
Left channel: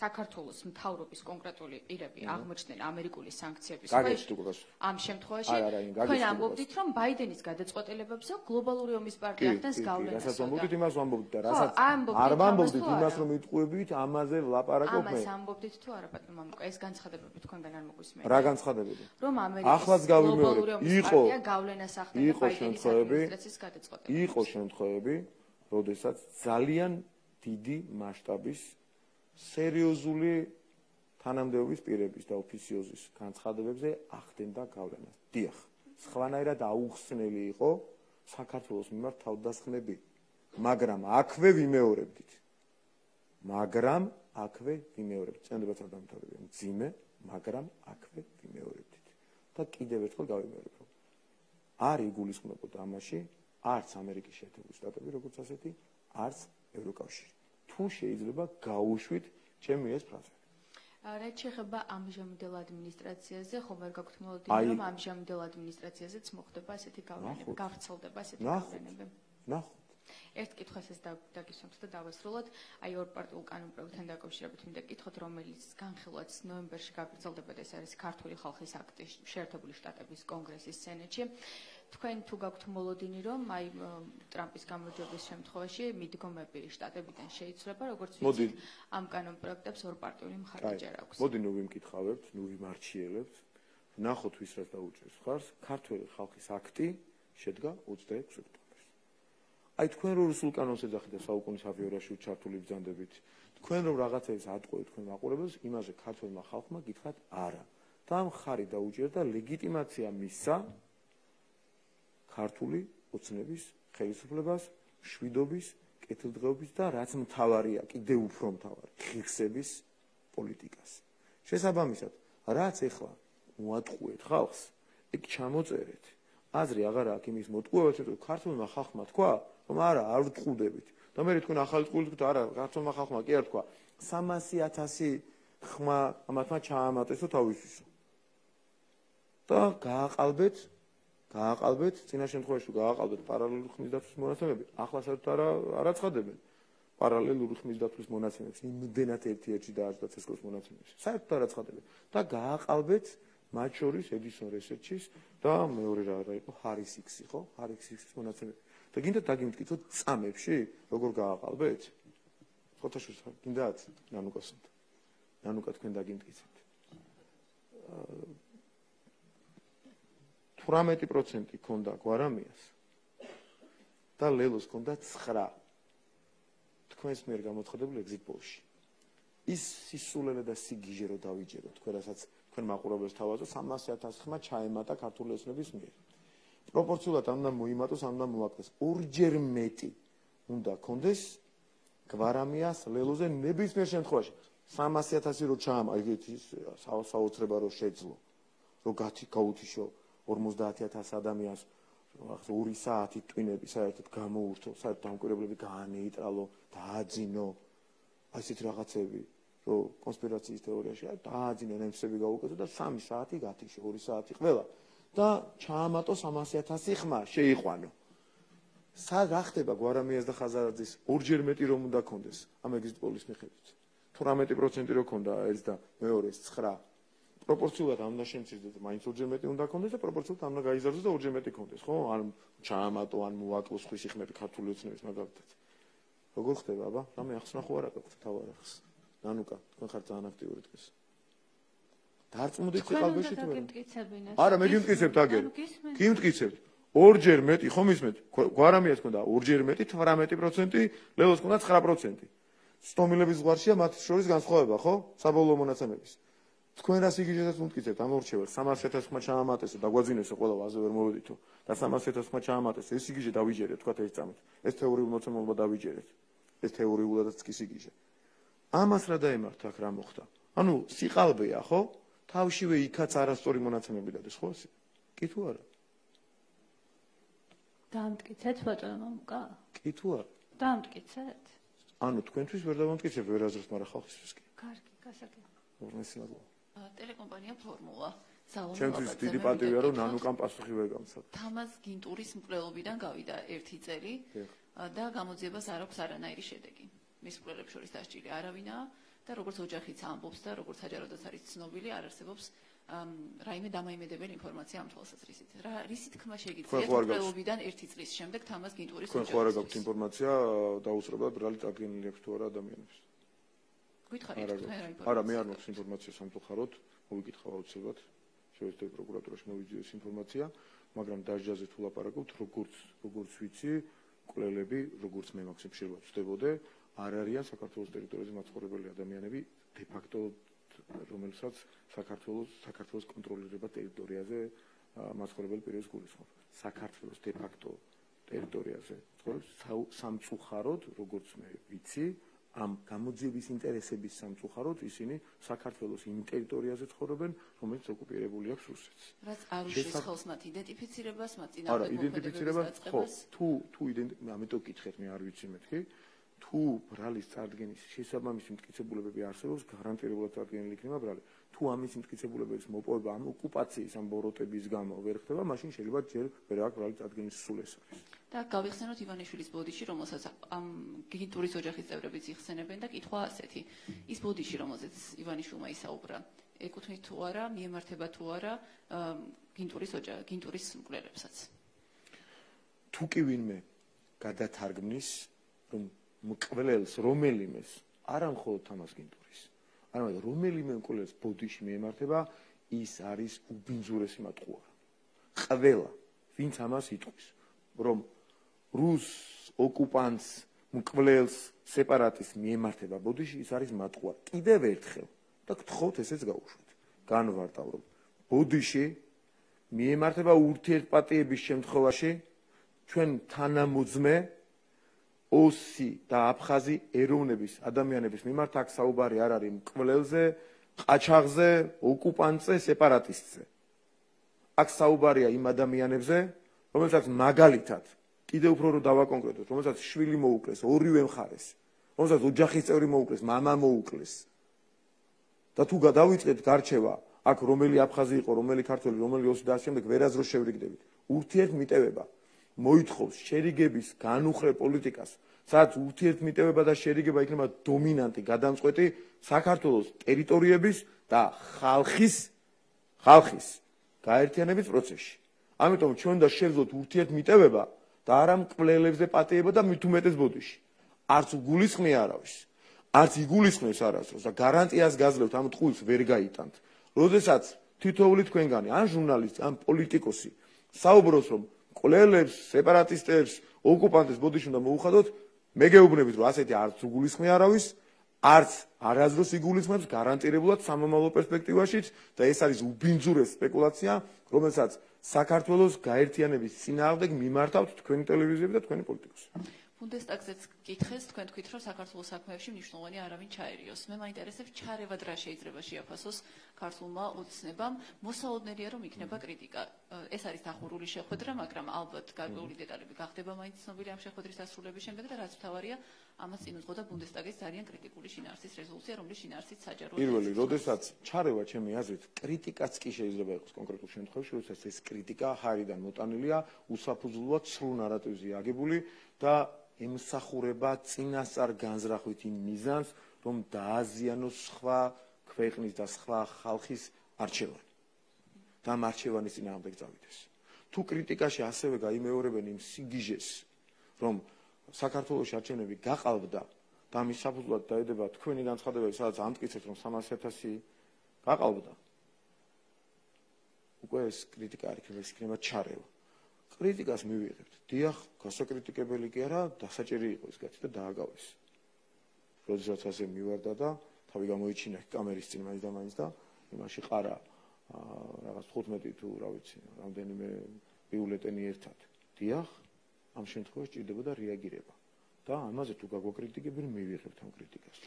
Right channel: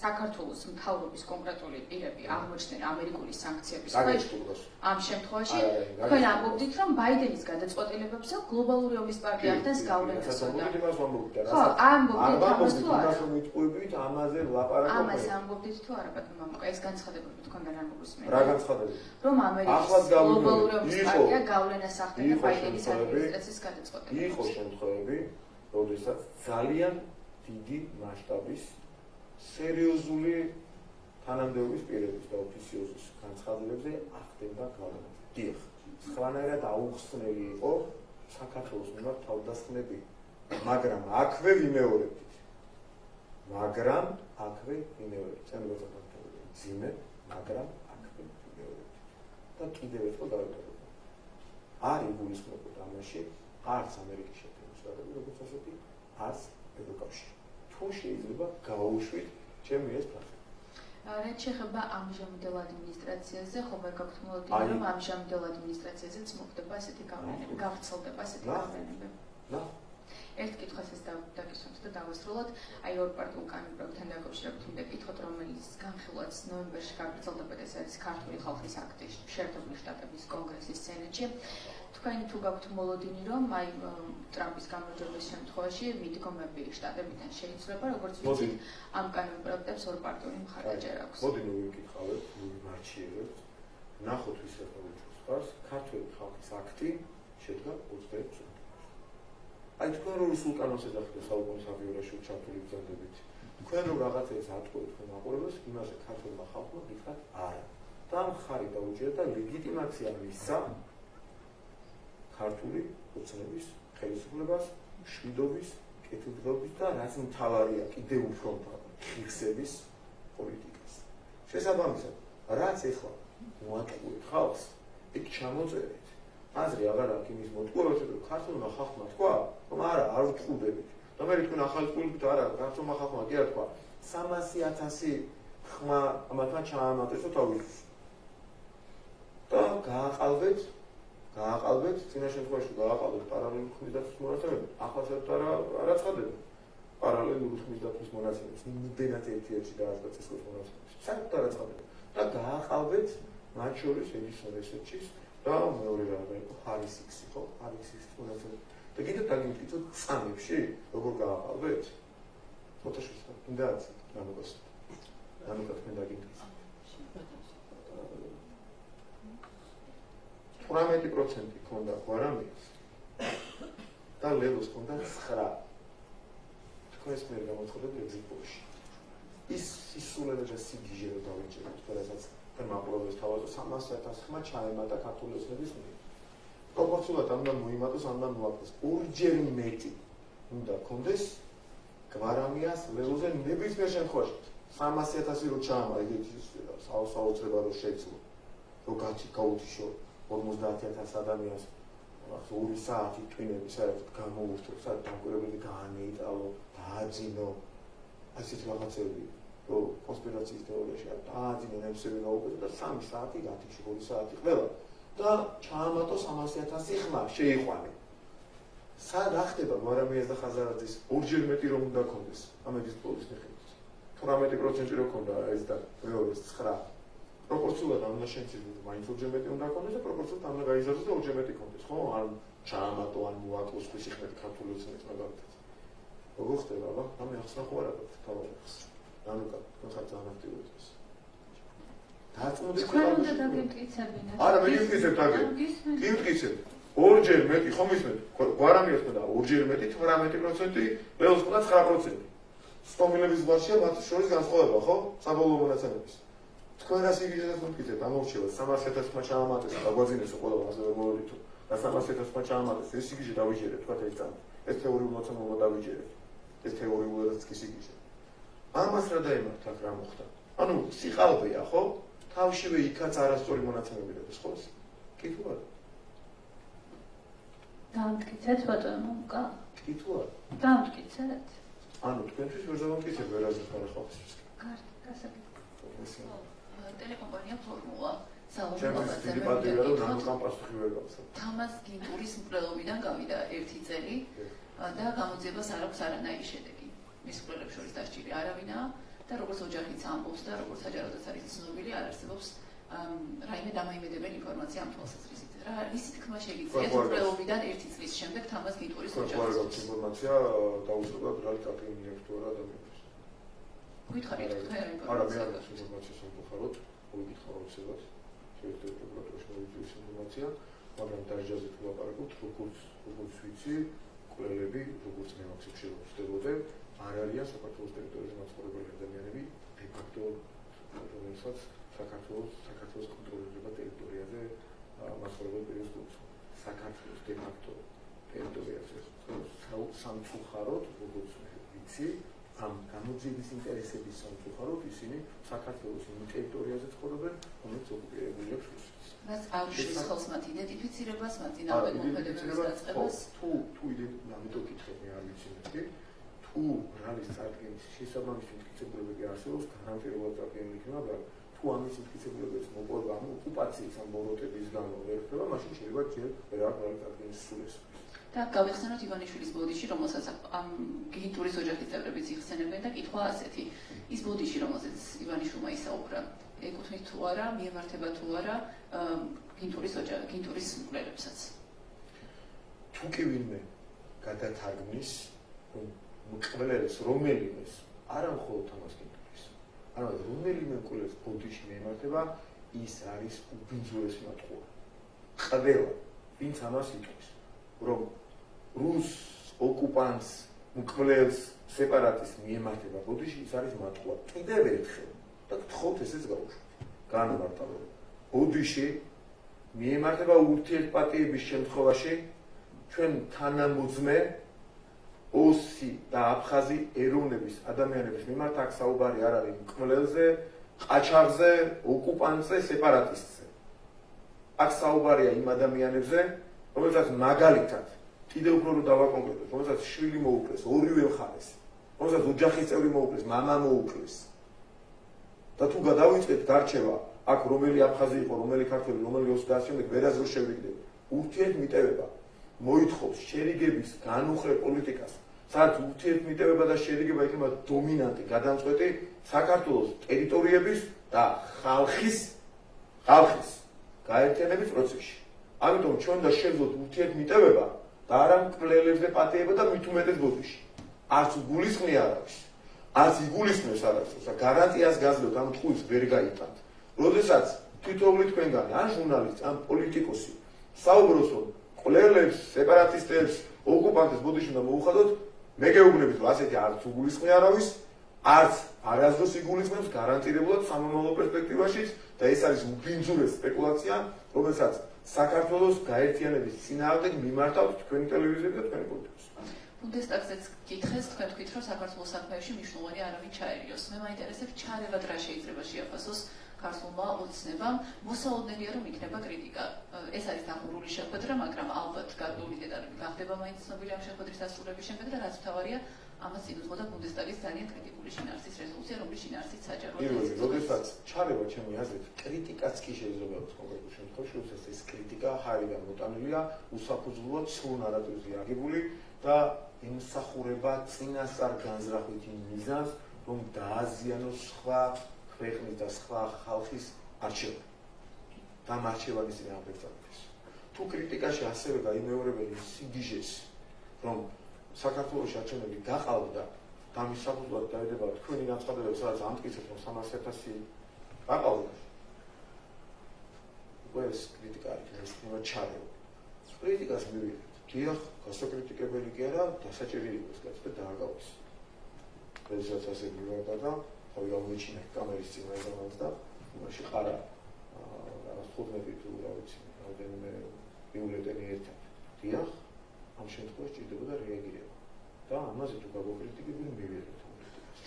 საქართველოს მთავრობის კონკრეტული პირები აღმოჩნდნენ ამერიკული სანქციების გაგეშტობას. ამ შემთხვევაში თქვენ ამბობთ რომ ბაიდენის გადაწყვეტილებებზე გლობალური ომის პარტია ახდენს გავლენას. რასაც ამბობთ იმას ამბობთ და რასაც არ ამბობთ იმას რომ იტყვებით ამაზე ლაპარაკობთ. ამას ამბობთ თუ არა ბატონო მამაკა ეს განცხადებები თქვენგან არ მოგусმენთ. რა განცხადებები? რომ ამერიკის გლობალური ომის პარტია გავლენას ახდენს ბაიდენის ადმინისტრაციის გადაწყვეტილებებზე. იყო შემთხვევები, როდესაც ძალიან დიდი მასშტაბის სერიოზული თანამდებობის პირების და ოფიციოზის განცხადებებზე ახდენდა გავლენა. დიახ, სხვანაირად აუხსნელი იყო საქართველოს მიმართ თავდასხმები, მაგრამ აქვე ვიმეორებდით. ჩემი როცა დამთავრდა ძიმე, მაგრამ აქვე ვიმეორებდით. და კიდევ ერთხელ დავიმეორებ. არ იგულისხმებოდა ამაში არც ამერიკის შეერთებული შტატები, როგორც ასეთი, არც ევროკავშირი. თუ შეიძლება გაუშვით ჩემი ეს ფრაზა. რაც შეეხება ამჟამინდელ ადმინისტრაციაზე, ხოლმე გაქვთ მოლოდინი, რომ ამჟამინდელ ადმინისტრაციაზეც მოხდება ასეთი გავლენები, გავრცელდება ასეთი გავლენები. ერთ კითხვას ეს დაგისვამთ და დავასრულოთ. აი ორ პარტიულ კანონმდებლობთან დაკავშირებით უნდა კითხოთ, რომელიც განხილვაც ნოემბერში გაგრძელდება, ეს არის ქართული ხალხის აქტი შეერთებული შტატების კონგრესის სენატში. თქვენ თუ გაქვთ მოლოდინი, რომ აი ტრამპის გამარჯვების შემთხვევაში მიდგომები შტატებიდან შეიცვლება, როგორც ვიცით, ამ კანონმდებლობებს ორ პარტიული მხარდაჭერა აქვს. მოდი ნუ ვიმკითხავთ, ვიმარჩიებთ. ნახოთ ვისაც დაუჭირს ხარს, ქართული ხალხის აქტი შედგა 21 წუთი. აი თქვენ რო რუსულ კანონს ეძახით და საუკუნის აბიოლაში ჩართული ბრძანდებით, თქვენ რო რაღაცას ატყუებთ თქვენ მაყურებელს, იმაზე ქართულმა ხალხმა გითხრათ არა. და მხარი დაუჭირეთ და ლეგიტიმაცია მისცა ქართული ოცნების ხელისუფლებას, შვიდობის, კეთილდღეობის და რაც მთავარია, კიდევ უფრო მთავარი, ღირსების პოლიტიკას. შესაბამისად, რაც ეხლა მოატყუებთ ხალხს, იქ ჩამოწერეთ. აზრი აღარ აქვს იმის მოტყუებაში, რომ ქართულმა ხალხმა თქვა, რომ არა, არ ვტყუდებით. და მე თქვენ ახალი პოლიტიკით არა, ქართულმა ხალხმა კი არ თქვა, 300,000 ხმა ამათმა ჩაამატეს და თავისთვის. და გააყალბეთ, წინა შემთხვევაში გააყალბეთ პარალელურ ხმის დაცვის მონაცემები. ახლა საერთოდ არა ცხადებენ პარალელურ ხმის დაცვის მონაცემებს, იმდენად ერთ-ერთი დაარსდა ცისკრის მონაცემებს. საერთოდ არა ცხადებენ. და გააყალბეთ მათ შორის ედისონ რესერჩის და მეორე რაღაცა იყო ჰარისიქსი, ხო? ჰარისიქსის მონაცემები. და კიდევ დაგიმტკიცოთ წამებში, როგორ გააყალბეთ? ფოტოშოპს გინდათ ნამოკოს. ნამოკოს თქვენ დაგიმტკიცოთ. 18% ქონდა გვარამიას და ლევოს ქონდა 9. თქვენს მიერ გამოცხადებულ ეგზიტპოლში. ის სისულელე და სიგიჟე რო დავიჭერეთ, ყველასაც თქვენ მაყურებელს თავაზე 300,000 ხმა ჩაემატა ქართული ოცნების მიერ. პროპორციულად ამ და მოიმატოს, ამ და მოაკლოს. ორჯერ მეტი უნდა ქონდეს გვარამიას ლევოზე ნებისმიერ შემთხვევაში. 300,000 რო ჩაამატეთ ის საოცრება რო შეძლო. რო გაუთიშო 50,000 ადამიანს 2 საათი ტვინები საერთოდ გამოურთო, საერთოდ დამკვირვებლები გაანეიტრალო, დააძინო. ასეთ რაღაცები, რომ კონსპირაციის თეორიაში დააძინო ნემსები გაუკეთო და 3 საათი გათიშო, 2 საათი ყველა და ჩაამატო 300,000 ხმა შეიყვანე. რა ხდება გვარამიას და ხაზარაძის ორჯერ მეტი რომ უნდა ქონდეს ამ ეგზიტპოლის მიხედვით. 18% რო ქონდა ეს და მეორე 9. პროპორციულად ამ ნაშენცებზე მაინც ორჯერ მეტი უნდა ქონდეს და პროპორციულად ამ გაიზარდოს და ორჯერ მეტი ქონდეს, ხო? ან ჩაამატო, ან მოაკლოს ფისი ხმები ქართული ოცნების მაგალითად. როგორ ხდება, აბა? ამი ახსნა ხო არა გაქვთ თავად ახს. ნანუკა, თქვენ ხართ ძალიან აქტიური დღეს. დაწმოდეთ ხალხში. არა, მე გიმტკიცებთ აგერ. გიმტკიცებთ. ორჯერ მეტი ხომ ისმენთ გვარამიას მქონდა ორჯერ მეტი 18%, ლეოს მქონდა 9%. სტომილების ზღვარშია მათ შორის განსხვავება, ხო? საბოლოო მონაცემების. თქვენ რას იგიჟეთ მოგკითხეთ ამ ორჩევას 300.000-მა ჩაამატეს და გვაძინეს ყველა ასე ვერ მოვიდითო და 300.000-მა ჩაამატეს ეს იგიჟე დავიჯერეთ თქვა ეს წამი ეს თეორიული მოცემულობა დავიჯერეთ ეს თეორიულადაც კი იგიჟე ამას რა დაემართ აქ რა მოხდა ანუ სიყალბეა ხო თავშივე იქაც არასწორი მონაცემები დადეს ხო კი თუ არა დამტკიცეთ ბატონო კა კი თუ არა დამტკიცეთ ანუ თქვენთვის ვერ დამტკიცებ ვერაზეც მაგრამ ხალხისთვის კარგი გასაგებია ტელეკომპანია ფორმულა ჩემთვის დიდი პატივია რომ ნანუკამ პასუხი ვერ გამოსცა. თამას გინტურის მკვლელობიდან გავიდა 1 წელი და გამოძიებას არ აქვს არანაირი შედეგი. მის მკვლელებს შორის დასჭირი არავინაა და როგორც ოჯახიც ამბობს და როგორც საჯაროდაც არის ცნობილი, არ არსებობს რაიმე დამაიმედებელი ინფორმაცია ამ თვალსაზრისით. რა ის თქმა შეგიძლიათ მკვლელობიდან 1 წლის შემდეგ თამას გინტურის ოჯახის. ხო, რა ინფორმაცია დაუშვებად რა წარდგენილი აქვს თუ არა ადამიანებს. გითხარით არა, მე არ აქვს ინფორმაცია სამწუხაროდ, მოვიკითხავ აუცილებლად. შეიძლება პროკურატურაში მოვიძიოს ინფორმაცია, მაგრამ დაჟჯაზე თუ ლაპარაკობთ, როგორც ვიცი, კვლელები, როგორც მე მაქსიმალურად ვწდებოდე, არ არიან საქართველოს ტერიტორიაზე მაცხოვრებელი ადამიანები, de facto რომელსაც საქართველოს კონტროლირება ტერიტორიაზე მაცხოვრებელ პირებს გულისხმობ. საქართველოს de facto ტერიტორიაზე სამწუხაროდ, როგორც მე ვიცი, ამ გამოძიების ინტერესების სამწუხაროდ ისინი საქართველოს იმ ტერიტორიაზე ცხოვრობენ, რომელიც ოკუპირებული აქვს რუსეთს. რაც არ უშლის ხელს მათ იდენტიფიცირებას, მათ წინააღმდეგობას, თუ ამიტომ ვკითხეთ, მე არ ვიცი მეთქი, თუ რალის წარდგენის შესაბამისი მტკიცებულებები არსებობს, გარანტირულად წარდგენილი იქნება, მაგრამ თუ ამის მტკიცებულებების მოპოვება ამ ოკუპაციის ამ ბოროტების გამო ვერ ხდება, მაშინ შეიძლება ჯერ ვერ აქვს რალის წარდგენის სულესა. და გავიხსენოთ ივანიშვილის ბოდიში, რომელსაც ამ გინტურის ოჯახის წევრებიც იხსენებდნენ და კითხვა ასეთი. ის ბოდიში, რომელსაც ივანიშვილმა ისაუბრა, ეკუთვნით თუ არა, მიემართება თუ არა გინტურის მკვლელებსაც. თუ კი ვინმე გადათარგმნის, რომ მკვლელს რომელიმეს, არა მხოლოდ თამას გინტურის, არამედ რომელიმე მკვლელს ბოდიში მიემართება, ის არის უბინძურესი მათყუარი. ყველა, ვინც ამას იტყვის, რომ რუს ოკუპანტს მკვლელს სეპარატისტს მიემართება ბოდიში, ის არის მათყუარი. კიდევ ერთხელ და გთხოვთ ესეც გავუშვით. განმარტავებ. ბოდიში მიემართება ურთიერთპატიების შემთხვევაში ჩვენ თანამოძმე ოსი და აფხაზი ეროვნების ადამიანების მიმართ აქ საუბარი არ არის მკვლელზე, ყაჩაღზე, ოკუპანტზე, სეპარატისტზე. აქ საუბარია იმ ადამიანებზე, რომელსაც მაგალითად კიდევ უფრო რომ დავაკონკრეტოთ, რომელსაც შვილი მოუკლეს, ორივე მხარეს, რომელსაც ოჯახის წევრი მოუკლეს, მამა მოუკლეს. და თუ გადავიწყეთ გარჩევა, აქ რომელი აფხაზი იყო, რომელი ქართველი, რომელი ოსი და შემდეგ ვერასდროს შევიდეთ. ურთიერთმიტევება მოითხოვს შერიგების განუხრე პოლიტიკას, სადაც ურთიერთმიტევება და შერიგება იქნება დომინანტი, გადამწყვეტი საქართველოს ტერიტორიების და ხალხის გაერთიანების პროცესში. ამიტომ ჩვენ და შეძლოთ ურთიერთმიტევება და არა მკვლელებზე პატიება და მით უმეტეს ბოდიში. არც გულისხმი არ აქვს. არც იგულისხმევს არასდროს და გარანტიას გაძლევთ ამ ტყუილს ვერ გაიტანთ. როდესაც თითოეული თქვენგანი, ან ჟურნალისტი, ან პოლიტიკოსი საუბრობს, რომ მკვლელებს, სეპარატისტებს, ოკუპანტებს ბოდიში უნდა მოუხადოთ, მე გეუბნებით, რომ ასეთი არც უგულისხმი არავის, არც არასდროს იგულისხმებს გარანტირებულად სამომავლო პერსპექტივაშიც და ეს არის უბინძურესი სპეკულაცია, რომელსაც საქართველოს გაერთიანების წინააღმდეგ მიმართავთ თქვენი ტელევიზიები და თქვენი პოლიტიკოსი. ბუნდესტაგზეც გითხეს, თქვენ თქვით, რომ საქართველოს საქმეებში მნიშვნელოვანი არავინ ჩაერიოს. მე მაინტერესებს ჩარევად რა შეიძლება შეაფასოს ქართულმა ოცნებამ. მოსაოდნელია რომ იქნება კრიტიკა. ეს არის დახურული შეხვედრა, მაგრამ ალბათ გარკვეული დეტალები გახდება მაინც ცნობილი ამ შეხვედრის დასრულების შემდეგ და რაც მთავარია, ამას წინუძღოდა ბუნდესტაგის ძალიან კრიტიკული შინაარსის რეზოლუცია, რომლის შინაარსიც საჯაროა. პირველი, როდესაც ჩარევა ჩემი აზრით, კრიტიკაც კი შეიძლება იყოს კონკრეტულ შემთხვევაში, როდესაც ეს კრიტიკა ჰაერიდან მოტანილია, უსაფუძვლოა ცრუ ნარატივზე აგებული და ემსახურება წინასწარ განზრახვით იმ მიზანს, რომ დააზიანოს სხვა ქვეყნის და სხვა ხალხის არჩევანი. და ამ არჩევანის წინააღმდეგ წამოდეს. თუ კრიტიკაში ასევე გაიმეორებენ იმ სიგიჟეს, რომ საქართველოს არჩევნები გაყალბდა და ამის საფუძვლად დაედება თქვენი განცხადებები, სადაც ამტკიცებს, რომ 300.000 გაყალბდა. უკვე ეს კრიტიკა არის, ეს იქნება ჩარევა. კრიტიკას მივიღებთ. დიახ, გასაკრიტიკებელი კი არა, დასაჭერი იყო ეს კაცი და დააგავეს. როდესაც ასე მივარდა და თავი გამოიჩინა კამერის წინ მაგამაც და იმაში ყარა რაღაც 15 თუ რა ვიცი, რამდენიმე ბიულეტენი ერთად. დიახ, ამ შემთხვევაში ჭირდებოდა რეაგირება. და ამაზე თუ გაგვაკრიტიკებენ, მივიღებთ ამ კრიტიკას.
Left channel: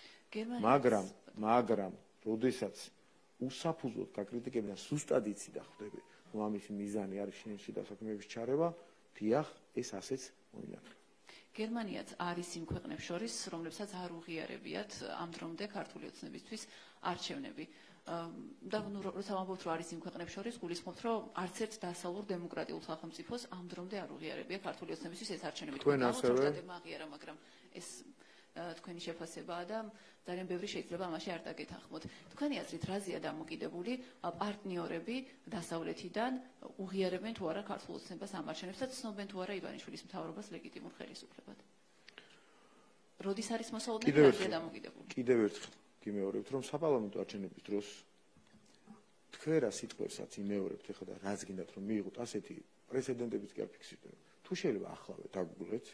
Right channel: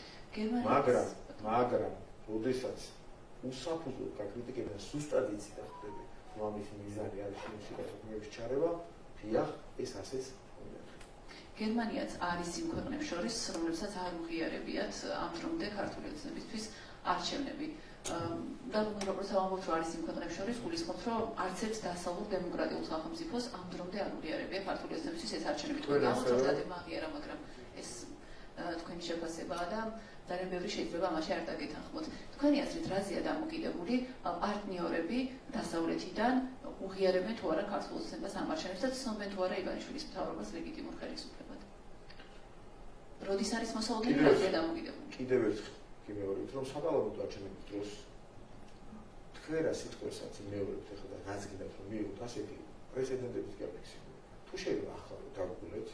მაგრამ, როდესაც უსაფუძვლოდ გაკრიტიკებენ, სუსტად იცი და ხვდები, რომ ამის მიზანი არის შინში გასაქმეების ჩარევა, დიახ, ეს ასეც უნდათ. გერმანიაც არის იმ ქვეყნებს შორის, რომლებსაც არ უღიარებიათ ამ დრომდე ქართული ოცნებისთვის არჩევნები. და როგორც ამბობთ, რომ არის იმ ქვეყნებს შორის, გულისხმობთ, რომ არც ერთ დასავლურ დემოკრატიულ სახელმწიფოს ამ დრომდე არ უღიარებია ქართული ოცნებისთვის ეს არჩევნები. მაგერა, მაგრამ ეს თქვენი შეფასებაა და ძალიან ბევრი შეიძლება ამაში არ დაგეთანხმოთ. თქვენი აზრით, რაზეა დამოკიდებული პარტნიორები დასავლეთიდან უღიარებენ თუ არა ქართულ ოცნებას ამ არჩევნებს და ცნობენ თუ არა ივანიშვილის მთავრობას ლეგიტიმურ ხელისუფლებად. როდის არის მოსავალთი რაზეა დამოკიდებული? კიდევ ერთხელ გიმეორებთ, რომ საპარლამენტო არჩევნების დროს თქვენ რა სიტყვასაც იმეორებთ ახლა და რაც გინდათ რომ მიიღოთ ასეთი პრეცედენტების გაფიქსირება. თუ შეიძლება ახლა დავგულეთ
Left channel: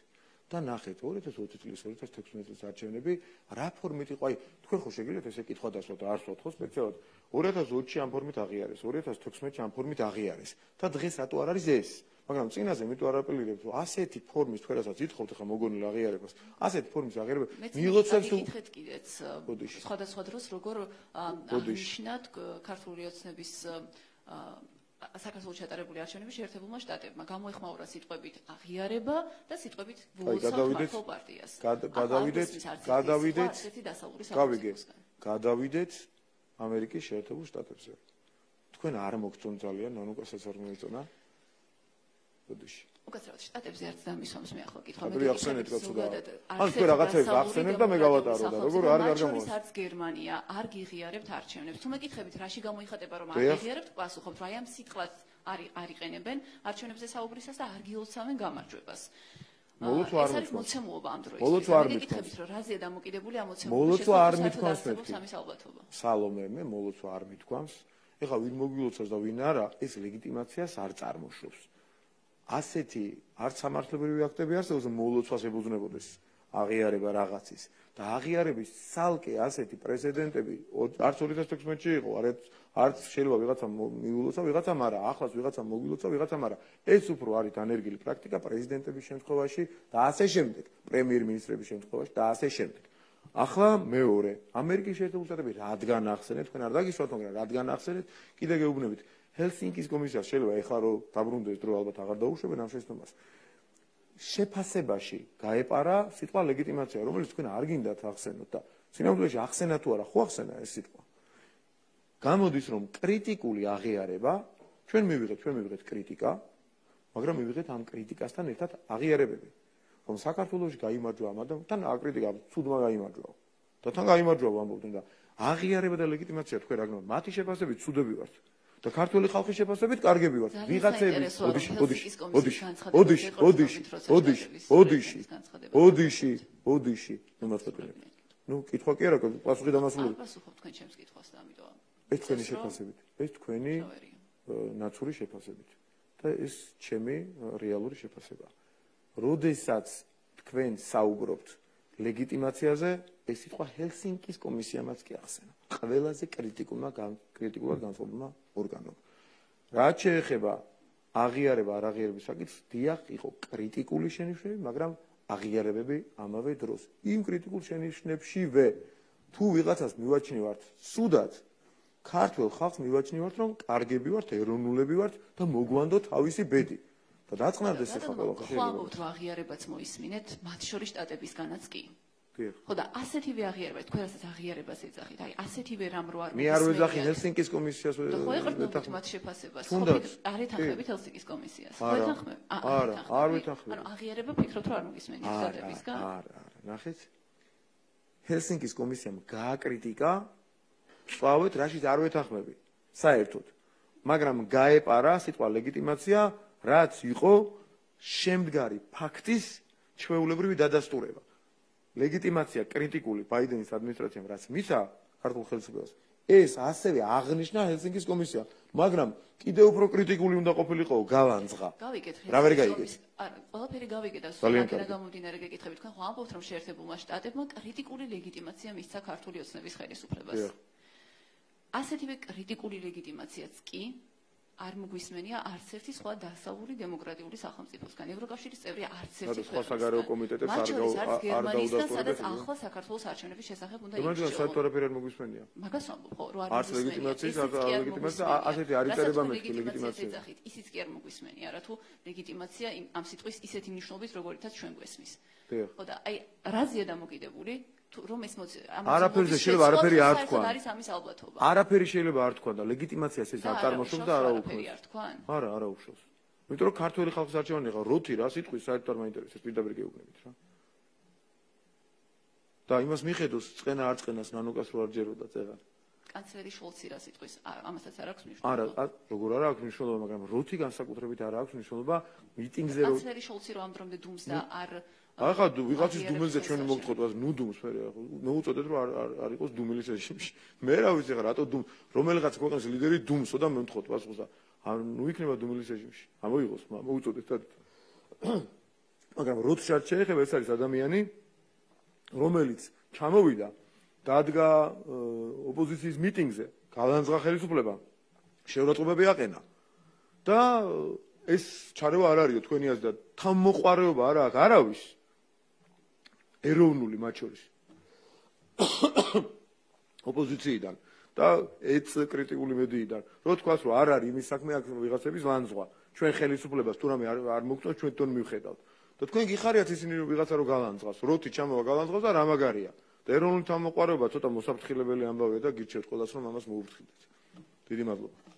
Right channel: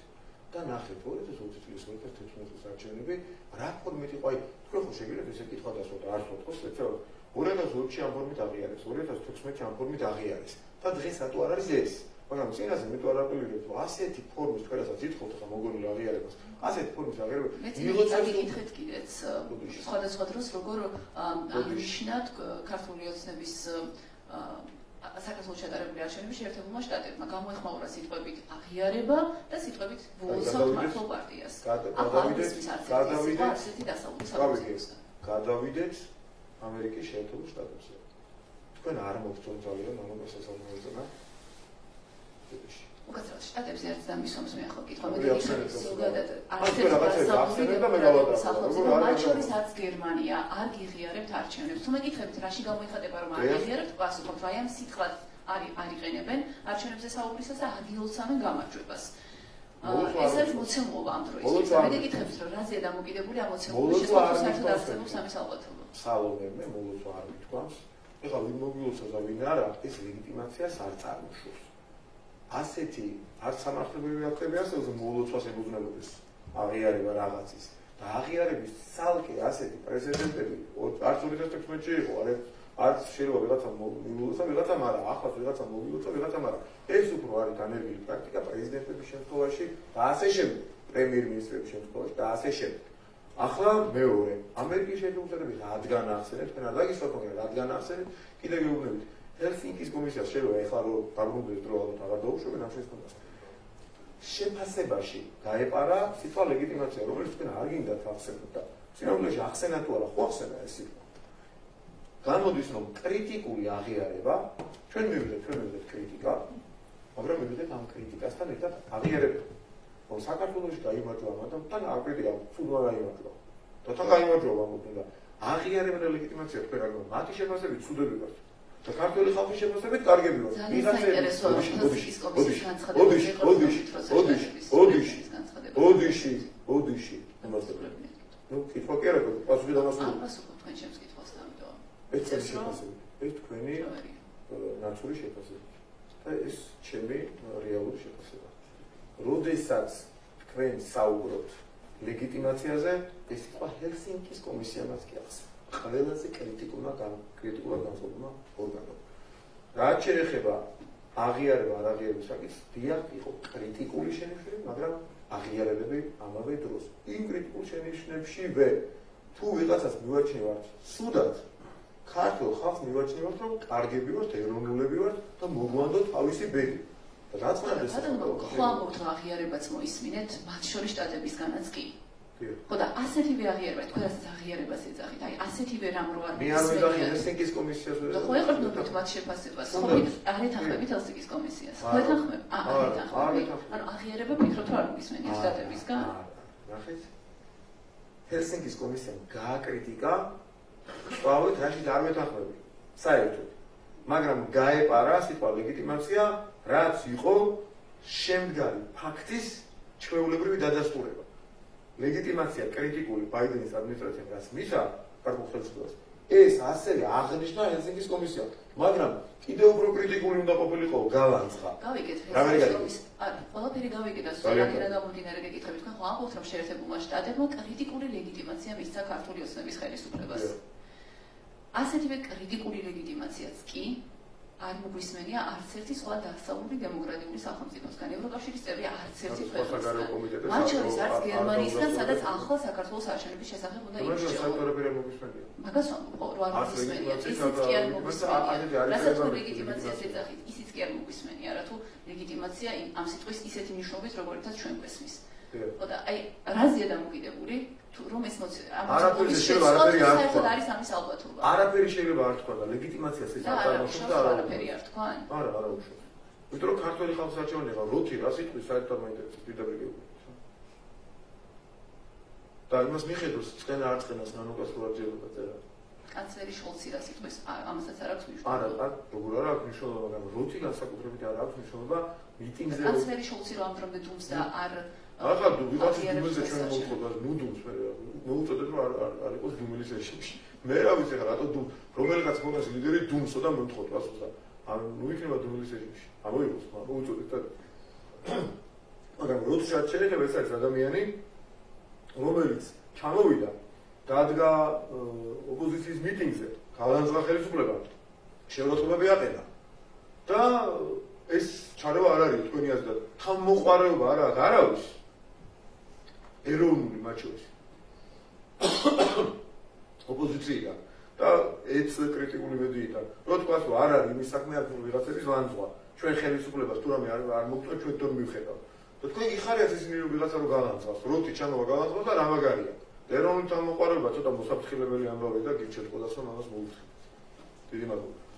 და ნახეთ 2020 წლის 2016 წლის არჩევნები რა ფორმით იყო, აი თქვენ ხო შეგიძლიათ ესე კითხვა დასვათ და არ ვთხოვთ, ეცადოთ 2020-ში ამ ფორმით აღიარეს, 2016-ში ამ ფორმით აღიარეს და დღეს რატო არ არის ეს? მაგრამ წინაზე მე თუ არ აპელირებ, რომ ასეთი ფორმის თქვენასაც ითხოვთ ახლა მოგონილ აღიარებას, ასეთი ფორმის აღიარება მიიღოთ მეკითხეთ კიდეც სხვადასხვა დროს როგორ აღნიშნათ ქართული ოცნების საქართველოს შეტარებული არჩევნების შეერთებულმა შტატებმა გამოეხმაურა სიტყვებით აღიარება და სიტყვებით ვულსა მართლ პარტიას. გადავიდეთ ამერიკის შეერთებულ შტატებზე. თქვენ არ მოგწონთ ძალიან მამაკაცებს არ მოეწონა? უკაცრავად შტატებზე ერთ დამისვამს მე ახლა კითხვა. ასე რაღაცებს ახსენებ და მე გავატარო. როგორ არის არჩევნებსაც გერმანია არ გიღიარებთ არჩევნებს. თუ მეკითხებით რაში გამოიხატება რომ არ გიღიარებთ, პასუხობთ რომ აი ამ სიტყვას არიყენებენ არჩევნებზე საუბრისას და ადგილოსავენ გამარჯვებას. ეს არის მოცემულობა ამ დროისთვის. მეკითხებით რომ რაზეა დამოკიდებული ამ მოცემულობის შესაძლებლობის სამის ალბათობა. სალომე მე მოლოცვა არ მithქვამს. ეხლა ვინ მოგილოცავს და ვინ არა, ეს ლეგიტიმაციას არ წარმოშობს. ასეთი არც სამართლებრივი აქტები არსებობს მოლოცვას ებრძნებოდეს აღიარება რაღაცის და აღიარების ცალკე ასეთი პრეზიდენტები არც 2016-ში იყო არც შეიძლება ვიღაცა მიულოცა ვიღაცამ არა ახლაც ვიღაცა მოგილოცა ვიღაცამ არა ეს უფრო არის დანერგილი პრაქტიკა პრეზიდენტების შემთხვევაში და ასე შემდეგ პრემიერ-მინისტრების შემთხვევაში და ასე შემდეგ ახლა მეორე ამერიკის შეერთებული შტატები რადგან ახსენეთ თქვენ არ დაგისვათ მაგრამ რადგან ახსენეთ კიდე გეუბნებით ჰელსინკის კომისიას შეიძლება ეხლა რომ დაბრუნდეს დრო ალბათ აღარ დაუშვებენ ამ შეცდომას. შეფასებაში გაეპარა სიტყვა ლეგიტიმაცია, რომელიც თქვენ არ გინდათ ახსენოთ და სინამდვილეში ახსენა თუ არა, ხო ახსენა ეს სიტყვა. გამოდის რომ კრიტიკული აღიარება, ჩვენ მივიღეთ კრიტიკა, მაგრამ მივიღეთ ამ კრიტიკასთან ერთად აღიარება. რომ საქართველოში გაიმარჯვა ამ ადამიანთან აკრიტიკა, ცუდმა გაიმარჯვა. და თან გაიმარჯვა ამბობენ და აღიარება და ლეგიტიმაცია თქვენ რა გქონდა? მათი შეფასებით ცუდები ვართ. და ქართული ხალხის შეფასებით კარგები ვართ. ვიღაცები ოდიში ნუ კითხვა კი არა, პასუხი დამასწრებული. პასუხობ თქვენ ჩემს კითხვას და ამიტომ. ეს თქვენი შეფასებით, ეს თქვენი ნაცური შეფასებით. და ეს ჩემი რეალური შეფასებაა. როდესაც თქვენ საუბრობთ ლეგიტიმაციაზე, ეს სიტყვა ჰელსინკის კომისიამაც კი ახსენე. ყველაზე კრიტიკულად განსხვავებულმა ორგანომ. რაც შეეხება აღიარება არ აღიარების საკითხს, დიახ, იყო კრიტიკული შენიშვნები, მაგრამ აღიარებები ამავე დროს. იმ კრიტიკულ შენიშვნებშივე თუ ვიღაცას მივაჩნევართ სუდად, ქართულ ხალხს მივაჩნევართ, რომ კარგები ვართ, ეროვნულები ვართ და მოგვანდოთ თავისი ბედი. რაც მანდ ეს ხო ამბობთ რომ აღიარებაც მოისმინეთ, მათ შორის შტატებისგანაც კი. ხო და ასეთივე აღიარება, თქვენ რასაც აღიარებას ეძახით, აი ასეთივე რამ რო არ მე არ ვეძახი ჰელსინკის კომისიას და ხო ეყრდნობთ მათ შეფასებას, ხო არ ეთანხმებით ჰელსინკის კომისიას, ხო ეთანხმებით? არ ეთანხმებით. ანუ აღიარება ფიქრობთ რომ არ მოისმენთ შტატებისგან? ნახეთ. ჰელსინკის კომისიამ გააკრიტიკა, ვთქვათ, რაშიც არ ვეთანხმები, საერთოდ. მაგრამ გაეპარა სიტყვა ლეგიტიმაცია, რაც იყო შემდგარი ფაქტის ჩვეულებრივი დადასტურება. ლეგიტიმაცია კრიტიკული ბაიდენის ადმინისტრაციამ რაც მისცა ქართულ ხელისუფლებას ეს ასევე აღნიშნა ჰელსინკის კომისია, მაგრამ კიდევ უფრო კრიტიკული უნდა ყოფილიყო გალანძღა. რა ვერ გაიგეს? ყველაფერი გავიგეთ, სწორად გამომდინარე გეკითხებით, ხო, ამბობთ რომ შეერთებულმა შტატებმა კრიტიკული ლეგიტიმაცია მისცა ქართული ოცნების ხელისუფლებას. ასეთივე კრიტიკული ლეგიტიმაციაც კი არ მოგვისმენია არც ერთი სხვა დასავლური დემოკრატიული სახელმწიფოსგან. ევროკავშირის წევრი არც ერთი საგარეო კომიტეტის მათ შორის არც გერმანიისგან, სადაც ახლა საქართველოს არჩევნების შესახებ უნდა იმუშაოს. მაგას ვამბობ, რომ არ მოგვისმენია. ისიც კი არ მოგვისმენია, რა თუ ლეგიტიმაცია ამ სიტყვის ისეთი მნიშვნელობით, როგორიცაც ჩვენ გვესმის. ხო და აი რაზეა დამოკიდებული? რომ ეს არაფერი შეიძლება არაფერი არ თქვა. არის ამის ალბათობა. არაფერი შეიძლება არ თქვა და ლეგიტიმაციას ეს არ წარმოშობს და არაფერი არ თქვა. არა უშავს. იმიტომ რომ ქართული ხალხის არჩევანი იყო როთი რა სიტყვის საერთოდ მაინტერესებს პირდაპირ გეუბნებით რა. და იმას მიხედავს წენა არ წენას ნანოკას რო არ ჯეროდა წერა. კანცლერი შოლცი რა სიტყვის ამასაც არ აქვს მნიშვნელობა. არა, როგორ არ აქვს მნიშვნელობა, მაგრამ როთი განსაკუთრებით არ აქვს მნიშვნელობა მიტინგზე. კანცლერი შოლცი რო ამდრომდე დუმს და არ ახლა ვიღაცის დუმილზე ჩვენ მოვხდოთ, ნუ დუმს მე მოუწოდეთ რომ არ იყოს დუმილის რეჟიმში. მე რა ვიცი რა, რატო დუმ, რომელიღაც მოგონს ლიდერი დუმსო და მოვხდოთ ასოზე. ან ნუ იქნება დუმილის რეჟიმში. ამოიღოს, მოუწოდეთ და მაგრამ როცა შეიძლება ეს არის ადამიანი, რომელიც ჩამოვიდა, დადგა ოპოზიციის მიტინგზე, გალანძღა ხელისუფლება, შეურაცხყოფები აყენა და ეს ჩარევა არ არის თქვენი აზრით, თავმოყარეობა არა აქვს, არავის ეროვნული მათ შორის ოპოზიციიდან და ეს კრიტიკული მედიიდან რო თქვას რომ არ არის იმის საქმე აქ ვიღაცების ლანძღვა ჩვენ ხელისუფლებას თუ რამე არ მოგწონთ ჩვენ თვითონ მივხედავთ და თქვენ გიხარიათ ისინი რომ ვიღაცა რო გალანძღავს როთი ჩამოვა გალანძღავს და რა მაგარია და ეროვნული თავმოყარეობა ცოტა მოსაფრთხილებელი ამბავია და გიჩვენეთ ყველას რომ ამას მოუხდით დიდი მადლობა